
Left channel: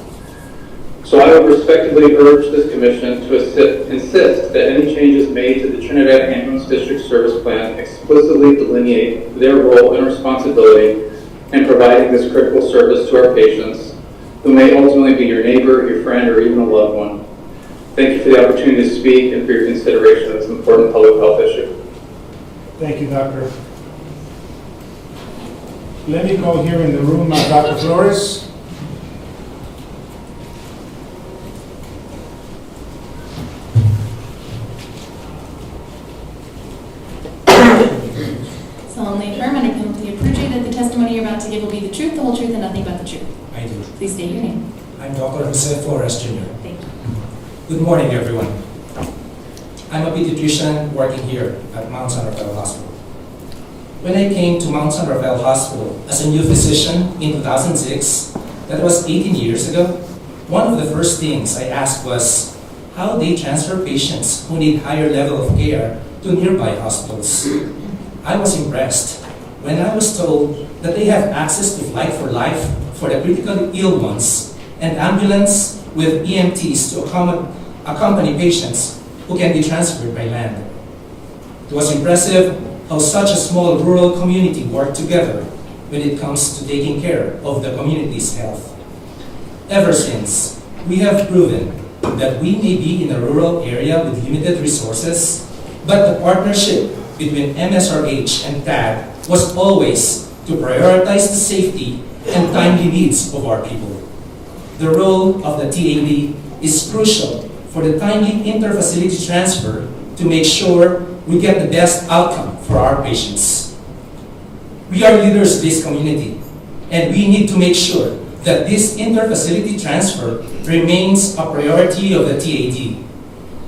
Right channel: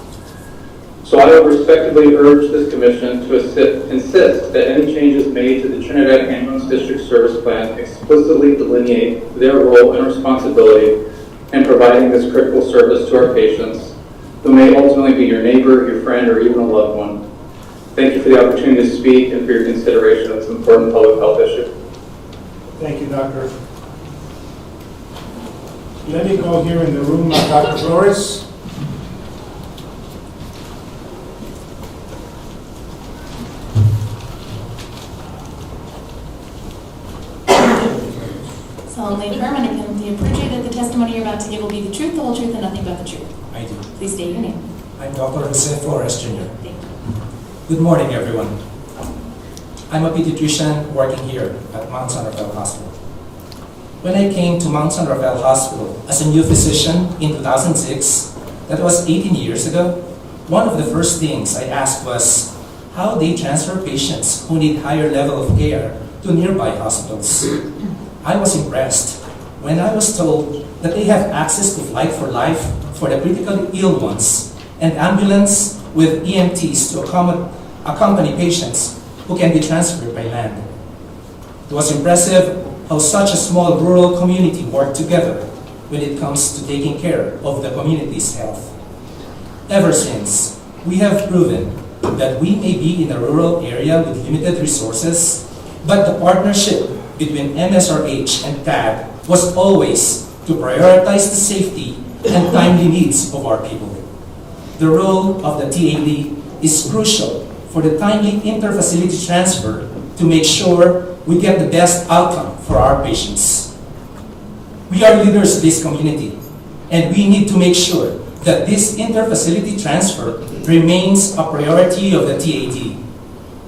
So I would respectfully urge this commission to insist that any changes made to the Trinidad Ambulance District Service Plan explicitly delineate their role and responsibility in providing this critical service to our patients, who may ultimately be your neighbor, your friend, or even a loved one. Thank you for the opportunity to speak and for your consideration of this important public health issue. Thank you, Doctor. Let me go here in the room, Dr. Flores. Solemnly affirm under penalty of perjury that the testimony you're about to give will be the truth, the whole truth, and nothing but the truth. I do. Please state your name. I'm Dr. Jose Flores Jr. Thank you. Good morning, everyone. I'm a pediatrician working here at Mount San Rafael Hospital. When I came to Mount San Rafael Hospital as a new physician in 2006, that was 18 years ago, one of the first things I asked was how they transfer patients who need higher level of care to nearby hospitals. I was impressed when I was told that they have access to flight for life for the critically ill ones and ambulance with EMTs to accompany patients who can be transferred by land. It was impressive how such a small rural community worked together when it comes to taking care of the community's health. Ever since, we have proven that we may be in a rural area with limited resources, but the partnership between MSRH and TAG was always to prioritize the safety and timely needs of our people. The role of the TAD is crucial for the timely inter-facility transfer to make sure we get the best outcome for our patients. We are leaders of this community, and we need to make sure that this inter-facility transfer remains a priority of the TAD.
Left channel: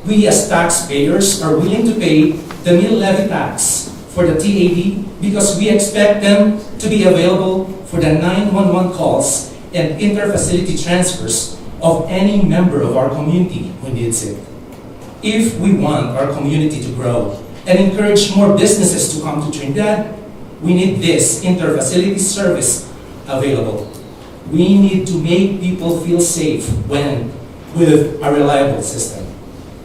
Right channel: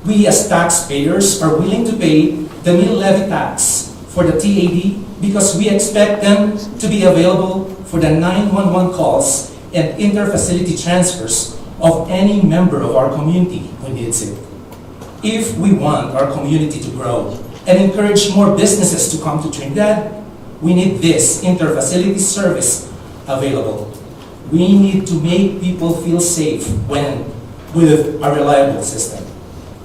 We as taxpayers are willing to pay the meal levy tax for the TAD because we expect them to be available for the 911 calls and inter-facility transfers of any member of our community who needs it. If we want our community to grow and encourage more businesses to come to Trinidad, we need this inter-facility service available. We need to make people feel safe with a reliable system.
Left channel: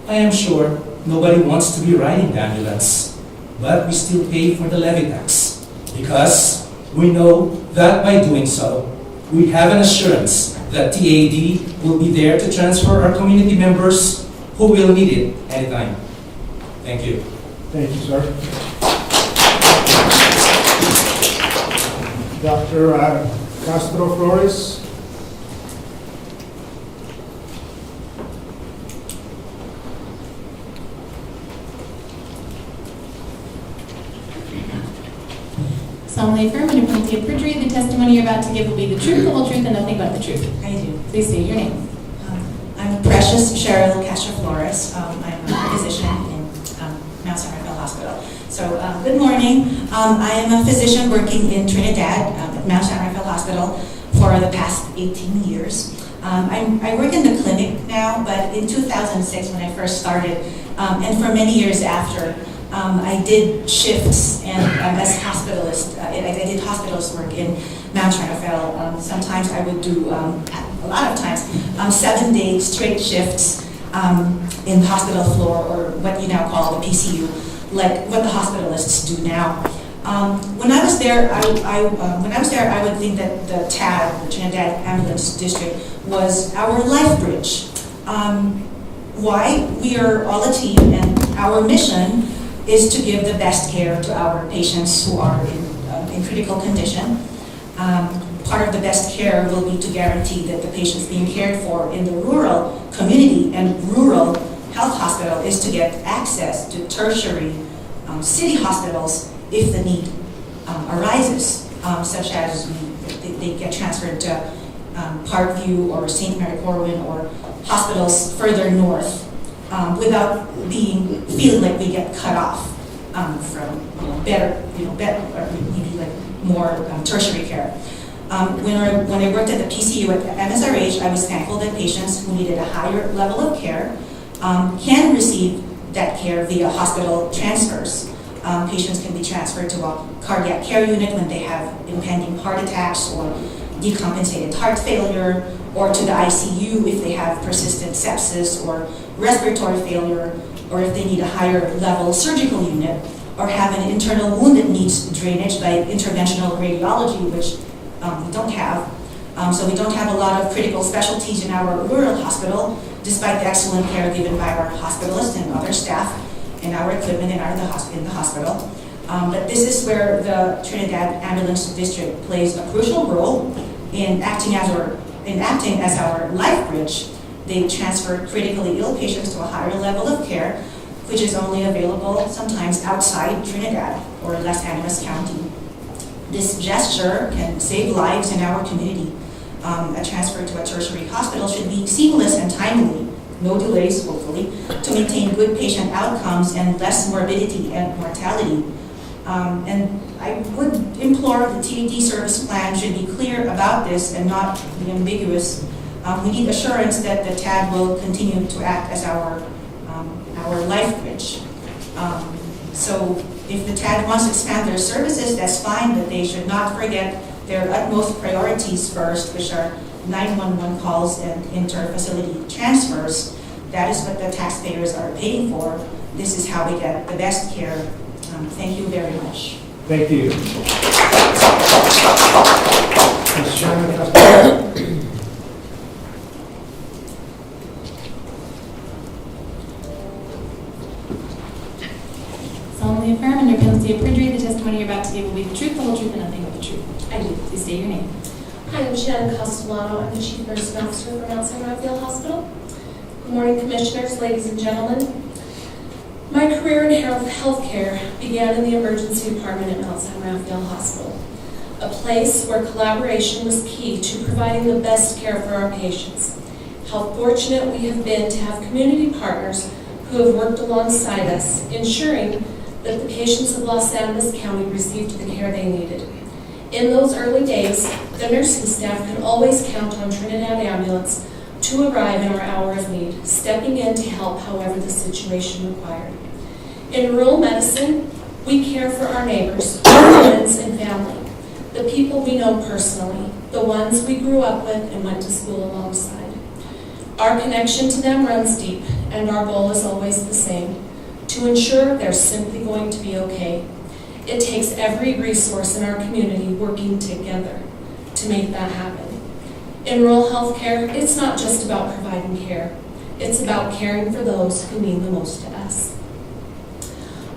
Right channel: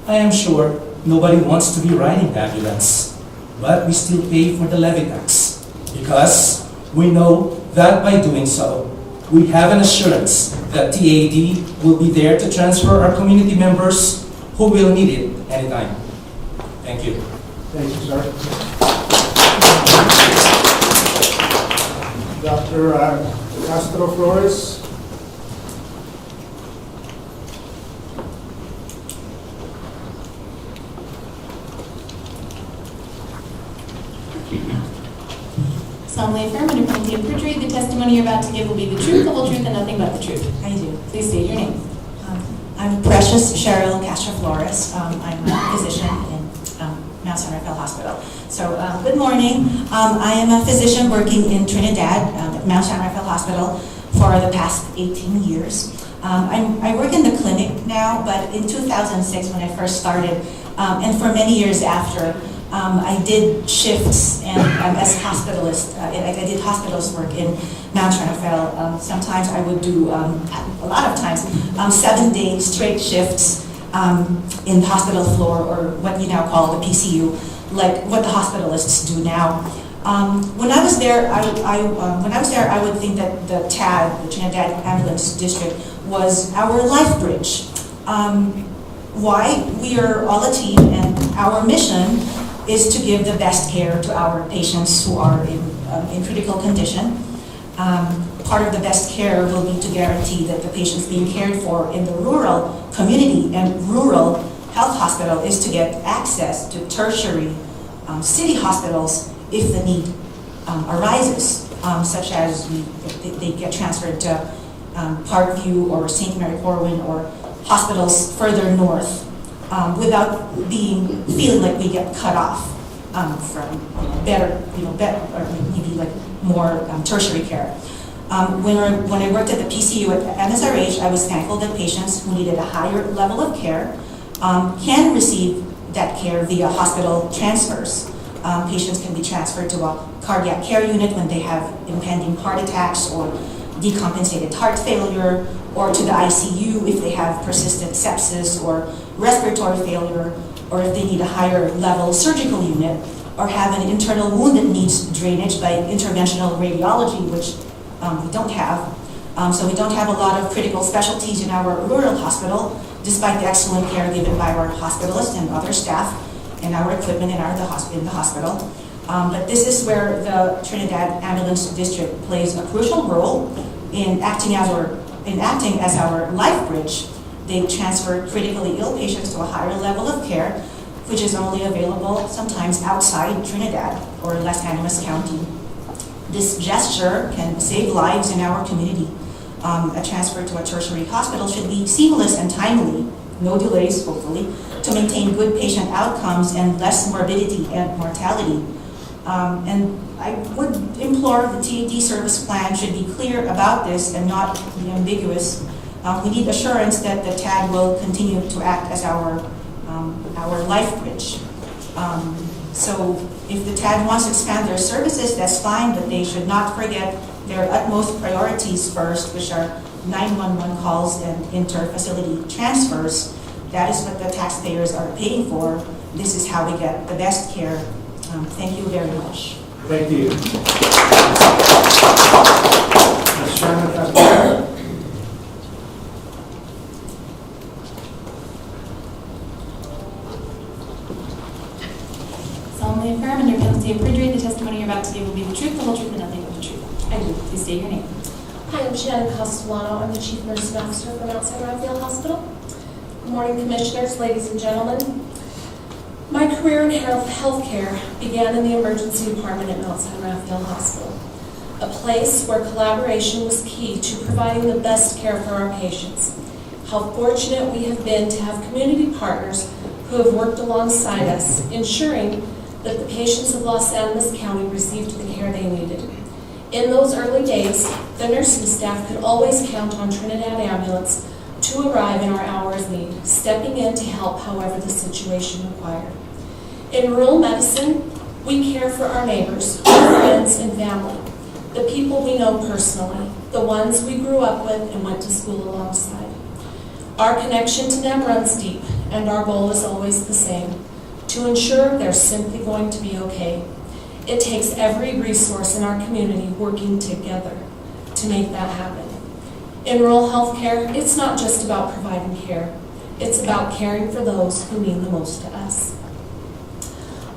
I am sure nobody wants to be riding the ambulance, but we still pay for the levy tax because we know that by doing so, we have an assurance that TAD will be there to transfer our community members who will need it anytime. Thank you. Thank you, sir. Dr. Castro Flores. Solemnly affirm under penalty of perjury, the testimony you're about to give will be the truth, the whole truth, and nothing but the truth. I do. Please state your name. I'm Precious Cheryl Castro Flores. I'm a physician in Mount San Rafael Hospital. So, good morning. I am a physician working in Trinidad at Mount San Rafael Hospital for the past 18 years. I work in the clinic now, but in 2006 when I first started, and for many years after, I did shifts and as hospitalist. I did hospitalist work in Mount San Rafael. Sometimes I would do, a lot of times, 7-day straight shifts in the hospital floor, or what you now call the PCU, like what the hospitalists do now. When I was there, I would think that the TAD, the Trinidad Ambulance District, was our life bridge. Why? We are all a team, and our mission is to give the best care to our patients who are in critical condition. Part of the best care will be to guarantee that the patients being cared for in the rural community and rural health hospital is to get access to tertiary city hospitals if the need arises, such as they get transferred to Parkview or St. Mary Corwin or hospitals further north without feeling like we get cut off from better or maybe like more tertiary care. When I worked at the PCU at MSRH, I was thankful that patients who needed a higher level of care can receive that care via hospital transfers. Patients can be transferred to a cardiac care unit when they have impending heart attacks or decompensated heart failure, or to the ICU if they have persistent sepsis or respiratory failure, or if they need a higher level surgical unit, or have an internal wound that needs drainage by interventional radiology, which we don't have. So we don't have a lot of critical specialties in our rural hospital, despite the excellent care given by our hospitalists and other staff and our equipment in the hospital. But this is where the Trinidad Ambulance District plays a crucial role in acting as our life bridge. They transfer critically ill patients to a higher level of care, which is only available sometimes outside Trinidad or Los Angeles County. This gesture can save lives in our community. A transfer to a tertiary hospital should be seamless and timely, no delays, hopefully, to maintain good patient outcomes and less morbidity and mortality. And I would implore the TAD service plan should be clear about this and not be ambiguous. We need assurance that the TAD will continue to act as our life bridge. So if the TAD wants to expand their services, that's fine, but they should not forget their utmost priorities first, which are 911 calls and inter-facility transfers. That is what the taxpayers are paying for. This is how we get the best care. Thank you very much. Thank you. Ms. Shannon Castillo. Solemnly affirm under penalty of perjury, the testimony you're about to give will be the truth, the whole truth, and nothing but the truth. I do. Please state your name. Hi, I'm Shannon Castellano. I'm the Chief Nursing Officer for Mount San Rafael Hospital. Good morning, Commissioners, ladies and gentlemen. My career in healthcare began in the emergency department at Mount San Rafael Hospital, a place where collaboration was key to providing the best care for our patients. How fortunate we have been to have community partners who have worked alongside us, ensuring that the patients of Los Angeles County received the care they needed. In those early days, the nursing staff could always count on Trinidad Ambulance to arrive in our hour of need, stepping in to help however the situation required. In rural medicine, we care for our neighbors, our friends, and family, the people we know personally, the ones we grew up with and went to school alongside. Our connection to them runs deep, and our goal is always the same, to ensure they're simply going to be okay. It takes every resource in our community working together to make that happen. In rural healthcare, it's not just about providing care. It's about caring for those who mean the most to us.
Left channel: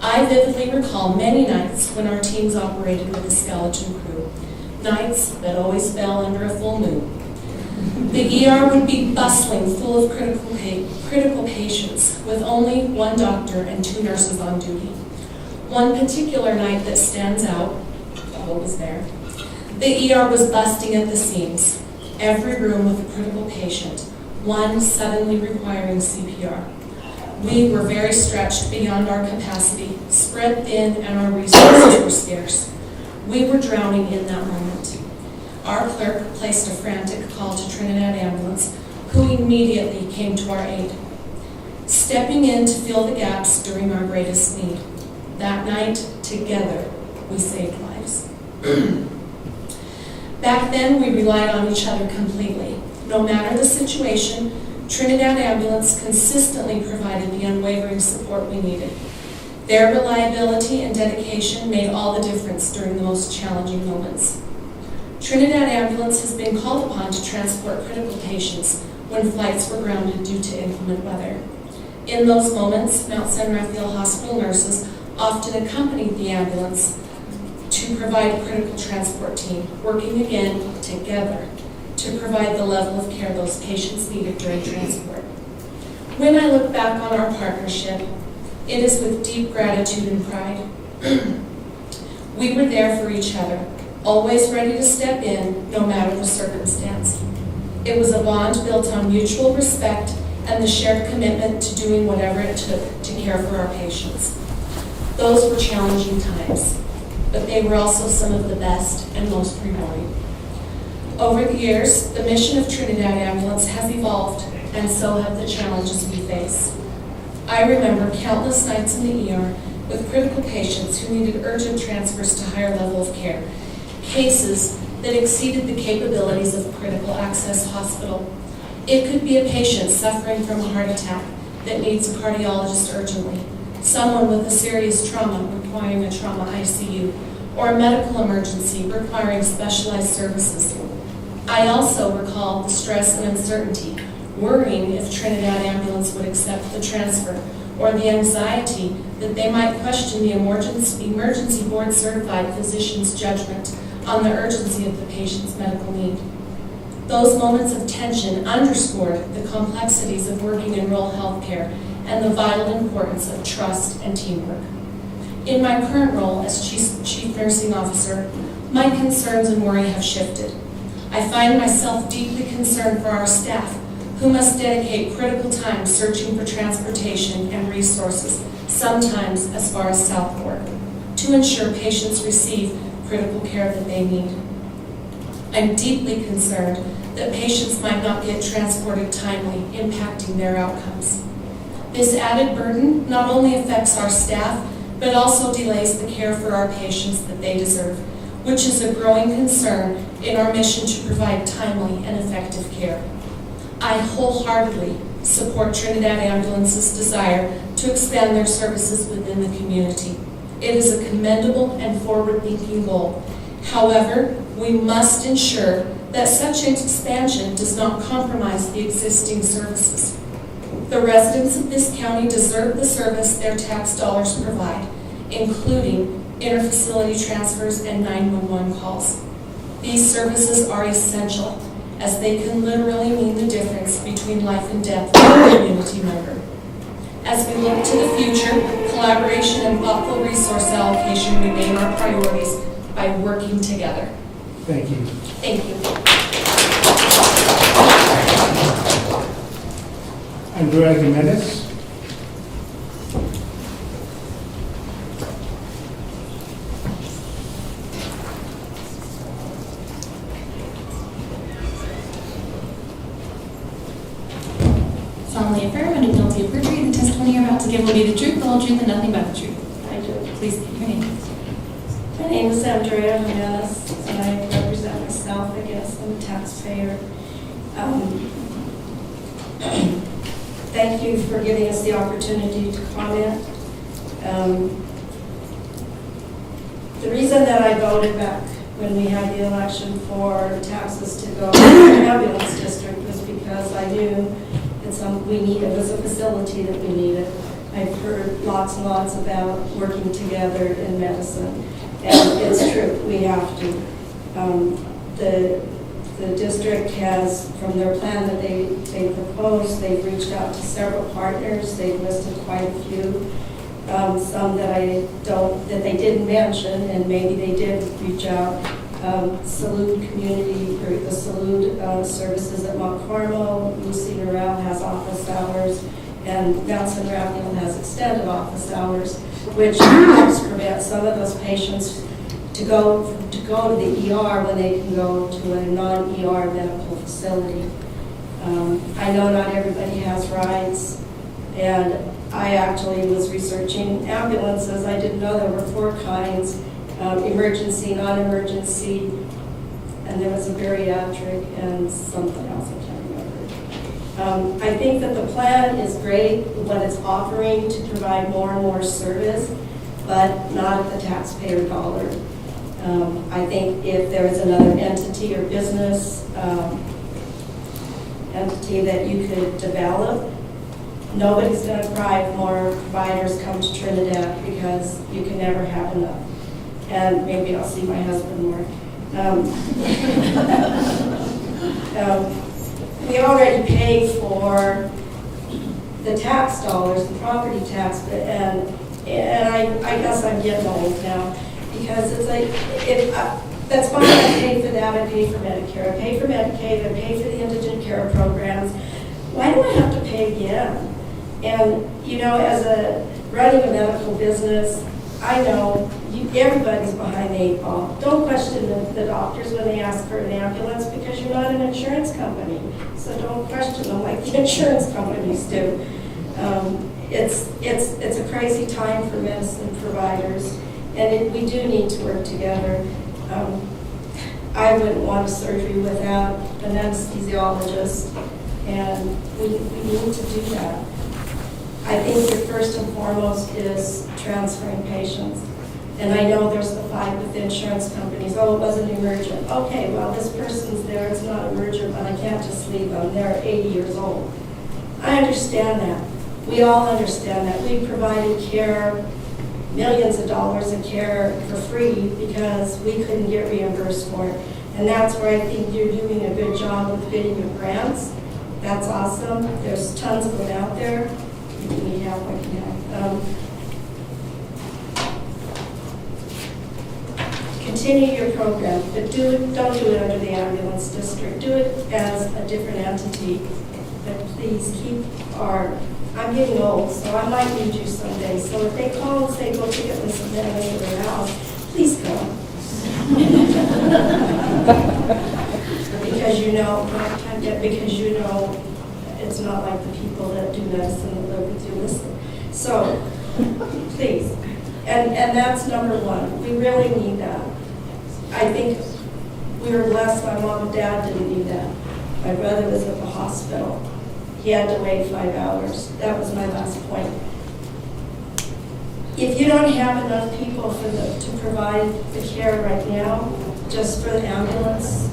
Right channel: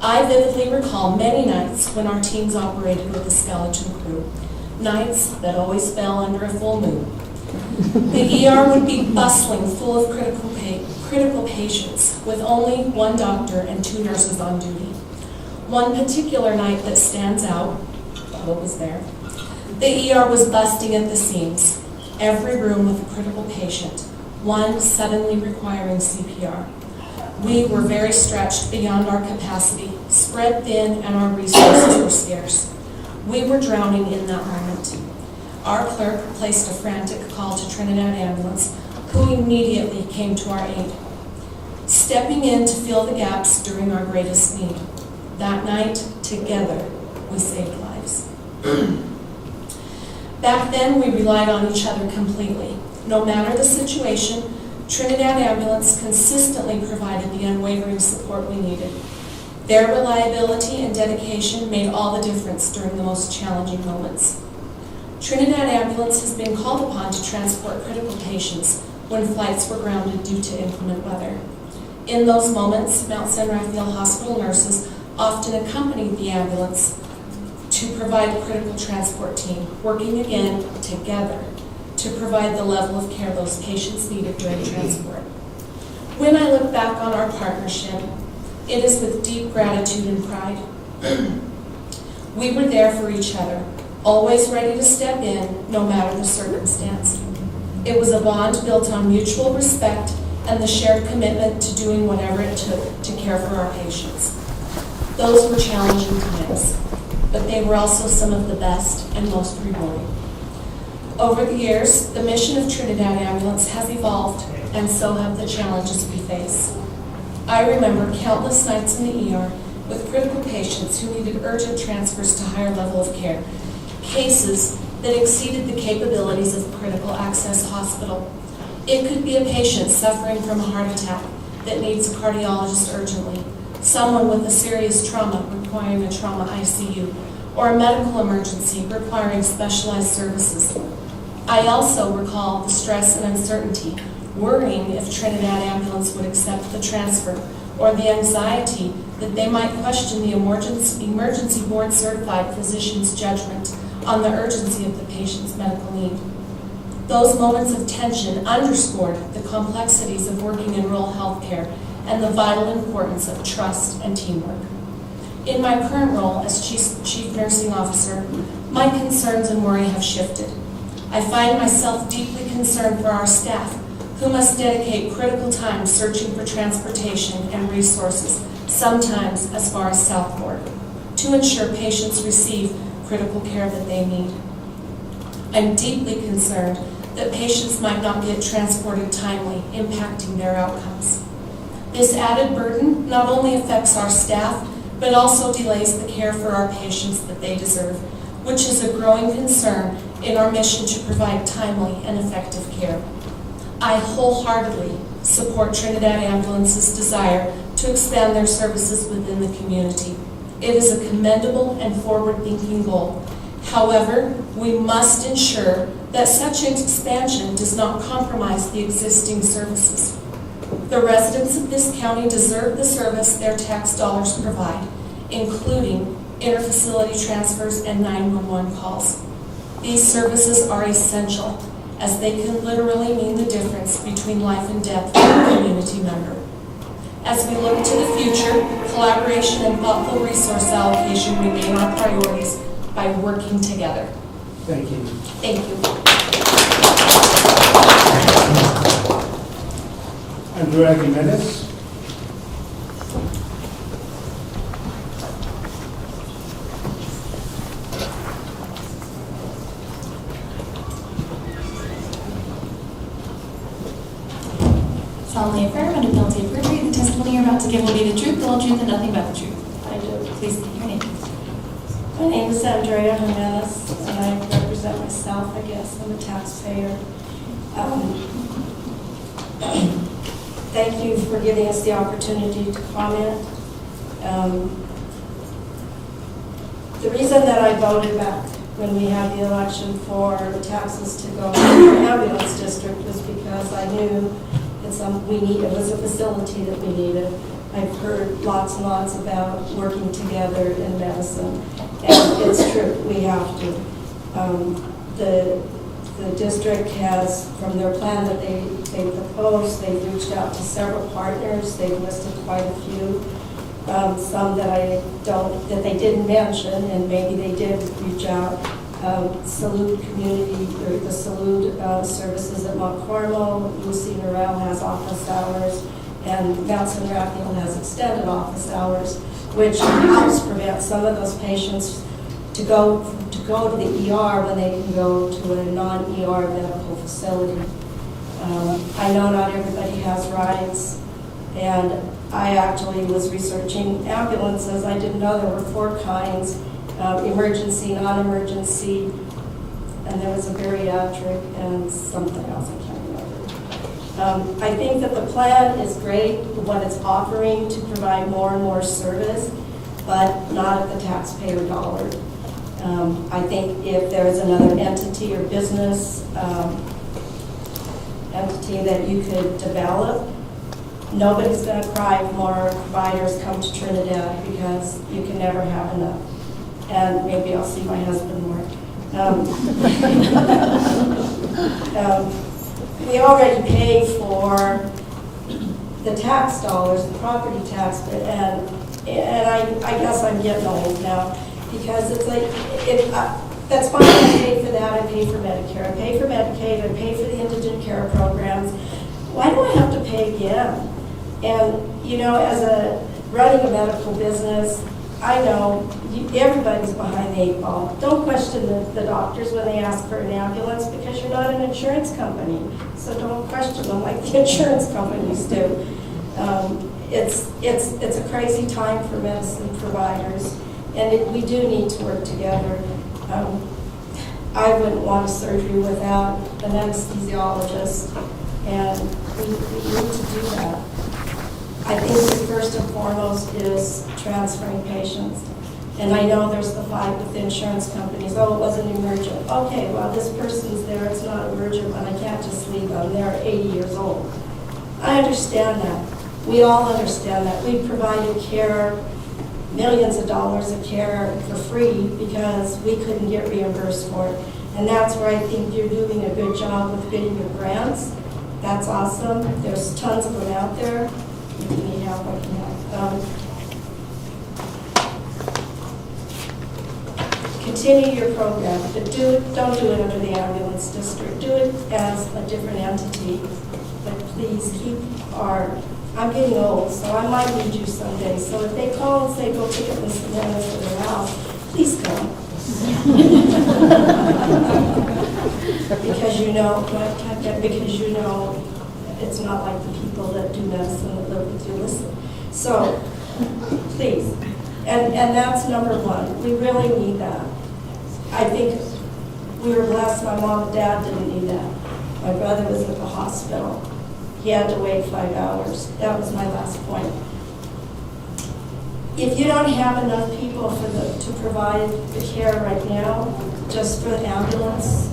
I vividly recall many nights when our teams operated with a skeleton crew, nights that always fell under a full moon. The ER would be bustling full of critical patients with only one doctor and 2 nurses on duty. One particular night that stands out, Paul was there, the ER was busting at the seams. Every room with a critical patient, one suddenly requiring CPR. We were very stretched beyond our capacity, spread thin, and our resources were scarce. We were drowning in that moment. Our clerk placed a frantic call to Trinidad Ambulance, who immediately came to our aid, stepping in to fill the gaps during our greatest need. That night, together, we saved lives. Back then, we relied on each other completely. No matter the situation, Trinidad Ambulance consistently provided the unwavering support we needed. Their reliability and dedication made all the difference during the most challenging moments. Trinidad Ambulance has been called upon to transport critical patients when flights were grounded due to inclement weather. In those moments, Mount San Rafael Hospital nurses often accompanied the ambulance to provide a critical transport team, working again together to provide the level of care those patients needed during transport. When I look back on our partnership, it is with deep gratitude and pride. We were there for each other, always ready to step in no matter the circumstance. It was a bond built on mutual respect and the shared commitment to doing whatever it took to care for our patients. Those were challenging times, but they were also some of the best and most rewarding. Over the years, the mission of Trinidad Ambulance has evolved, and so have the challenges we face. I remember countless nights in the ER with critical patients who needed urgent transfers to higher level of care, cases that exceeded the capabilities of critical access hospital. It could be a patient suffering from a heart attack that needs a cardiologist urgently, someone with a serious trauma requiring a trauma ICU, or a medical emergency requiring specialized services. I also recall the stress and uncertainty, worrying if Trinidad Ambulance would accept the transfer, or the anxiety that they might question the emergency board certified physician's judgment on the urgency of the patient's medical need. Those moments of tension underscored the complexities of working in rural healthcare and the vital importance of trust and teamwork. In my current role as Chief Nursing Officer, my concerns and worry have shifted. I find myself deeply concerned for our staff, who must dedicate critical time searching for transportation and resources, sometimes as far as Southport, to ensure patients receive critical care that they need. I'm deeply concerned that patients might not get transported timely, impacting their outcomes. This added burden not only affects our staff, but also delays the care for our patients that they deserve, which is a growing concern in our mission to provide timely and effective care. I wholeheartedly support Trinidad Ambulance's desire to expand their services within the community. It is a commendable and forward-thinking goal. However, we must ensure that such expansion does not compromise the existing services. The residents of this county deserve the service their tax dollars provide, including interfacility transfers and 911 calls. These services are essential, as they can literally mean the difference between life and death for a community member. As we look to the future, collaboration and thoughtful resource allocation remain our priorities by working together. Thank you. Thank you. Andrea Jimenez. about to give will be the truth, the whole truth, and nothing but the truth. I do. Please give your name. My name is Andrea Jimenez, and I represent myself, I guess. I'm a taxpayer. Thank you for giving us the opportunity to comment. The reason that I voted back when we had the election for taxes to go to the ambulance district was because I knew it was a facility that we needed. I've heard lots and lots about working together in medicine, and it's true, we have to. The district has, from their plan that they proposed, they've reached out to several partners. They've listed quite a few, some that they didn't mention, and maybe they did reach out. Salud Community, or the Salud Services at Mount Carmel, Lucy Norell has office hours, and Mount San Rafael has extended office hours, which helps prevent some of those patients to go to the ER when they can go to a non-ER medical facility. I know not everybody has rides, and I actually was researching ambulances. I didn't know there were 4 kinds, emergency, non-emergency, and there was a bariatric and something else, I can't remember. I think that the plan is great, what it's offering to provide more and more service, but not at the taxpayer dollar. I think if there is another entity or business entity that you could develop, nobody's going to cry if more providers come to Trinidad, because you can never have enough. And maybe I'll see my husband more. We already pay for the tax dollars, the property tax, and I guess I'm getting old now, because it's like, that's fine, I pay for that, I pay for Medicare, I pay for Medicaid, I pay for the indigent care programs. Why do I have to pay again? And, you know, as running a medical business, I know everybody's behind the 8 ball. Don't question the doctors when they ask for an ambulance, because you're not an insurance company. So don't question them like the insurance companies do. It's a crazy time for medicine providers, and we do need to work together. I wouldn't want a surgery without an anesthesiologist, and we need to do that. I think the first and foremost is transferring patients. And I know there's the fight with the insurance companies. Oh, it wasn't emergent. Okay, well, this person's there. It's not emergent, but I can't just leave them. They're 80 years old. I understand that. We all understand that. We provided care, millions of dollars of care for free because we couldn't get reimbursed for it. And that's where I think you're doing a good job with getting your grants. That's awesome. There's tons of them out there. If you need help, I can help. Continue your program, but don't do it under the ambulance district. Do it as a different entity. But please I'm getting old, so I might need you someday. So if they call and say, go pick up Miss Amanda to their house, please come. Because you know it's not like the people that do medicine that live with you. Listen. So please. And that's number one. We really need that. I think we were blessed. My mom and dad didn't need that. My brother was at the hospital. He had to wait 5 hours. That was my last point. If you don't have enough people to provide the care right now, just for the ambulance,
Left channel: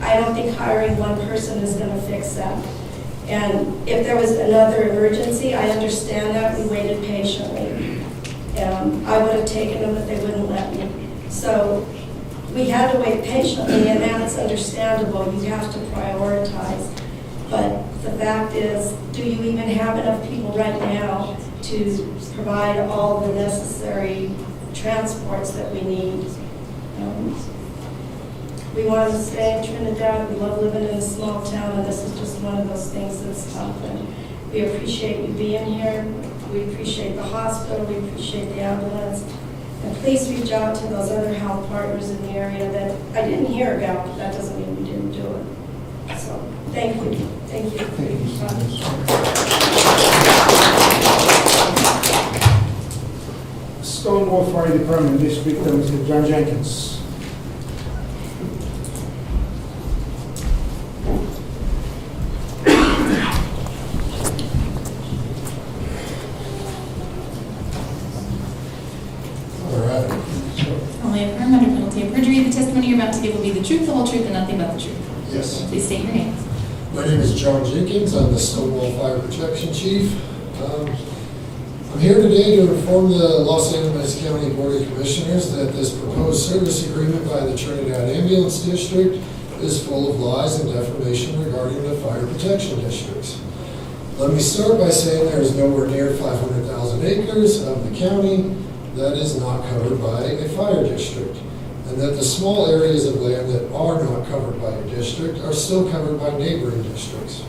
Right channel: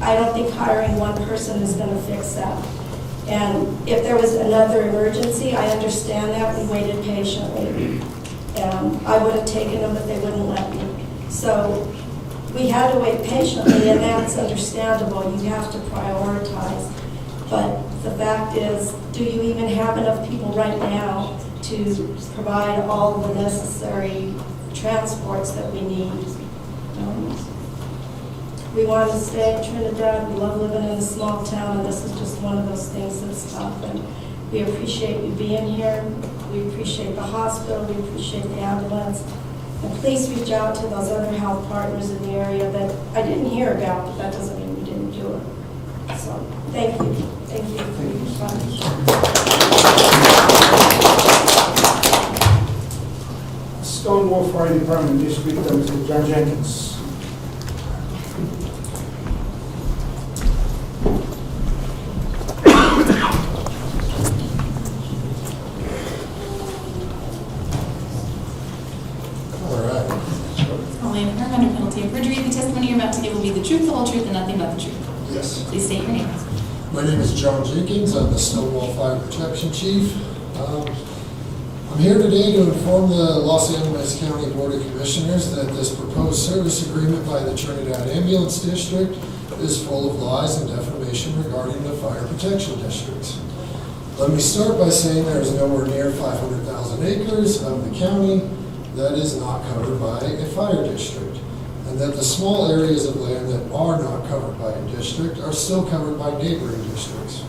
I don't think hiring one person is going to fix that. And if there was another emergency, I understand that. We waited patiently. I would have taken them, but they wouldn't let me. So we had to wait patiently, and that's understandable. You have to prioritize. But the fact is, do you even have enough people right now to provide all the necessary transports that we need? We want to stay in Trinidad. We love living in a small town, and this is just one of those things that's tough. And we appreciate you being here. We appreciate the hospital. We appreciate the ambulance. And please reach out to those other health partners in the area that I didn't hear about, but that doesn't mean we didn't do it. So thank you. Thank you for your time. Norfolk Fire Department District, Mr. John Jenkins. All right. Only affirm under penalty of perjury, the testimony you're about to give will be the truth, the whole truth, and nothing but the truth. Yes. Please state your name. My name is John Jenkins. I'm the Stonewall Fire Protection Chief. I'm here today to inform the Los Angeles County Board of Commissioners that this proposed service agreement by the Trinidad Ambulance District is full of lies and defamation regarding the fire protection districts. Let me start by saying there is nowhere near 500,000 acres of the county that is not covered by a fire district, and that the small areas of land that are not covered by a district are still covered by neighboring districts.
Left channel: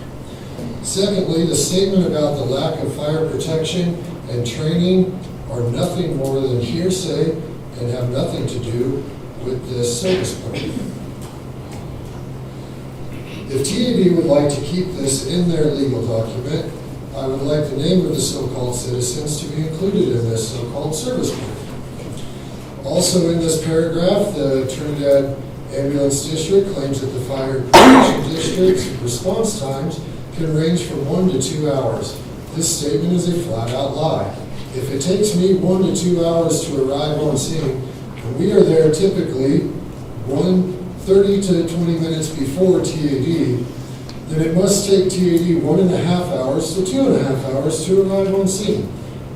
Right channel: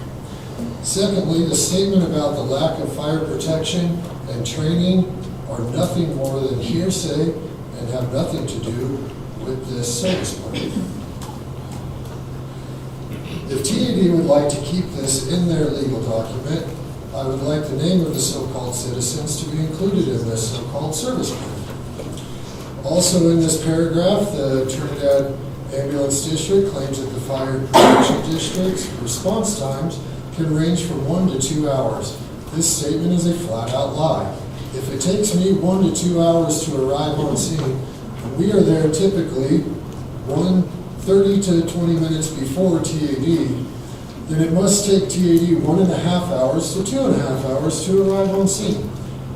Secondly, the statement about the lack of fire protection and training are nothing more than hearsay and have nothing to do with this service plan. If TAD would like to keep this in their legal document, I would like the name of the so-called citizens to be included in this so-called service plan. Also in this paragraph, the Trinidad Ambulance District claims that the Fire Protection District's response times can range from 1 to 2 hours. This statement is a flat-out lie. If it takes me 1 to 2 hours to arrive on scene, and we are there typically 30 to 20 minutes before TAD, then it must take TAD 1.5 hours to 2.5 hours to arrive on scene.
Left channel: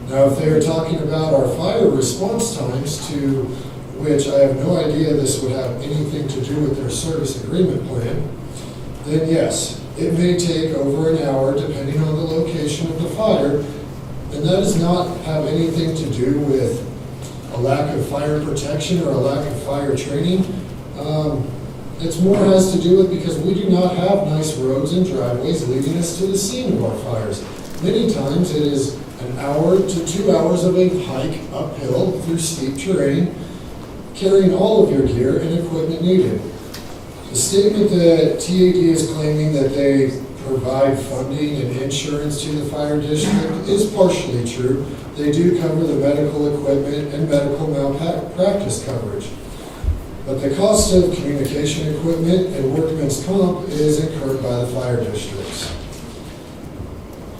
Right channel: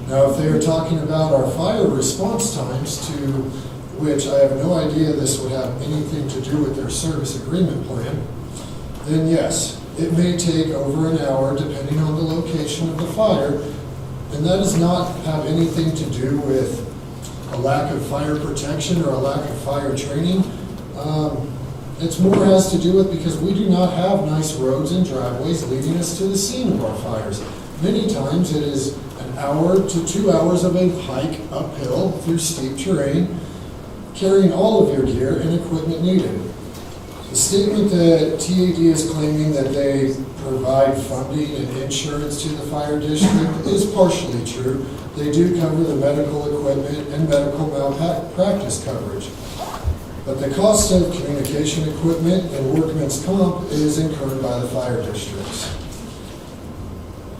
Now, if they are talking about our fire response times, to which I have no idea this would have anything to do with their service agreement plan, then yes, it may take over an hour depending on the location of the fire, and that does not have anything to do with a lack of fire protection or a lack of fire training. It's more has to do with because we do not have nice roads and driveways leading us to the scene of our fires. Many times it is an hour to 2 hours of a hike uphill through steep terrain, carrying all of your gear and equipment needed. The statement that TAD is claiming that they provide funding and insurance to the fire district is partially true. They do cover the medical equipment and medical malpractice coverage. But the cost of communication equipment and workman's comp is incurred by the fire districts.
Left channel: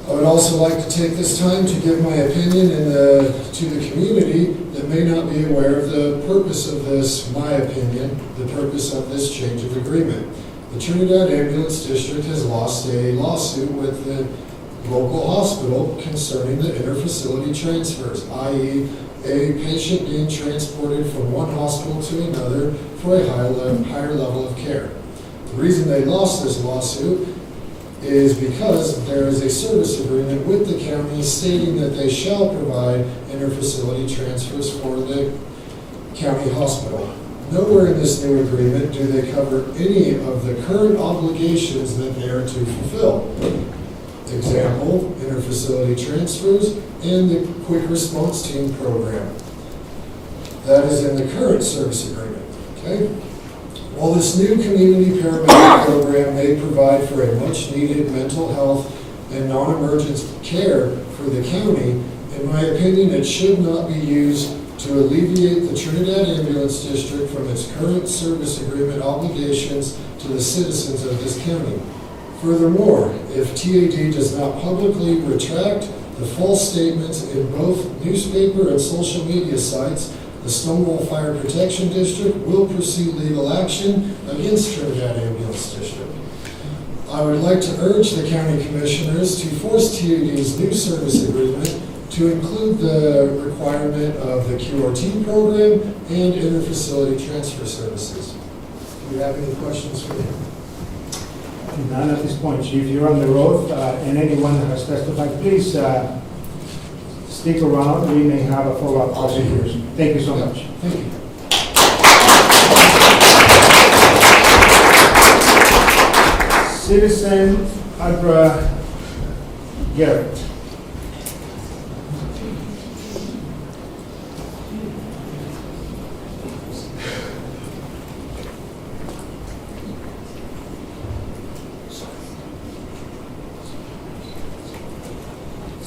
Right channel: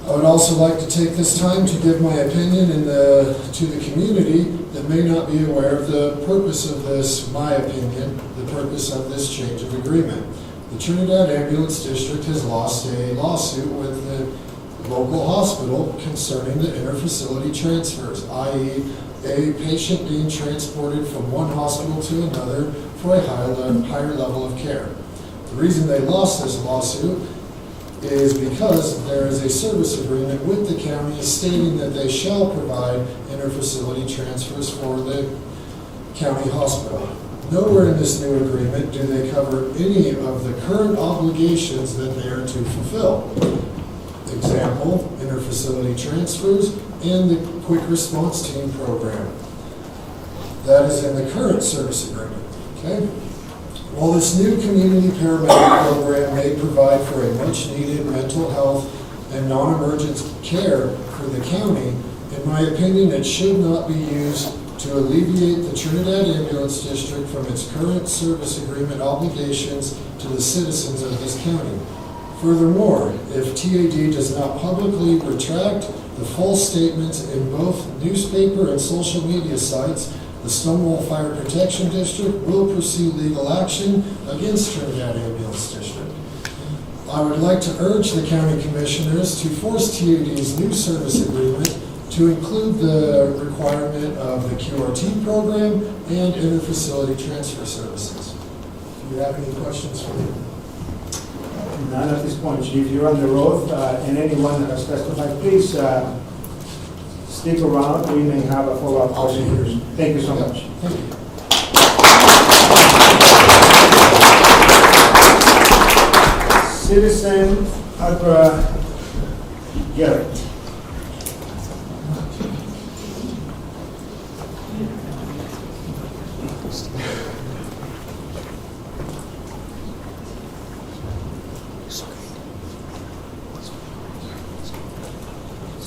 I would also like to take this time to give my opinion to the community that may not be aware of the purpose of this, my opinion, the purpose of this change of agreement. The Trinidad Ambulance District has lost a lawsuit with the local hospital concerning the interfacility transfers, i.e. a patient being transported from one hospital to another for a higher level of care. The reason they lost this lawsuit is because there is a service agreement with the county stating that they shall provide interfacility transfers for the county hospital. Nowhere in this new agreement do they cover any of the current obligations that they are to fulfill. Example, interfacility transfers and the quick response team program. That is in the current service agreement, okay? While this new community paramedic program may provide for a much-needed mental health and non-emergent care for the county, in my opinion, it should not be used to alleviate the Trinidad Ambulance District from its current service agreement obligations to the citizens of this county. Furthermore, if TAD does not publicly retract the false statements in both newspaper and social media sites, the Stonewall Fire Protection District will pursue legal action against Trinidad Ambulance District. I would like to urge the county commissioners to force TAD's new service agreement to include the requirement of the QRT program and interfacility transfer services. Do you have any questions for me? None at this point, Chief. You're on the road, and anyone that has testified, please stick around. We may have a follow-up question here. Thank you so much. Thank you. Citizen Albra Garrett.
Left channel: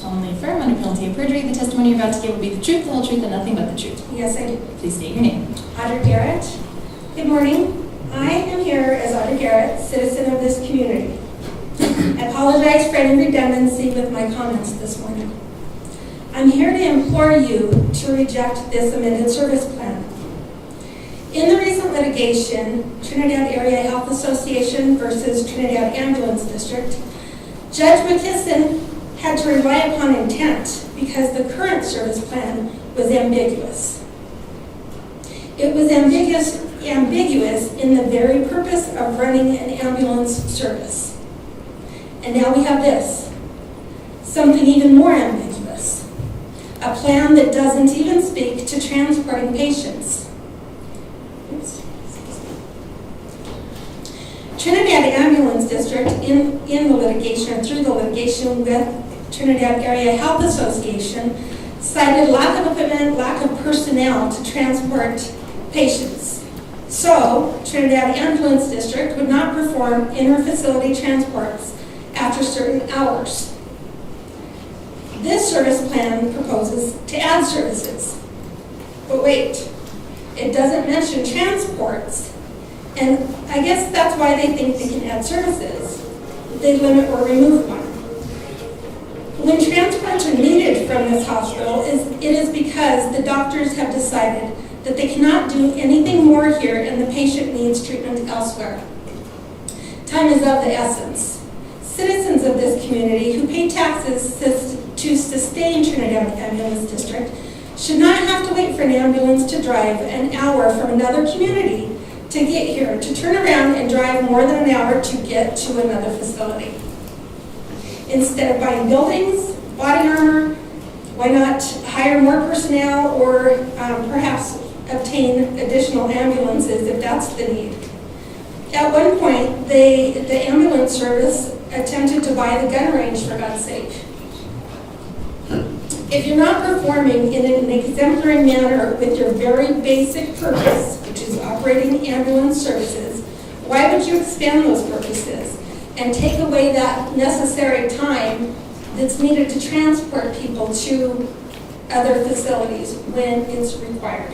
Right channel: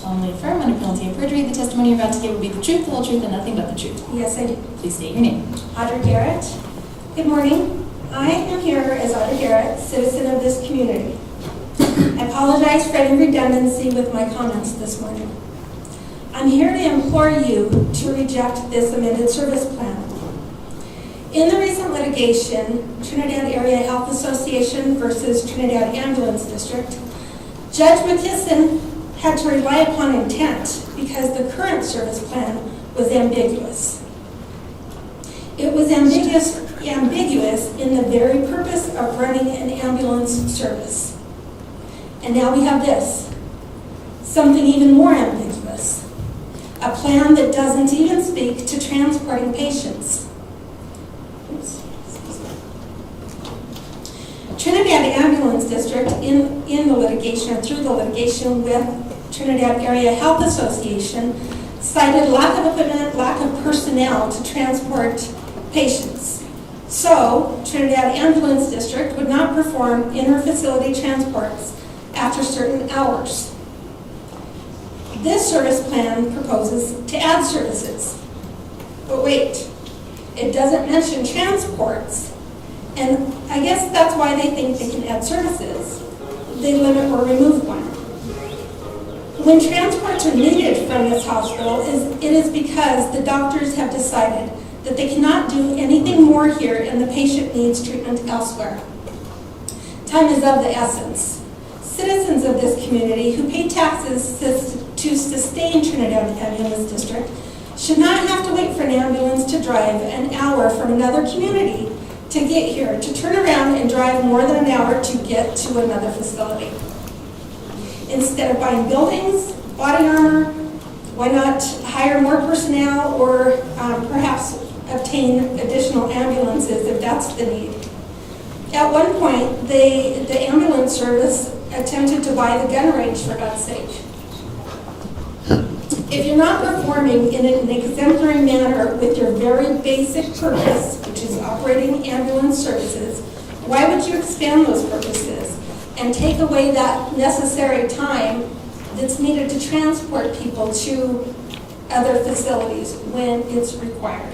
Solemnly affirm under penalty of perjury, the testimony you're about to give will be the truth, the whole truth, and nothing but the truth. Yes, I do. Please state your name. Audrey Garrett. Good morning. I am here as Audrey Garrett, citizen of this community. I apologize for any redundancy with my comments this morning. I'm here to implore you to reject this amended service plan. In the recent litigation, Trinidad Area Health Association versus Trinidad Ambulance District, Judge McKisson had to rely upon intent because the current service plan was ambiguous. It was ambiguous in the very purpose of running an ambulance service. And now we have this, something even more ambiguous, a plan that doesn't even speak to transporting patients. Oops. Trinidad Ambulance District, in the litigation, or through the litigation with Trinidad Area Health Association, cited lack of equipment, lack of personnel to transport patients. So, Trinidad Ambulance District would not perform inter-facility transports after certain hours. This service plan proposes to add services. But wait, it doesn't mention transports. And I guess that's why they think they can add services. They limit or remove one. When transports are needed from this hospital, it is because the doctors have decided that they cannot do anything more here and the patient needs treatment elsewhere. Time is of the essence. Citizens of this community who pay taxes to sustain Trinidad Ambulance District should not have to wait for an ambulance to drive an hour from another community to get here, to turn around and drive more than an hour to get to another facility. Instead of buying buildings, body armor, why not hire more personnel or perhaps obtain additional ambulances if that's the need? At one point, the ambulance service attempted to buy the gun range, for God's sake. If you're not performing in an exemplary manner with your very basic purpose, which is operating ambulance services, why would you expand those purposes and take away that necessary time that's needed to transport people to other facilities when it's required?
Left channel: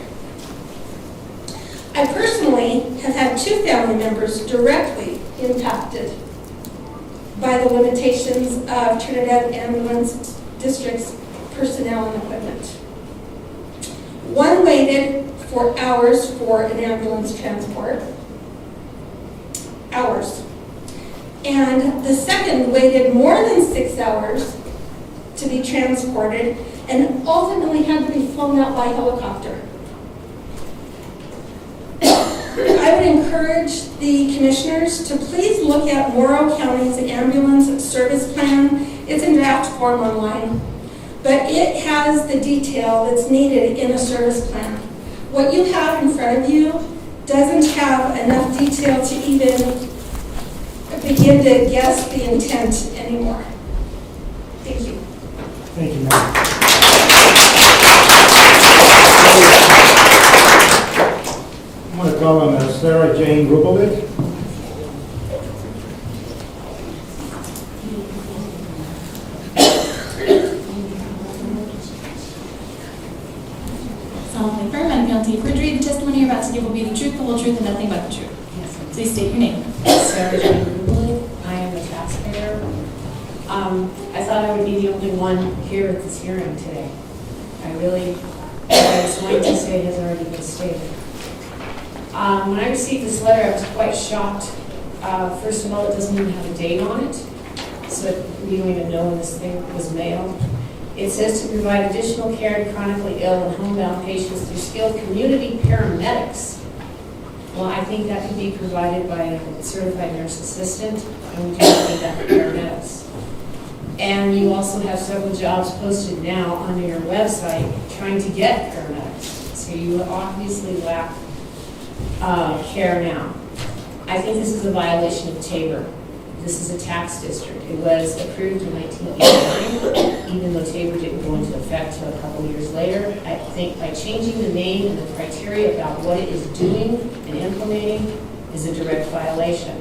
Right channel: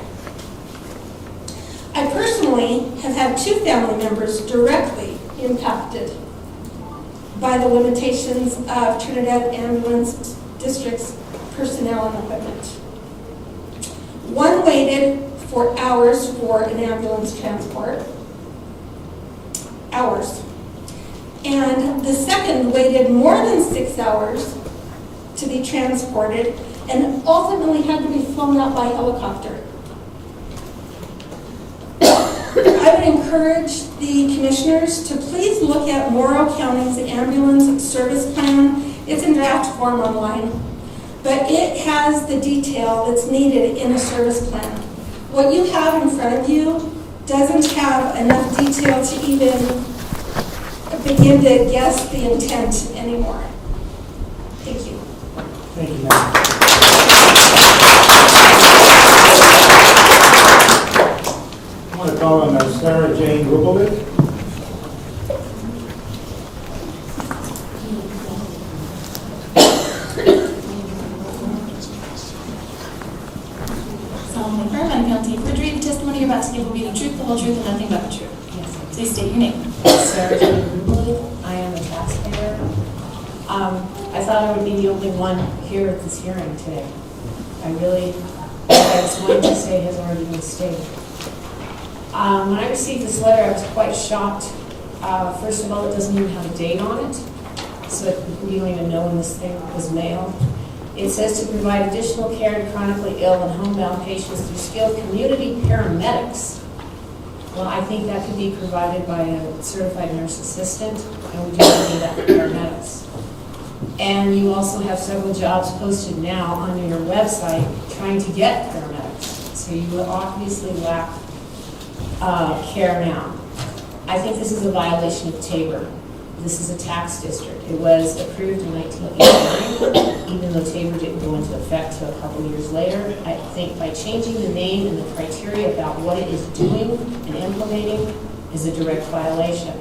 I personally have had 2 family members directly impacted by the limitations of Trinidad Ambulance District's personnel and equipment. One waited for hours for an ambulance transport, hours. And the second waited more than 6 hours to be transported and ultimately had to be flown out by helicopter. I would encourage the commissioners to please look at Morrow County's ambulance service plan. It's in draft form online, but it has the detail that's needed in a service plan. What you have in front of you doesn't have enough detail to even begin to guess the intent anymore. Thank you. Thank you, ma'am. I'm going to call on Sarah Jane Rubovic. Solemnly affirm under penalty of perjury, the testimony you're about to give will be the truth, the whole truth, and nothing but the truth. Yes. Please state your name. Sarah Jane Rubley. I am a taxpayer. I thought I would be the only one here at this hearing today. What I was going to say has already been stated. When I received this letter, I was quite shocked. First of all, it doesn't even have a date on it, so you don't even know when this thing was mailed. It says to provide additional care to chronically ill and homebound patients through skilled community paramedics. Well, I think that could be provided by a certified nurse assistant, and we do need that for paramedics. And you also have several jobs posted now on your website trying to get paramedics. So you obviously lack care now. I think this is a violation of Tabor. This is a tax district. It was approved in 1989, even though Tabor didn't go into effect until a couple years later. I think by changing the name and the criteria about what it is doing and implementing is a direct violation.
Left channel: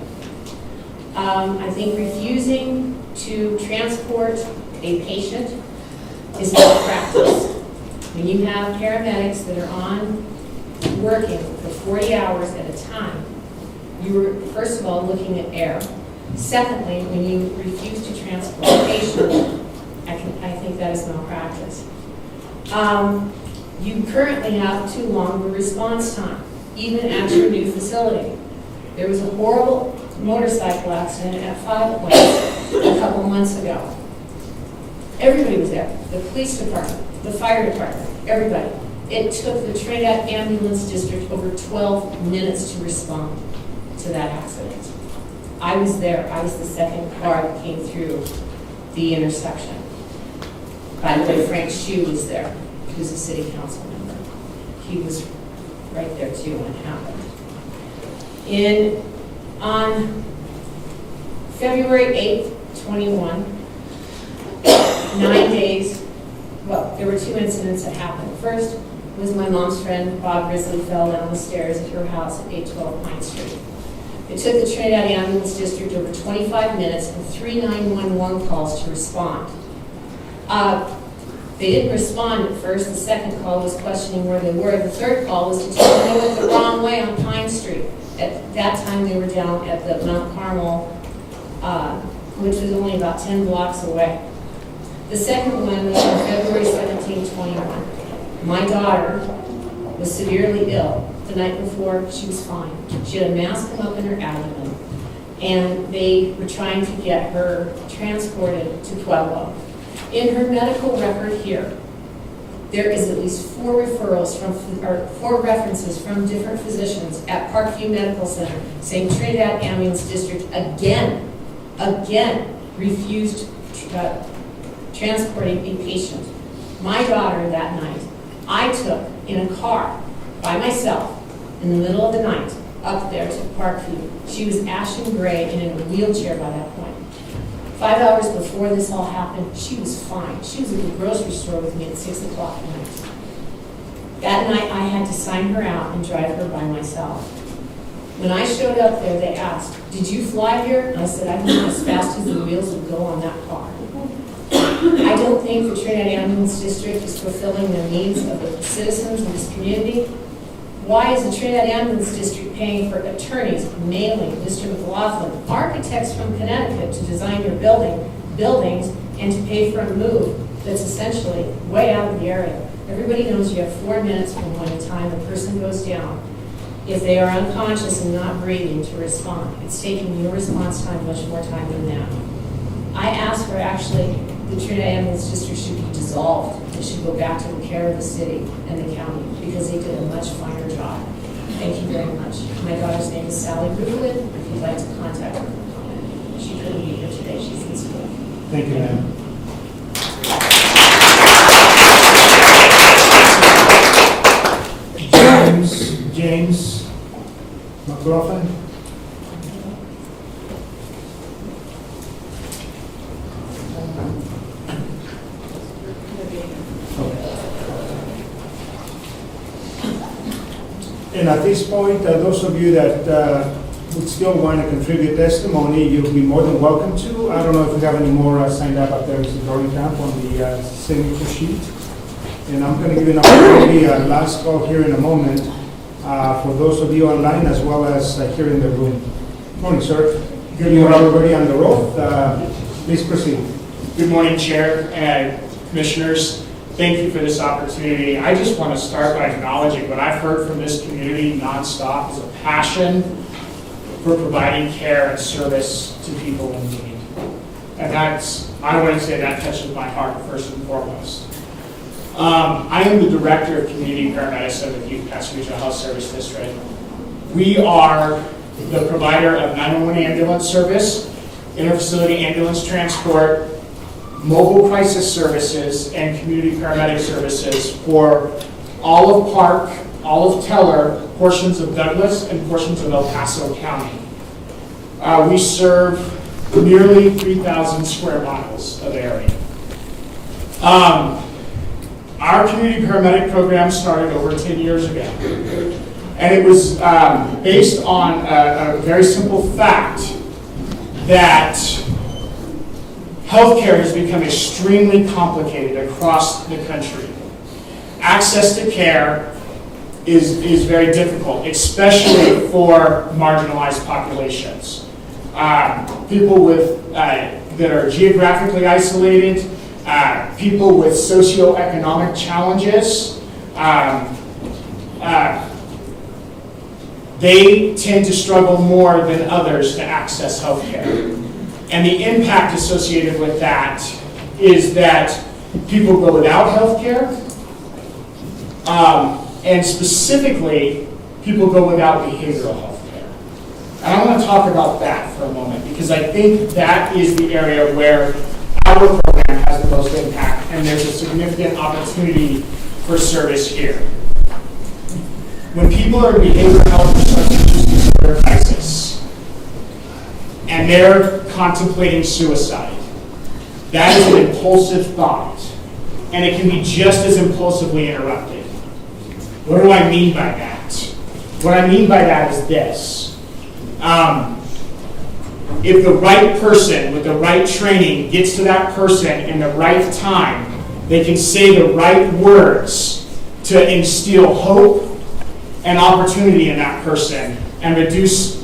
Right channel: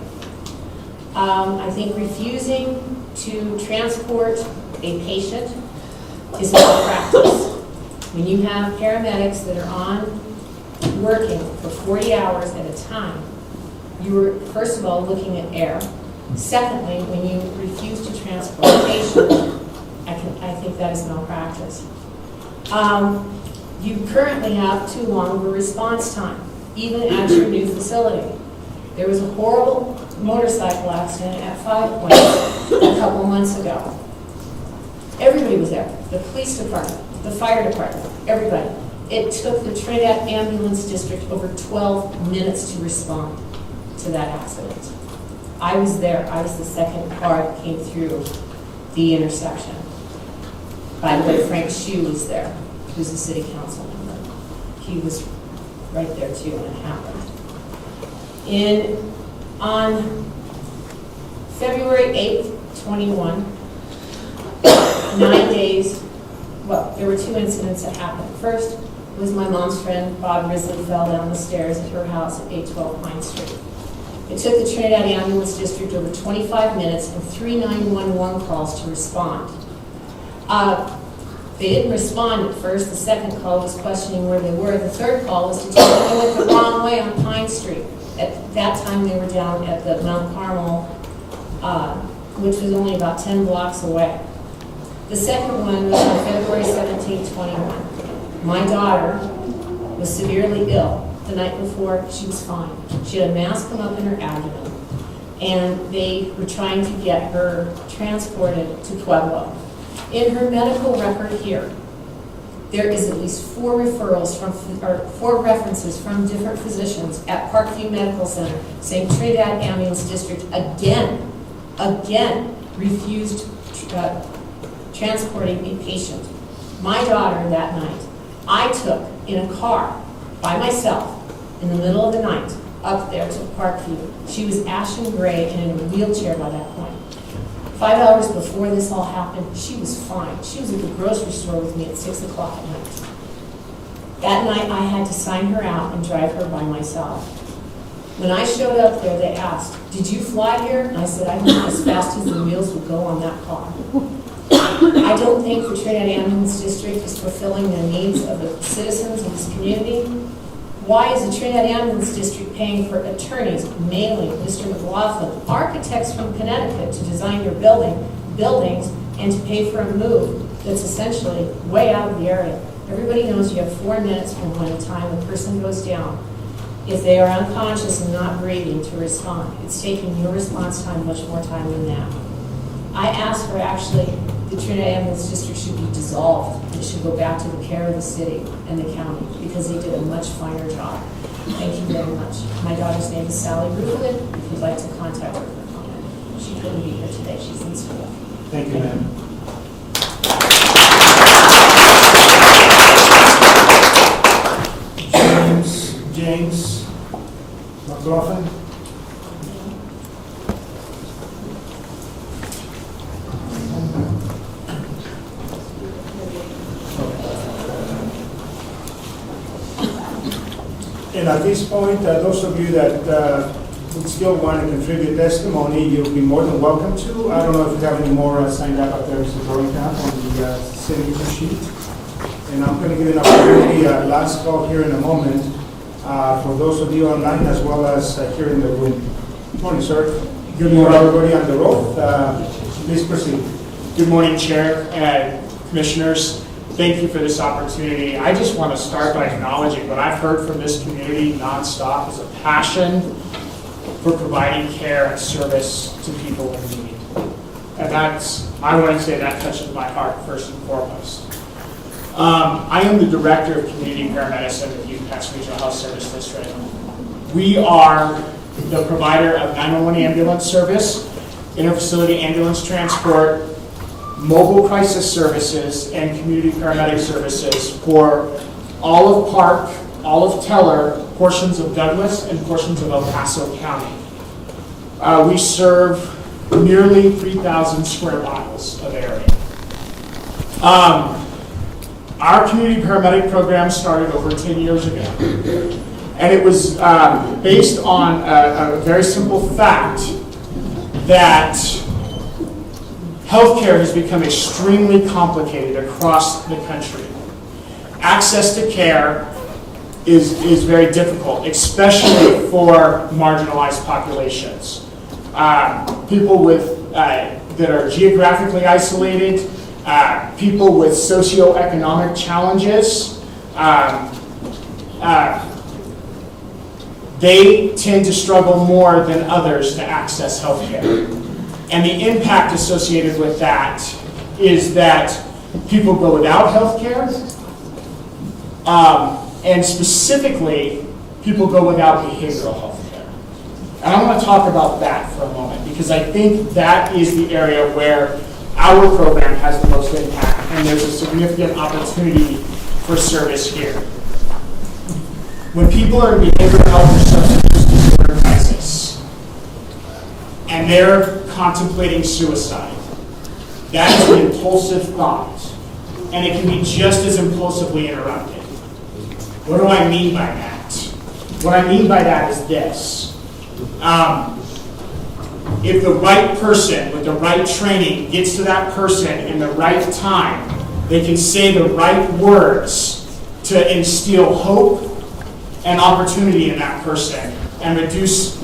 I think refusing to transport a patient is not practice. When you have paramedics that are on working for 40 hours at a time, you were, first of all, looking at air. Secondly, when you refuse to transport a patient, I think that is malpractice. You currently have too long of a response time, even at your new facility. There was a horrible motorcycle accident at 5 Points a couple months ago. Everybody was there, the police department, the fire department, everybody. It took the Trinidad Ambulance District over 12 minutes to respond to that accident. I was there. I was the second car that came through the intersection. By the way, Frank Shue was there, who's a city council member. He was right there too when it happened. On February 8th, 21, 9 days, well, there were two incidents that happened. First was my mom's friend, Bob Risley, fell down the stairs at her house at 812 Pine Street. It took the Trinidad Ambulance District over 25 minutes and 3 911 calls to respond. They didn't respond at first. The second call was questioning where they were. The third call was to tell them they went the wrong way on Pine Street. At that time, they were down at the Mount Carmel, which was only about 10 blocks away. The second one was on February 17, 21. My daughter was severely ill. The night before, she was fine. She had a mass come up in her abdomen, and they were trying to get her transported to Pueblo. In her medical record here, there is at least 4 referrals or 4 references from different physicians at Parkview Medical Center saying Trinidad Ambulance District again refused transporting a patient. My daughter that night, I took in a car by myself in the middle of the night up there to Parkview. She was ashen gray and in a wheelchair by that point. 5 hours before this all happened, she was fine. She was at the grocery store with me at 6 o'clock at night. That night, I had to sign her out and drive her by myself. When I showed up there, they asked, "Did you fly here?" And I said, "I went as fast as the wheels would go on that car." I don't think the Trinidad Ambulance District is fulfilling the needs of the citizens of this community. Why is the Trinidad Ambulance District paying for attorneys, mailing, Mr. McLaughlin, architects from Connecticut to design your buildings and to pay for a move that's essentially way out of the area? Everybody knows you have 4 minutes from when the time a person goes down, if they are unconscious and not breathing, to respond. It's taking your response time much more time than that. I asked for actually the Trinidad Ambulance District should be dissolved. It should go back to the care of the city and the county because they did a much finer job. Thank you very much. My daughter's name is Sally Rublin. If you'd like to contact her for comment. She couldn't be here today. She's in school. Thank you, ma'am. James McLaughlin. And at this point, those of you that would still want to contribute testimony, you'll be more than welcome to. I don't know if you have any more signed up there, Mr. Dorrington, on the signature sheet. And I'm going to give you an opportunity, last call here in a moment, for those of you online as well as here in the room. Good morning, sir. Good morning, everybody on the road. Please proceed. Good morning, Chair and Commissioners. Thank you for this opportunity. I just want to start by acknowledging what I've heard from this community nonstop is a passion for providing care and service to people in need. And I want to say that touches my heart first and foremost. I am the Director of Community Paramedicine at the Youth Pass Regional Health Service District. We are the provider of 911 ambulance service, interfacility ambulance transport, mobile crisis services, and community paramedic services for all of Park, all of Teller, portions of Douglas, and portions of El Paso County. We serve nearly 3,000 square miles of area. Our community paramedic program started over 10 years ago. And it was based on a very simple fact that Healthcare has become extremely complicated across the country. Access to care is very difficult, especially for marginalized populations. People with, that are geographically isolated, people with socioeconomic challenges, they tend to struggle more than others to access healthcare. And the impact associated with that is that people go without healthcare, and specifically, people go without behavioral health care. And I want to talk about that for a moment, because I think that is the area where our program has the most impact, and there's a significant opportunity for service here. When people are in behavioral health or substance use disorder crisis, and they're contemplating suicide, that is an impulsive thought, and it can be just as impulsively interrupted. What do I mean by that? What I mean by that is this. If the right person with the right training gets to that person in the right time, they can say the right words to instill hope and opportunity in that person and reduce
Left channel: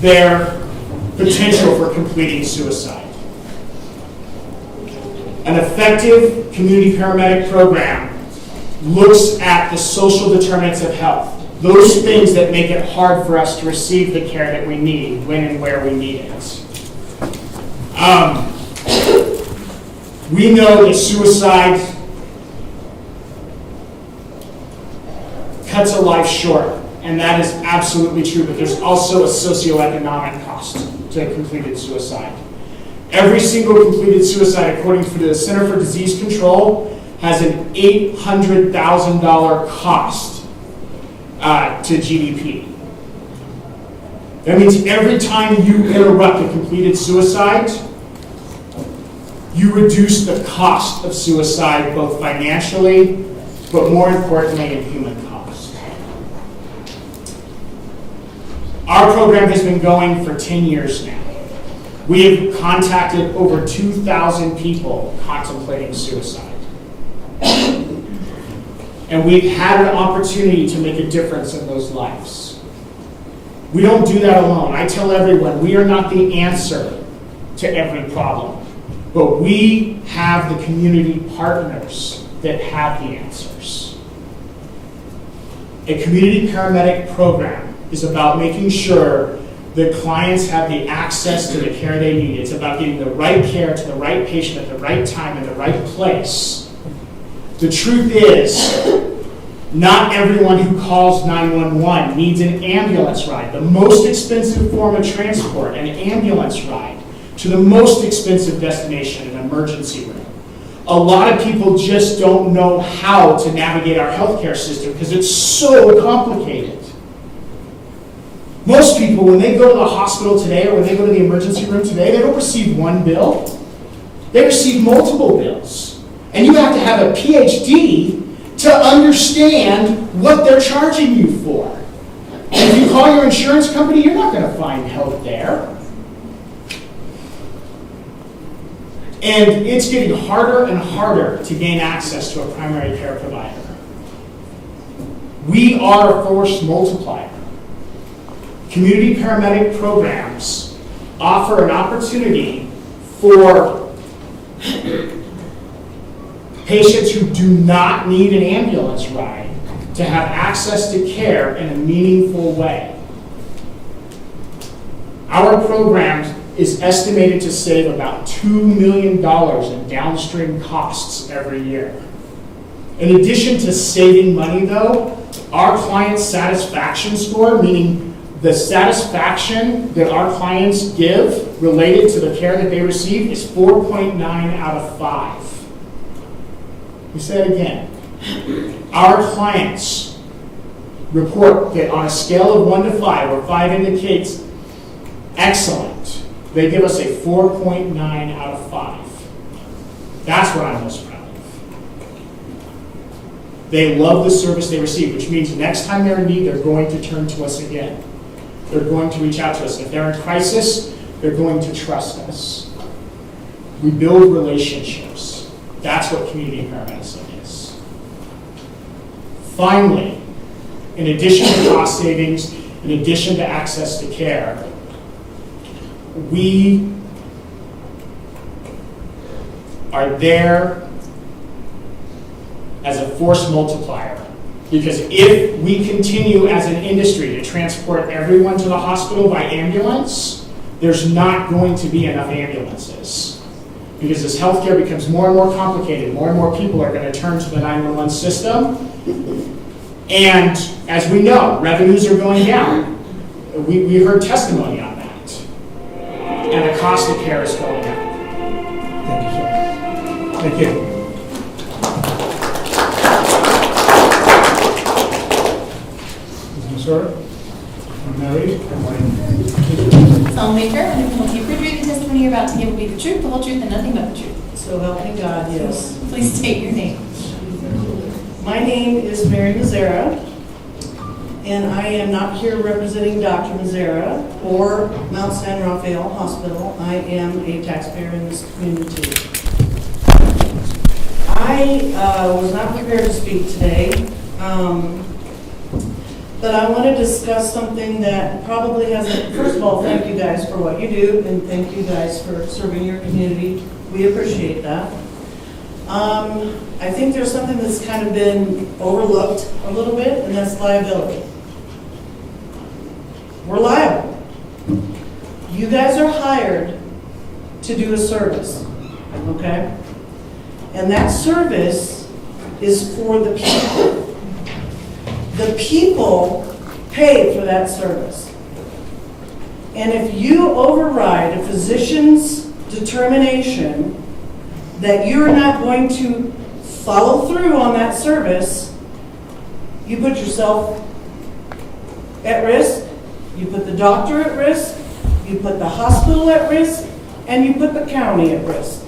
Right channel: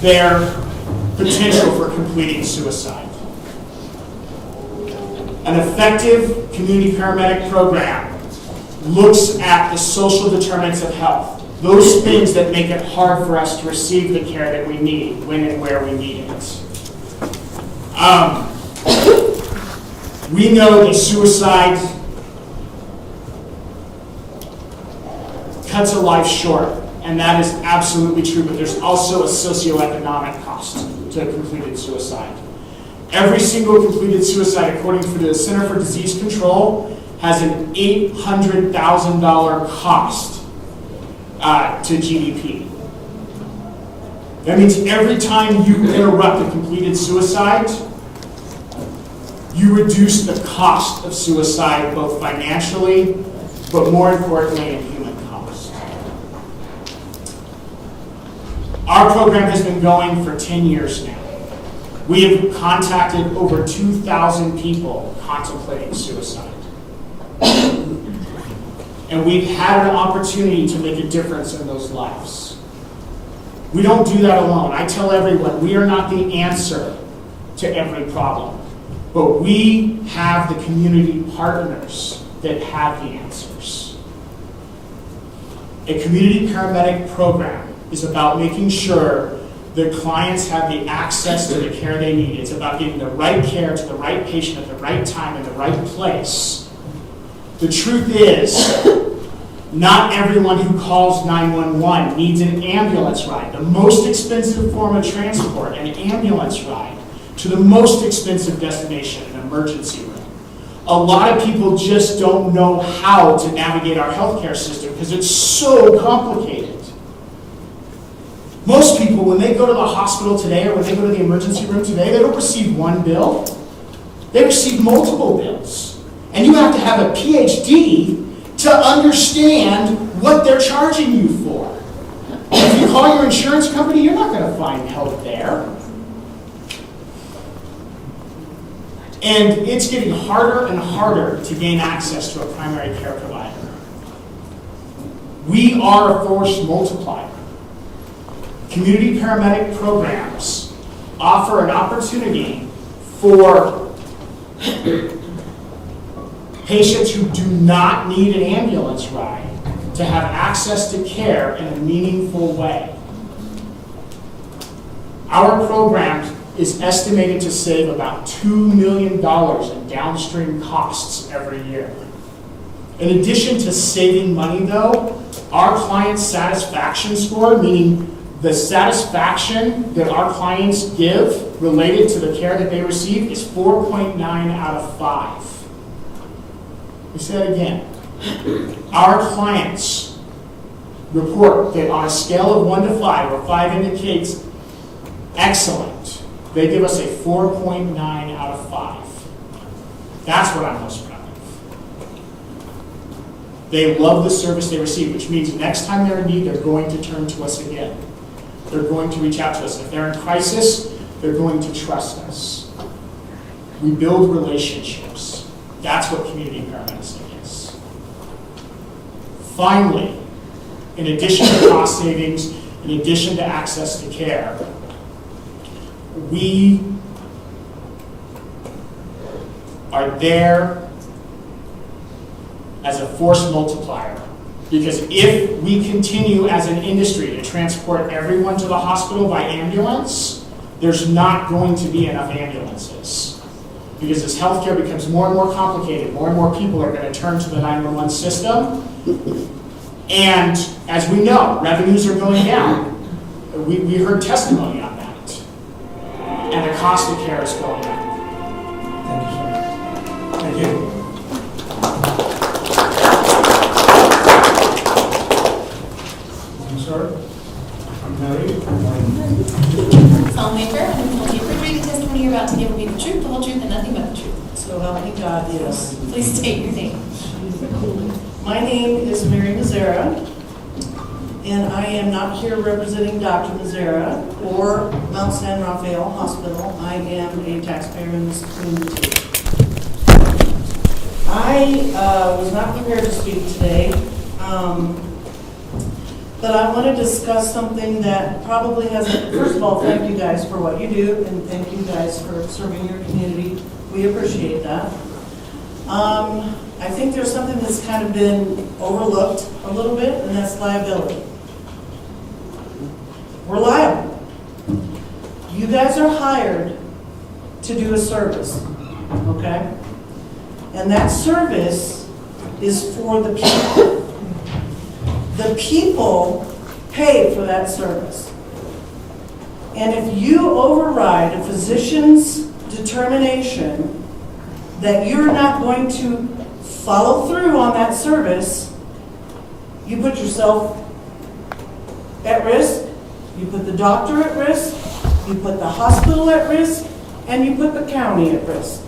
their potential for completing suicide. An effective community paramedic program looks at the social determinants of health, those things that make it hard for us to receive the care that we need, when and where we need it. We know that suicide cuts a life short, and that is absolutely true, but there's also a socioeconomic cost to completed suicide. Every single completed suicide, according to the Center for Disease Control, has an $800,000 cost to GDP. That means every time you interrupt a completed suicide, you reduce the cost of suicide, both financially, but more importantly, in human cost. Our program has been going for 10 years now. We have contacted over 2,000 people contemplating suicide. And we've had an opportunity to make a difference in those lives. We don't do that alone. I tell everyone, we are not the answer to every problem, but we have the community partners that have the answers. A community paramedic program is about making sure that clients have the access to the care they need. It's about getting the right care to the right patient at the right time in the right place. The truth is, not everyone who calls 911 needs an ambulance ride. The most expensive form of transport, an ambulance ride, to the most expensive destination, an emergency room. A lot of people just don't know how to navigate our healthcare system because it's so complicated. Most people, when they go to the hospital today or when they go to the emergency room today, they don't receive one bill. They receive multiple bills. And you have to have a PhD to understand what they're charging you for. And if you call your insurance company, you're not going to find help there. And it's getting harder and harder to gain access to a primary care provider. We are a force multiplier. Community paramedic programs offer an opportunity for patients who do not need an ambulance ride to have access to care in a meaningful way. Our program is estimated to save about $2 million in downstream costs every year. In addition to saving money, though, our client satisfaction score, meaning the satisfaction that our clients give related to the care that they receive, is 4.9 out of 5. We say it again. Our clients report that on a scale of 1 to 5, where 5 indicates excellent, they give us a 4.9 out of 5. That's what I'm most proud of. They love the service they receive, which means next time they're in need, they're going to turn to us again. They're going to reach out to us. If they're in crisis, they're going to trust us. We build relationships. That's what community paramedicine is. Finally, in addition to cost savings, in addition to access to care, we are there as a force multiplier. Because if we continue as an industry to transport everyone to the hospital by ambulance, there's not going to be enough ambulances. Because as healthcare becomes more and more complicated, more and more people are going to turn to the 911 system. And as we know, revenues are going down. We heard testimony on that. And the cost of care is going up. Thank you, sir. Thank you. Sir, I'm married. Filmmaker, and if you refrigerate the testimony you're about to give will be the truth, the whole truth, and nothing but the truth. So help me God, yes. Please state your name. My name is Mary Mazzara, and I am not here representing Dr. Mazzara or Mount San Rafael Hospital. I am a taxpayer in this community. I was not prepared to speak today. But I want to discuss something that probably hasn't, first of all, thank you guys for what you do, and thank you guys for serving your community. We appreciate that. I think there's something that's kind of been overlooked a little bit, and that's liability. We're liable. You guys are hired to do a service, okay? And that service is for the people. The people pay for that service. And if you override a physician's determination that you're not going to follow through on that service, you put yourself at risk, you put the doctor at risk, you put the hospital at risk, and you put the county at risk.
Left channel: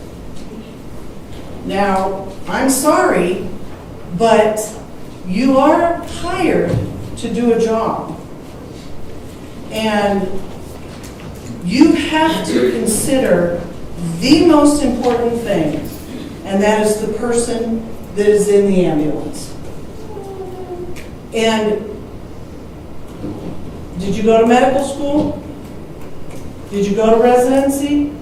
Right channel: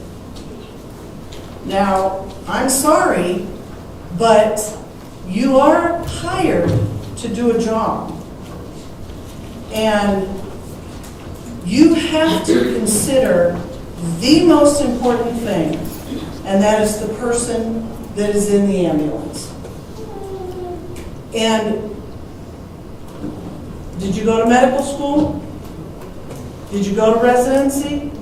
Now, I'm sorry, but you are hired to do a job. And you have to consider the most important thing, and that is the person that is in the ambulance. And did you go to medical school? Did you go to residency?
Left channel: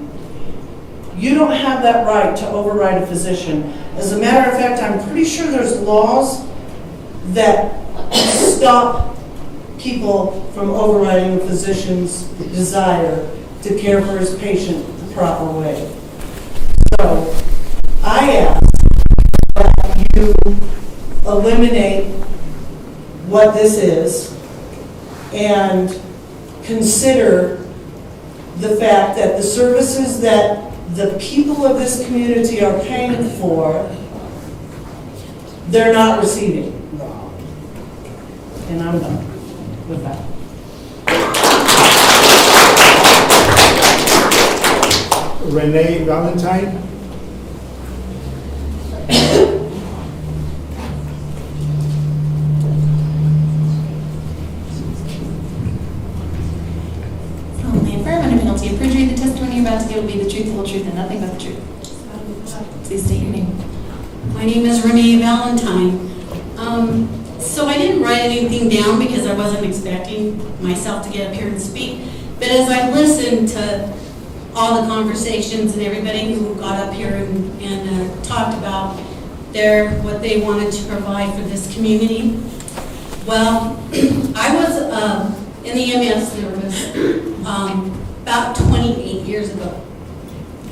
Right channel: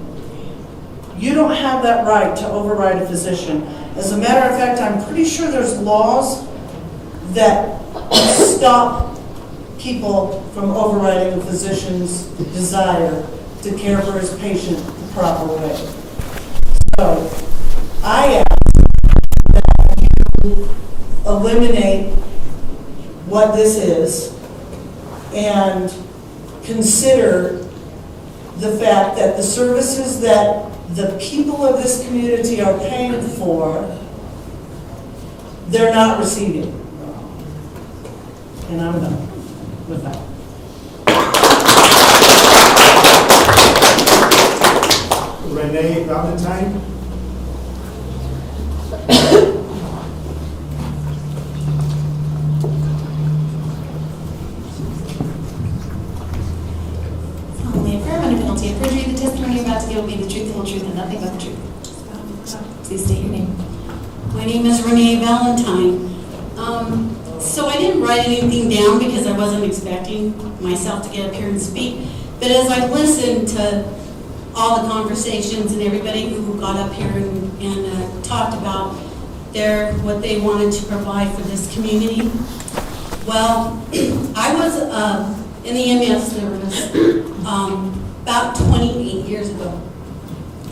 You don't have that right to override a physician. As a matter of fact, I'm pretty sure there's laws that stop people from overriding a physician's desire to care for his patient the proper way. So I ask that you eliminate what this is and consider the fact that the services that the people of this community are paying for, they're not receiving. And I'm done with that. Renee Valentine. Solemnly affirm under penalty of perjury the testimony you're about to give will be the truth, the whole truth, and nothing but the truth. Please state your name. My name is Renee Valentine. So I didn't write anything down because I wasn't expecting myself to get up here and speak. But as I listened to all the conversations and everybody who got up here and talked about what they wanted to provide for this community, well, I was in the EMS service about 28 years ago.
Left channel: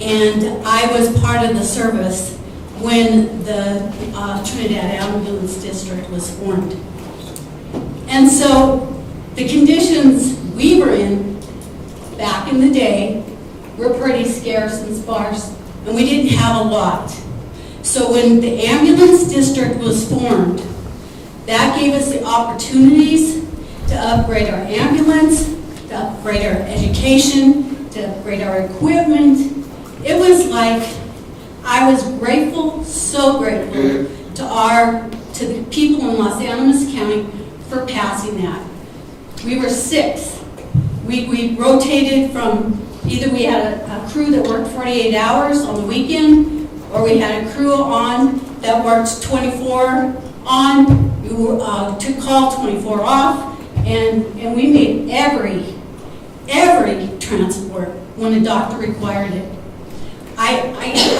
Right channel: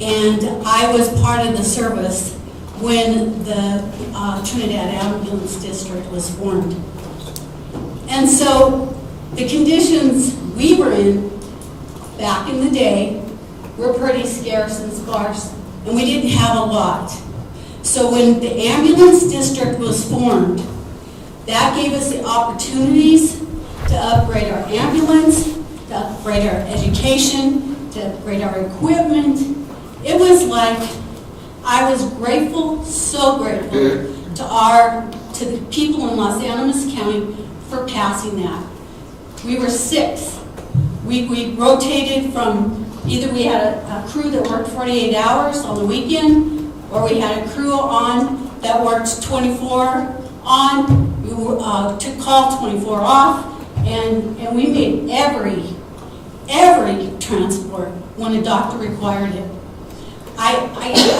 And I was part of the service when the Trinidad Ambulance District was formed. And so the conditions we were in back in the day were pretty scarce and sparse, and we didn't have a lot. So when the ambulance district was formed, that gave us the opportunities to upgrade our ambulance, to upgrade our education, to upgrade our equipment. It was like, I was grateful, so grateful to the people in Los Animas County for passing that. We were 6. We rotated from Either we had a crew that worked 48 hours on the weekend, or we had a crew on that worked 24 on, took call 24 off, and we made every transport when a doctor required it. I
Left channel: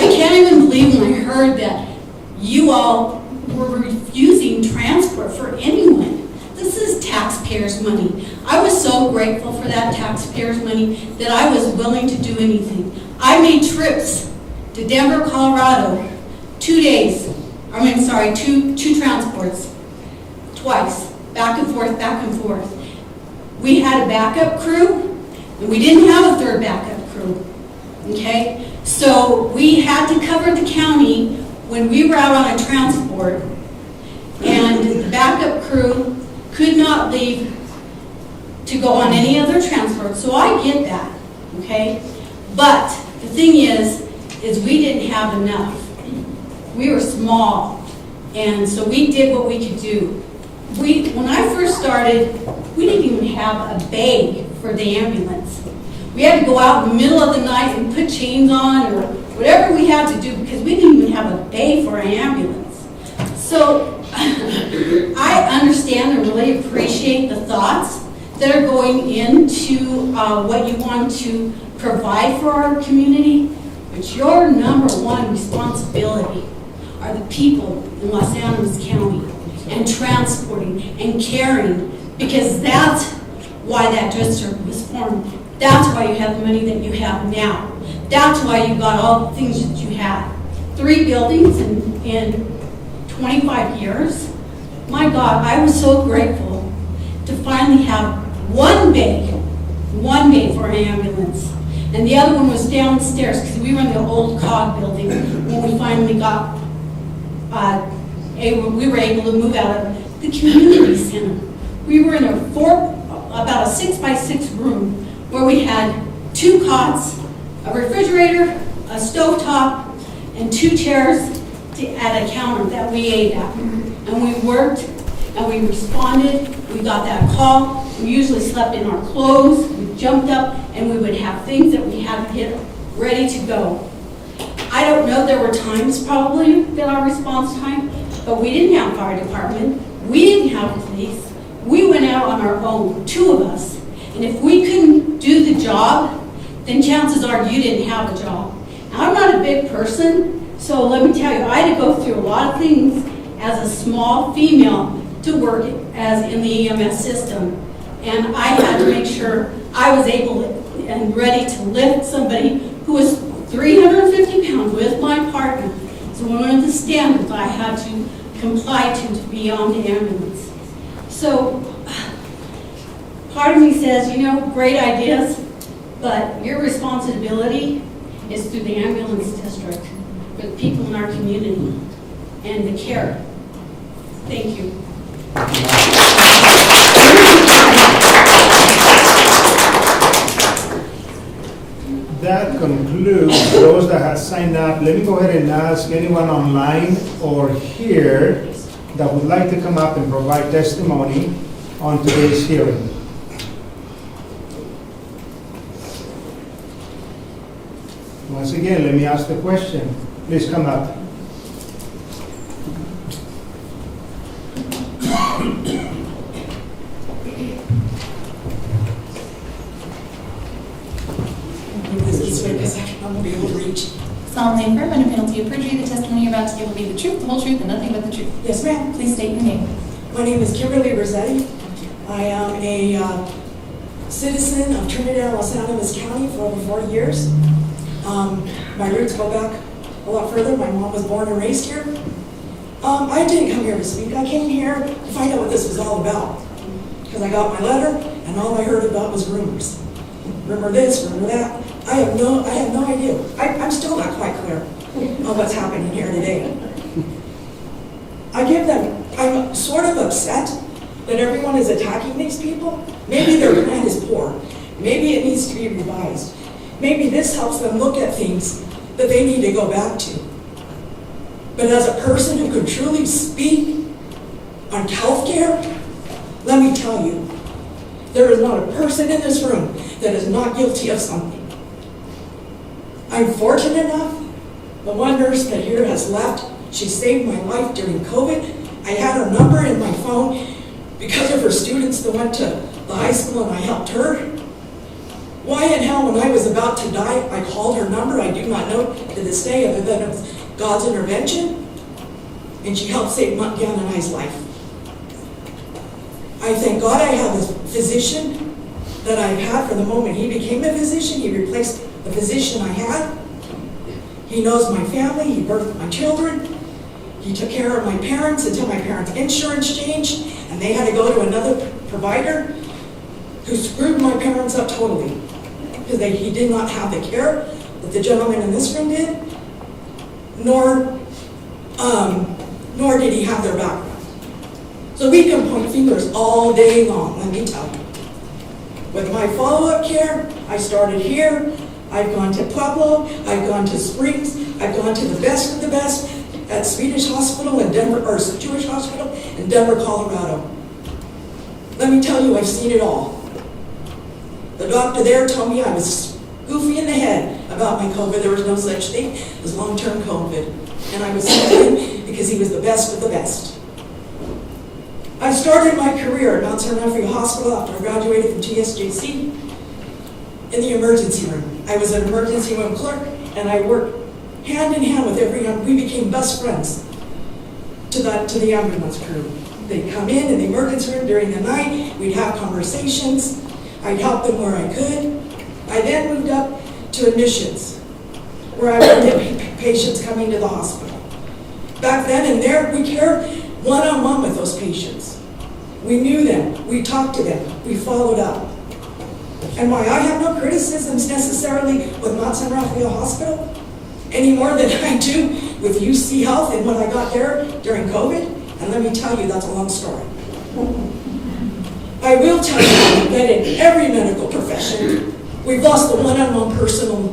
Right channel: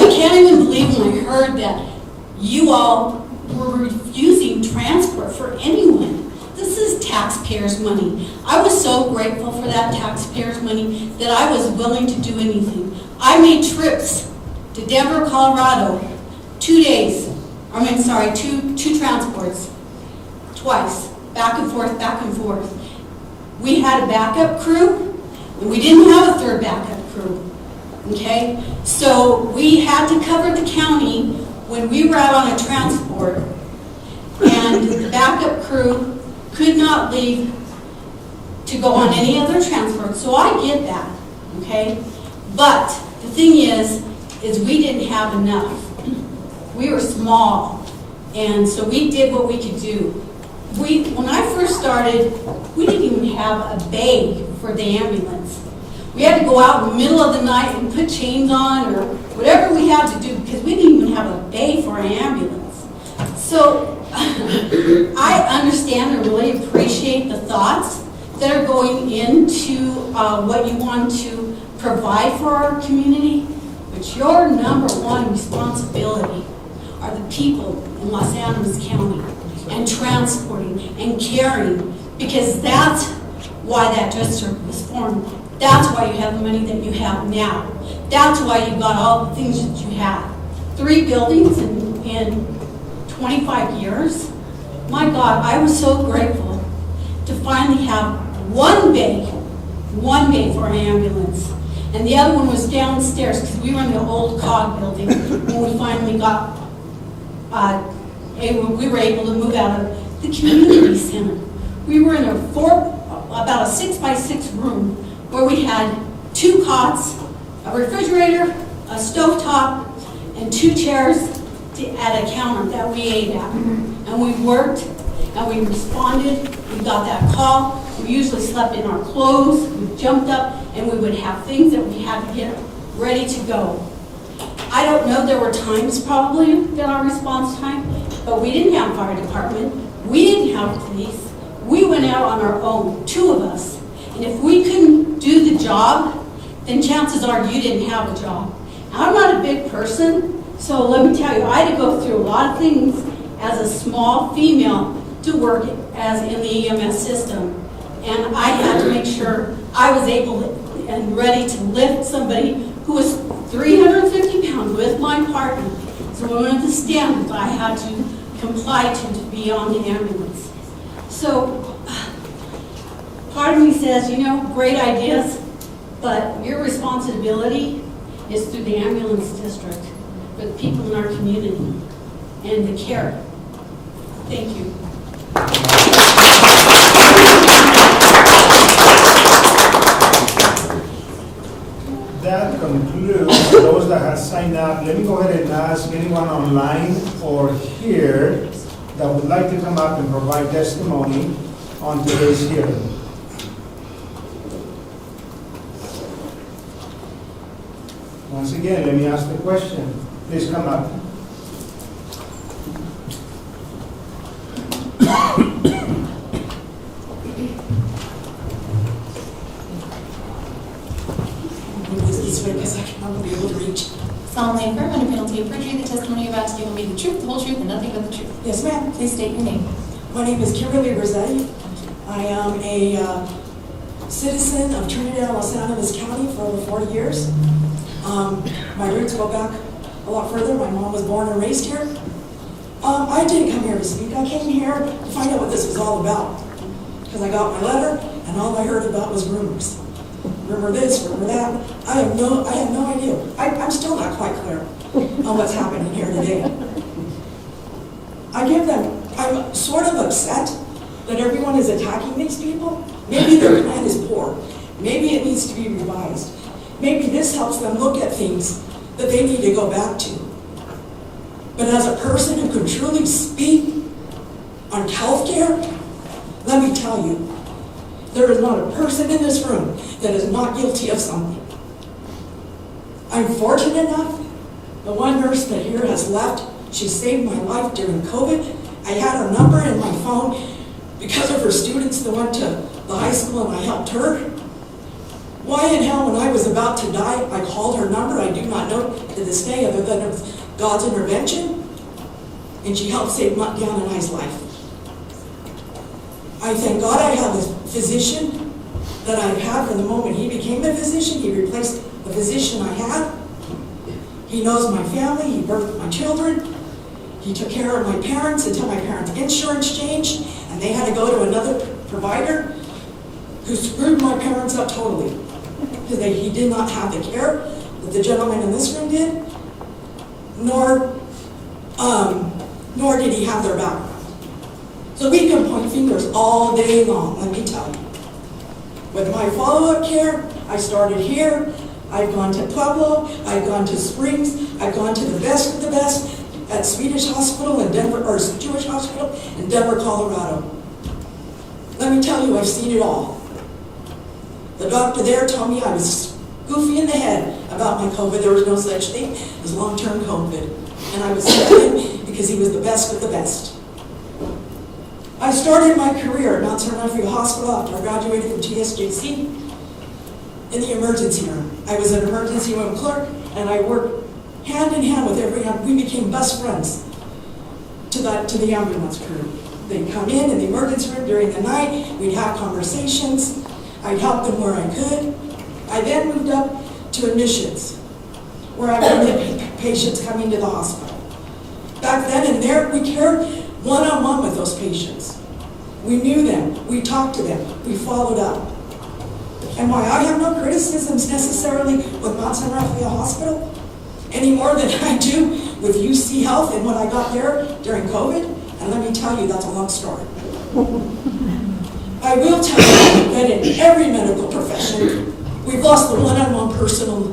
can't even believe when I heard that you all were refusing transport for anyone. This is taxpayers' money. I was so grateful for that taxpayers' money that I was willing to do anything. I made trips to Denver, Colorado, 2 days. Two transports, twice, back and forth, back and forth. We had a backup crew, and we didn't have a third backup crew, okay? So we had to cover the county when we were out on a transport, and the backup crew could not leave to go on any other transport. So I get that, okay? But the thing is we didn't have enough. We were small, and so we did what we could do. When I first started, we didn't even have a bay for the ambulance. We had to go out in the middle of the night and put chains on or whatever we had to do because we didn't even have a bay for an ambulance. So I understand and really appreciate the thoughts that are going into what you want to provide for our community, but your number one responsibility are the people in Los Angeles County and transporting and caring, because that's why that district was formed. That's why you have the money that you have now. That's why you got all the things that you have. 3 buildings in 25 years. My God, I was so grateful to finally have one bay for an ambulance. And the other one was downstairs because we were in the old COG building when we finally got, we were able to move out of the community center. We were in about a 6x6 room where we had 2 cots, a refrigerator, a stovetop, and 2 chairs at a counter that we ate at. And we worked and we responded. We got that call. We usually slept in our clothes. We jumped up and we would have things that we had to get ready to go. I don't know, there were times probably that our response time, but we didn't have fire department. We didn't have police. We went out on our own, 2 of us. And if we couldn't do the job, then chances are you didn't have a job. Now, I'm not a big person, so let me tell you, I had to go through a lot of things as a small female to work as in the EMS system. And I had to make sure I was able and ready to lift somebody who was 350 pounds with my partner. So one of the standards I had to comply to be on the ambulance. So part of me says, great ideas, but your responsibility is through the ambulance district for the people in our community and the care. Thank you. That concludes those that have signed up. Let me go ahead and ask anyone online or here that would like to come up and provide testimony on today's hearing. Once again, let me ask the question. Please come up. This way because I won't be able to reach. Solemnly affirm under penalty of perjury the testimony you're about to give will be the truth, the whole truth, and nothing but the truth. Yes, ma'am. Please state your name. My name is Kimberly Rossetti. I am a citizen of Trinidad and Los Angeles County for over 40 years. My roots go back a lot further. My mom was born and raised here. I didn't come here to speak. I came here to find out what this was all about. Because I got my letter, and all I heard about was rumors. Rumor this, rumor that. I have no idea. I'm still not quite clear on what's happening here today. I'm sort of upset that everyone is attacking these people. Maybe their plan is poor. Maybe it needs to be revised. Maybe this helps them look at things that they need to go back to. But as a person who could truly speak on healthcare, let me tell you, there is not a person in this room that is not guilty of something. I'm fortunate enough, the one nurse that here has left, she saved my life during COVID. I had her number in my phone because of her students that went to the high school and I helped her. Why in hell, when I was about to die, I called her number? I do not know to this day, other than it was God's intervention. And she helped save Deanna and I's life. I thank God I have a physician that I've had from the moment he became a physician. He replaced the physician I had. He knows my family. He birthed my children. He took care of my parents until my parents' insurance changed, and they had to go to another provider who screwed my parents up totally because he did not have the care that the gentleman in this room did, nor did he have their background. So we can point fingers all day long, let me tell you. With my follow-up care, I started here. I've gone to Pueblo. I've gone to Springs. I've gone to the best of the best at Swedish Hospital in Denver, or Jewish Hospital in Denver, Colorado. Let me tell you, I've seen it all. The doctor there told me I was goofy in the head about my COVID. There was no such thing as long-term COVID. And I was studying because he was the best of the best. I started my career at Mount San Rafael Hospital after I graduated from TSJC in the emergency room. I was an emergency room clerk, and I worked hand in hand with everyone. We became best friends to the ambulance crew. They'd come in the emergency room during the night. We'd have conversations. I'd help them where I could. I then moved up to admissions, where I would get patients coming to the hospital. Back then and there, we cared one-on-one with those patients. We knew them. We talked to them. We followed up. And why I have no criticisms necessarily with Mount San Rafael Hospital, any more than I do with UC Health and when I got there during COVID. And let me tell you, that's a long story. I will tell you that in every medical profession, we've lost the one-on-one personal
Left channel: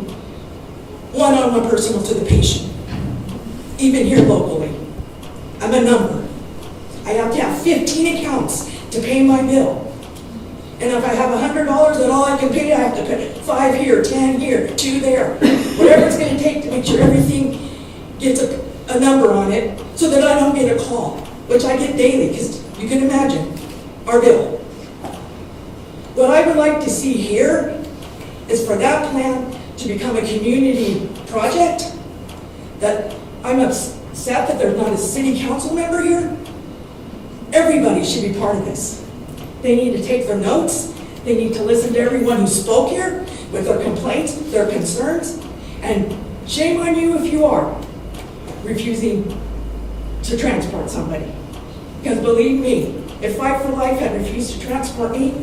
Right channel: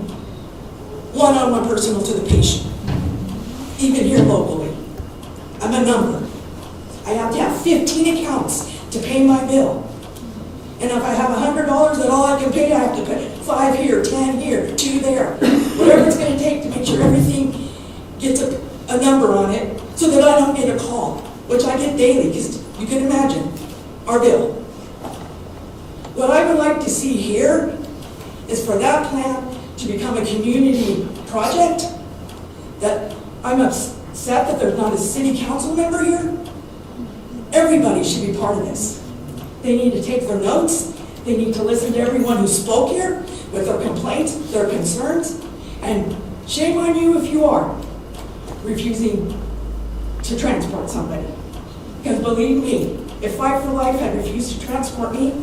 to the patient. Even here locally. I'm a number. I have to have 15 accounts to pay my bill. And if I have $100 and all I can pay, I have to pay 5 here, 10 here, 2 there. Whatever it's going to take to make sure everything gets a number on it so that I don't get a call, which I get daily, because you can imagine our bill. What I would like to see here is for that plan to become a community project. That I'm upset that there's not a city council member here. Everybody should be part of this. They need to take their notes. They need to listen to everyone who spoke here with their complaints, their concerns, and shame on you if you are refusing to transport somebody. Because believe me, if Fight for Life had refused to transport me,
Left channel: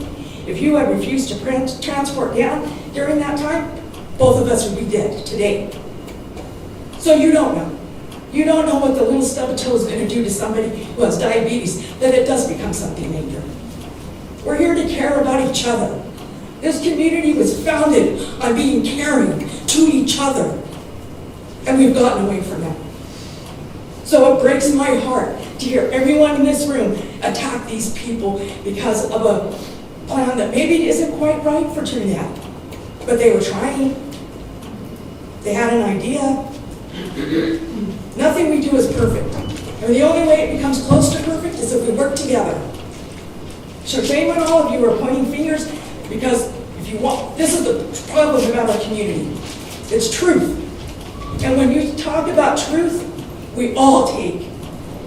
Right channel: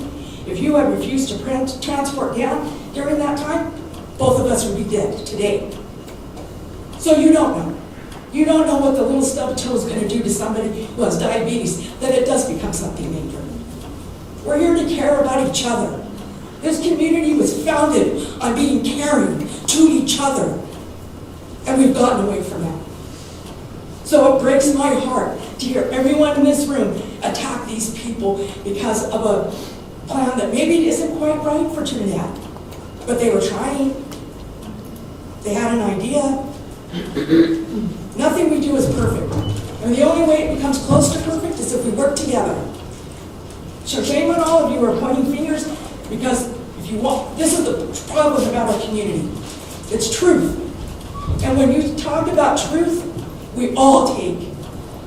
if you had refused to transport down during that time, both of us would be dead today. So you don't know. You don't know what the little stub of toe is going to do to somebody who has diabetes, that it does become something major. We're here to care about each other. This community was founded on being caring to each other, and we've gotten away from that. So it breaks my heart to hear everyone in this room attack these people because of a plan that maybe isn't quite right for Trinidad, but they were trying. They had an idea. Nothing we do is perfect. And the only way it becomes close to perfect is if we work together. So shame on all of you who are pointing fingers, because if you want, this is the problem about our community. It's truth. And when you talk about truth, we all take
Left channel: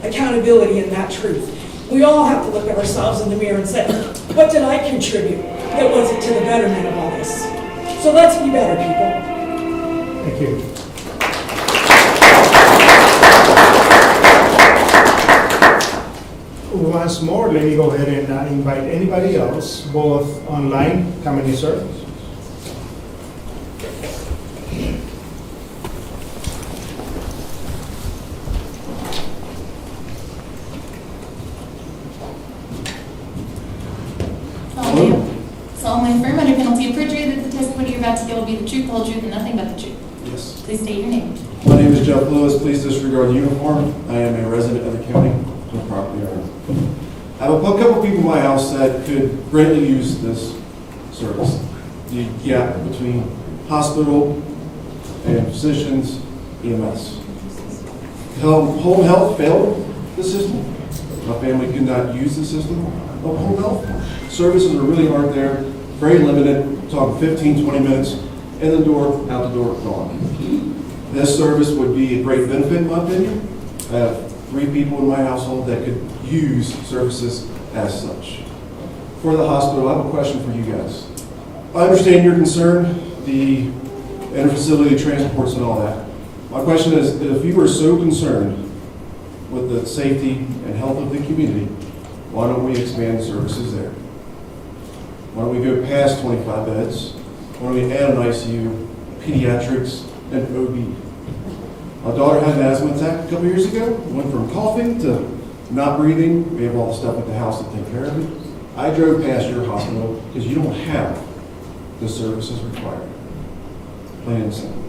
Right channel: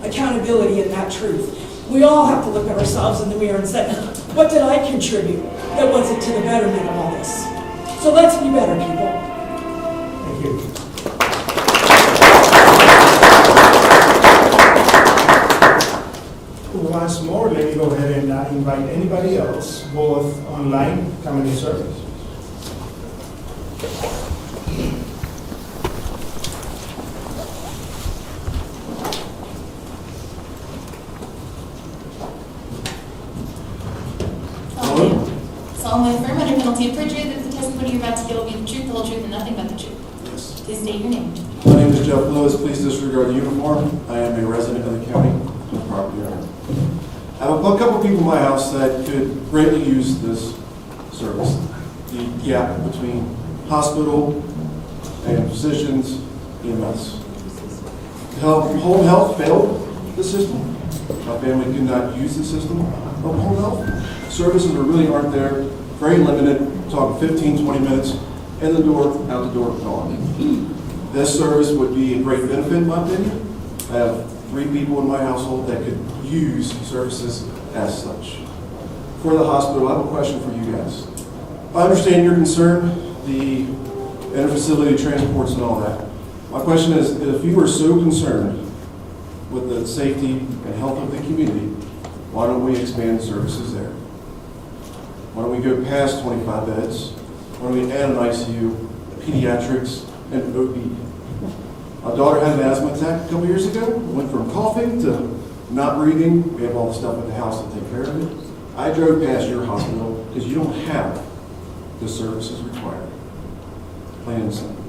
accountability in that truth. We all have to look at ourselves in the mirror and say, what did I contribute that wasn't to the betterment of all this? So let's be better, people. Thank you. Once more, let me go ahead and invite anybody else, both online, come and serve. Solemnly affirm under penalty of perjury that the testimony you're about to give will be the truth, the whole truth, and nothing but the truth. Yes. Please state your name. My name is Jeff Lewis. Please disregard the uniform. I am a resident of the county, no property owner. I have a couple people in my house that could greatly use this service. The gap between hospital and physicians, EMS. Home health failed the system. My family could not use the system of home health. Services really aren't there, very limited, talking 15, 20 minutes, in the door, out the door, gone. This service would be a great benefit in my opinion. I have 3 people in my household that could use services as such. For the hospital, I have a question for you guys. I understand your concern, the interfacility transports and all that. My question is, if you are so concerned with the safety and health of the community, why don't we expand services there? Why don't we go past 25 beds? Why don't we add an ICU, pediatrics, and OB? My daughter had an asthma attack a couple years ago. Went from coughing to not breathing. We have all the stuff at the house to take care of it. I drove past your hospital because you don't have the services required. Plain and simple.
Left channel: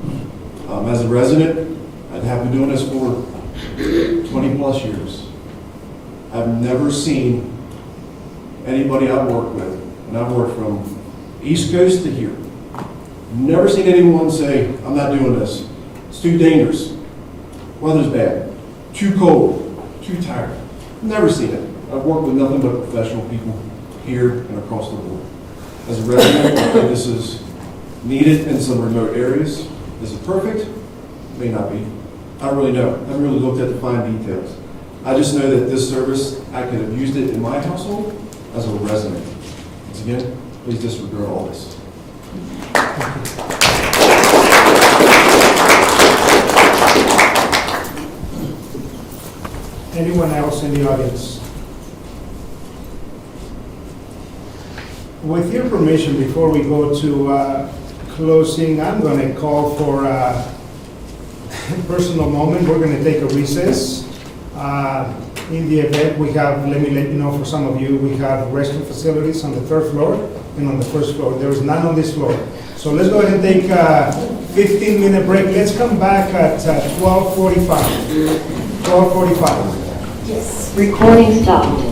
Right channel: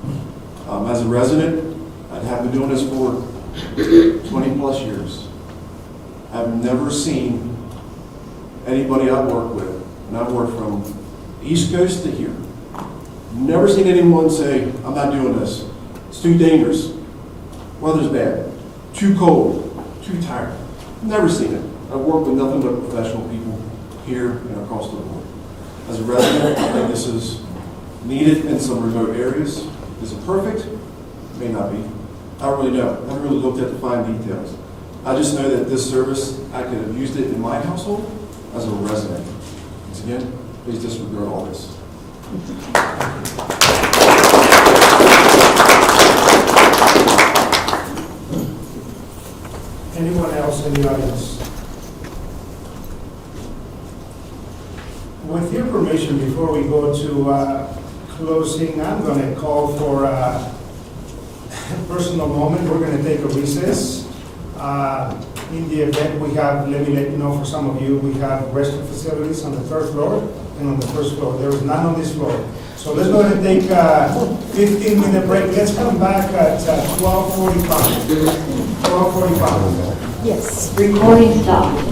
As a resident, I have been doing this for 20 plus years. I've never seen anybody I've worked with, and I've worked from East Coast to here, never seen anyone say, I'm not doing this. It's too dangerous. Weather's bad. Too cold. Too tired. Never seen it. I've worked with nothing but professional people here and across the board. As a resident, I think this is needed in some remote areas. Is it perfect? May not be. I don't really know. I haven't really looked at the fine details. I just know that this service, I could have used it in my household as a resident. Once again, please disregard all this. Anyone else in the audience? With your permission, before we go to closing, I'm going to call for a personal moment. We're going to take a recess. In the event, we have, let me let you know for some of you, we have restroom facilities on the 3rd floor and on the 1st floor. There is none on this floor. So let's go ahead and take a 15-minute break. Let's come back at 12:45. 12:45. Yes. Recording stopped.